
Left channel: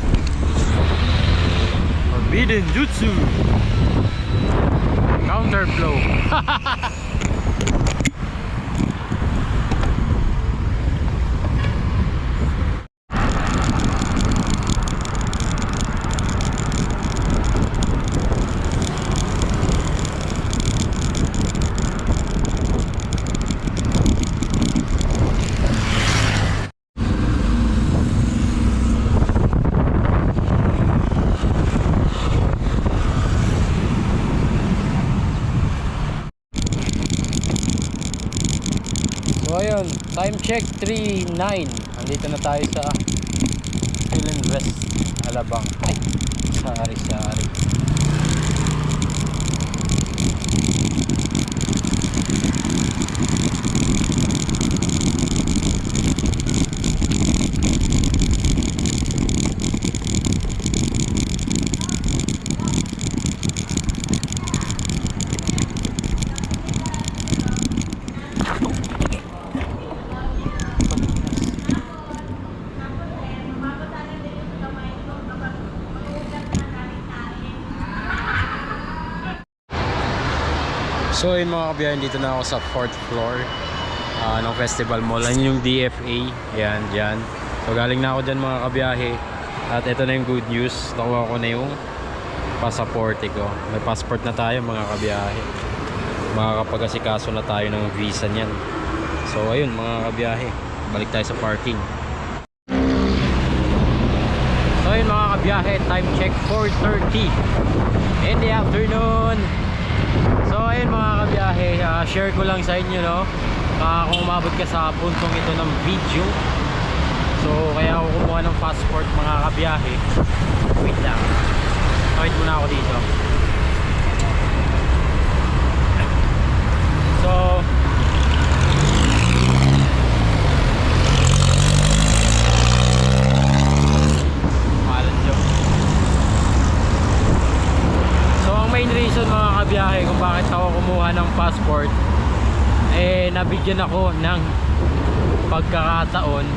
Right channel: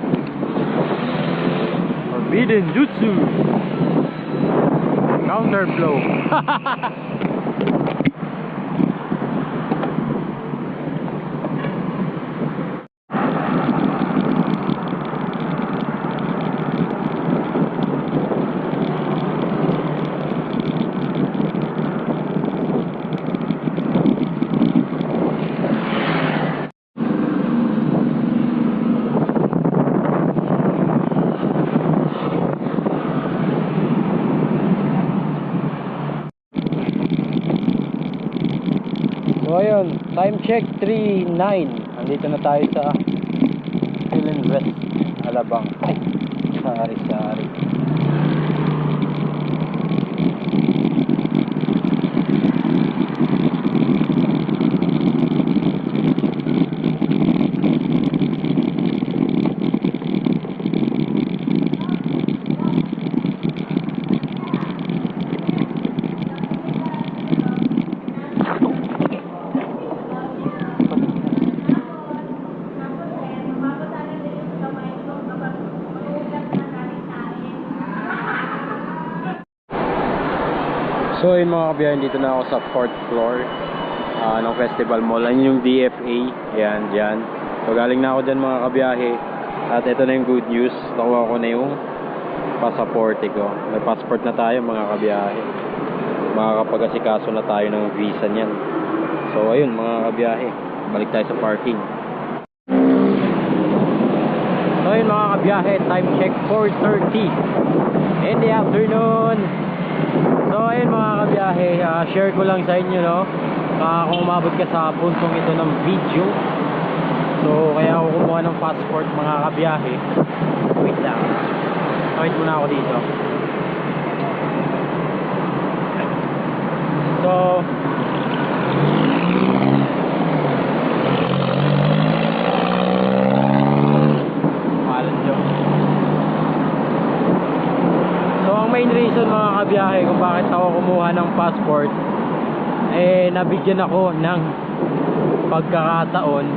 Biden Jutsu. Counter flow. So ayun, time check 3:09. Andito na tayo sa Philinvest, Alabang. Ay, sorry. So yun mga kabiyahin, dito na ako sa 4th floor ng Festival Mall. Ayun yung DFA. Yan, dyan. So galing na ako dyan mga kabiyahe. At ito na yung good news. Nakuha ko na yung pasaporte ko. May passport na tayo mga kabiyahe. Makakapag-asikaso na tayo ng visa niyan. So ayun mga kabiyahe, balik tayo sa parking. So ayun mga kabiyahe, time check 4:30 in the afternoon. So ayun mga kabiyahe, share ko lang sa inyo, no, kung umabot ka sa puntong ito ng video. So kaya ako kumuha ng passport mga kabiyahe. Wait lang, wait muna ako dito. So main reason mga kabiyahe kung bakit ako kumuha ng passport, nabigyan ako ng pagkakataon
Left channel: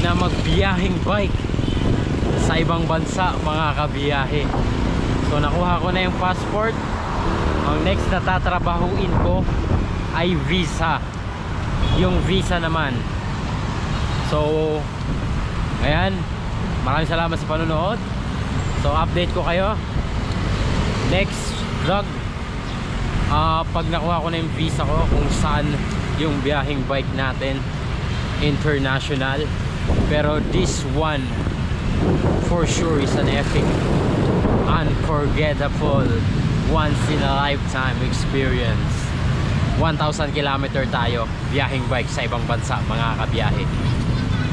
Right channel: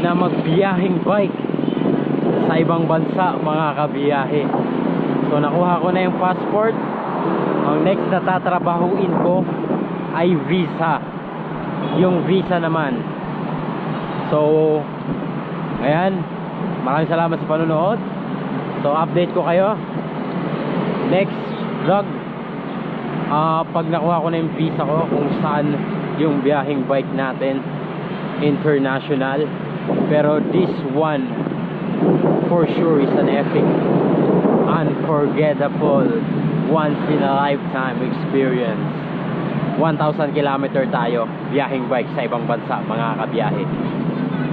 na magbiyahing bike sa ibang bansa mga kabiyahe. So nakuha ko na yung passport. Ang next na tatrabahuin ko ay visa, yung visa naman. So ayan, maraming salamat sa panonood. So update ko kayo next vlog pag nakuha ko na yung visa ko, kung saan yung biyaheng bike natin international. Pero this one for sure is an epic, unforgettable, once in a lifetime experience. 1,000 kilometer tayo biyaheng bike sa ibang bansa mga kabiyahe.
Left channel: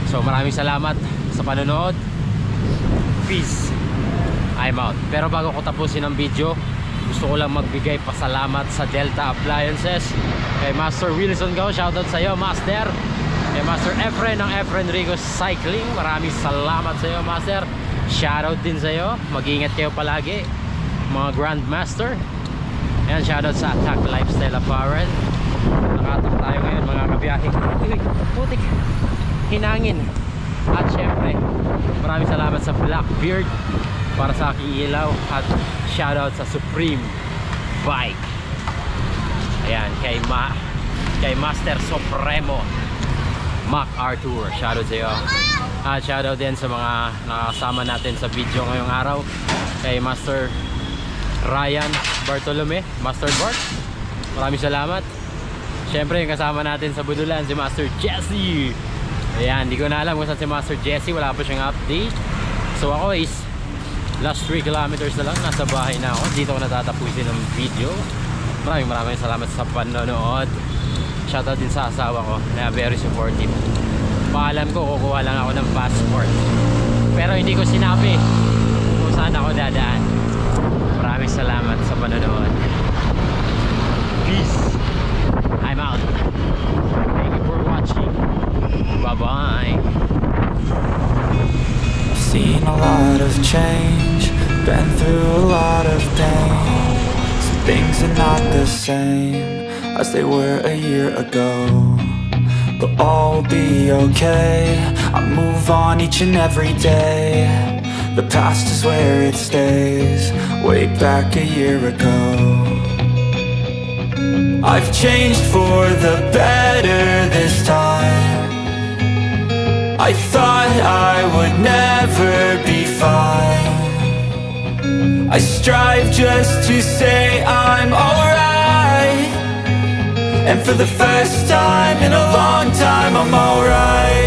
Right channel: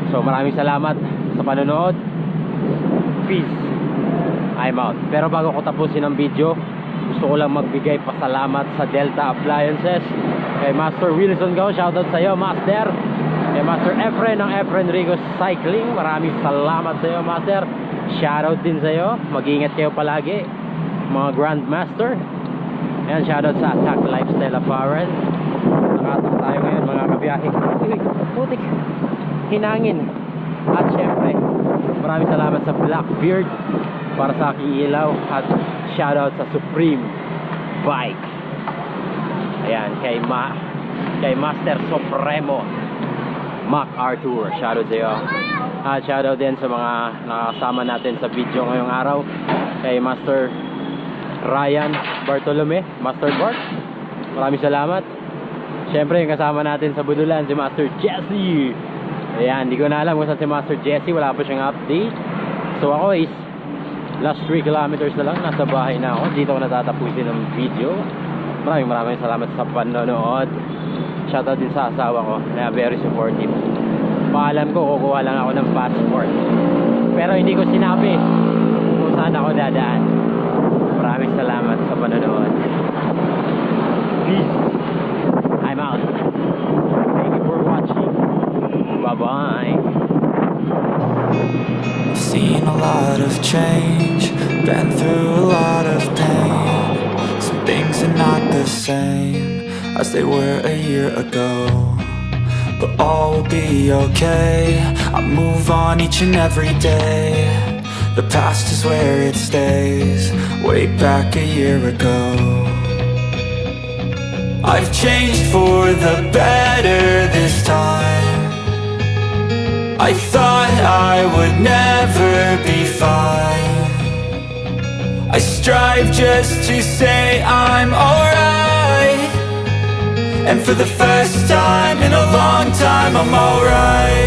So maraming salamat sa panonood. Peace. I'm out. Pero bago ko tapusin ang video, gusto ko lang magbigay pasalamat sa Delta Appliances, kay Master Wilson Gao, shoutout sa iyo Master. Kay Master Efren ng Efren Rigo Cycling, maraming salamat sa iyo Master. Shoutout din sa iyo, mag-ingat kayo palagi mga Grandmaster. Ayan, shoutout sa Attack Lifestyle Apparel. Nakatak tayo ngayon mga kabiyahe. Uy, putik, hinangin. At syempre maraming salamat sa Blackbeard para sa aking ilaw. At shoutout sa Supreme Bike. Ayan, kay Master Supremo Mac Arthur, shoutout sa iyo. At shoutout din sa mga nakasama natin sa video ngayong araw, kay Master Ryan Bartolome, Master Bart, maraming salamat. Syempre yung kasama natin sa Budulan, si Master Jesse. Ayan, hindi ko na alam kung saan si Master Jesse, wala pa siyang update. So ako is last 3 kilometers na lang, nasa bahay na ako. Dito ko natatapusin ng video. Maraming salamat sa panonood. Shoutout din sa asawa ko na very supportive. Paalam ko, kukuha lang ako ng passport, pero hindi ko sinabi kung saan ako dadaan. Maraming salamat sa panonood. Peace. I'm out. Thank you for watching. Bye-bye. I've seen a lot of change, been through a lot of pain. Some things are not the same as they were a year ago, but all will be okay. I move on each and every day. The past is where it stays, way back a year ago. I've changed for the better this time. I thought I would never be fine. I strive just to say I'm alright. And for the first time in a long time, I'm alright.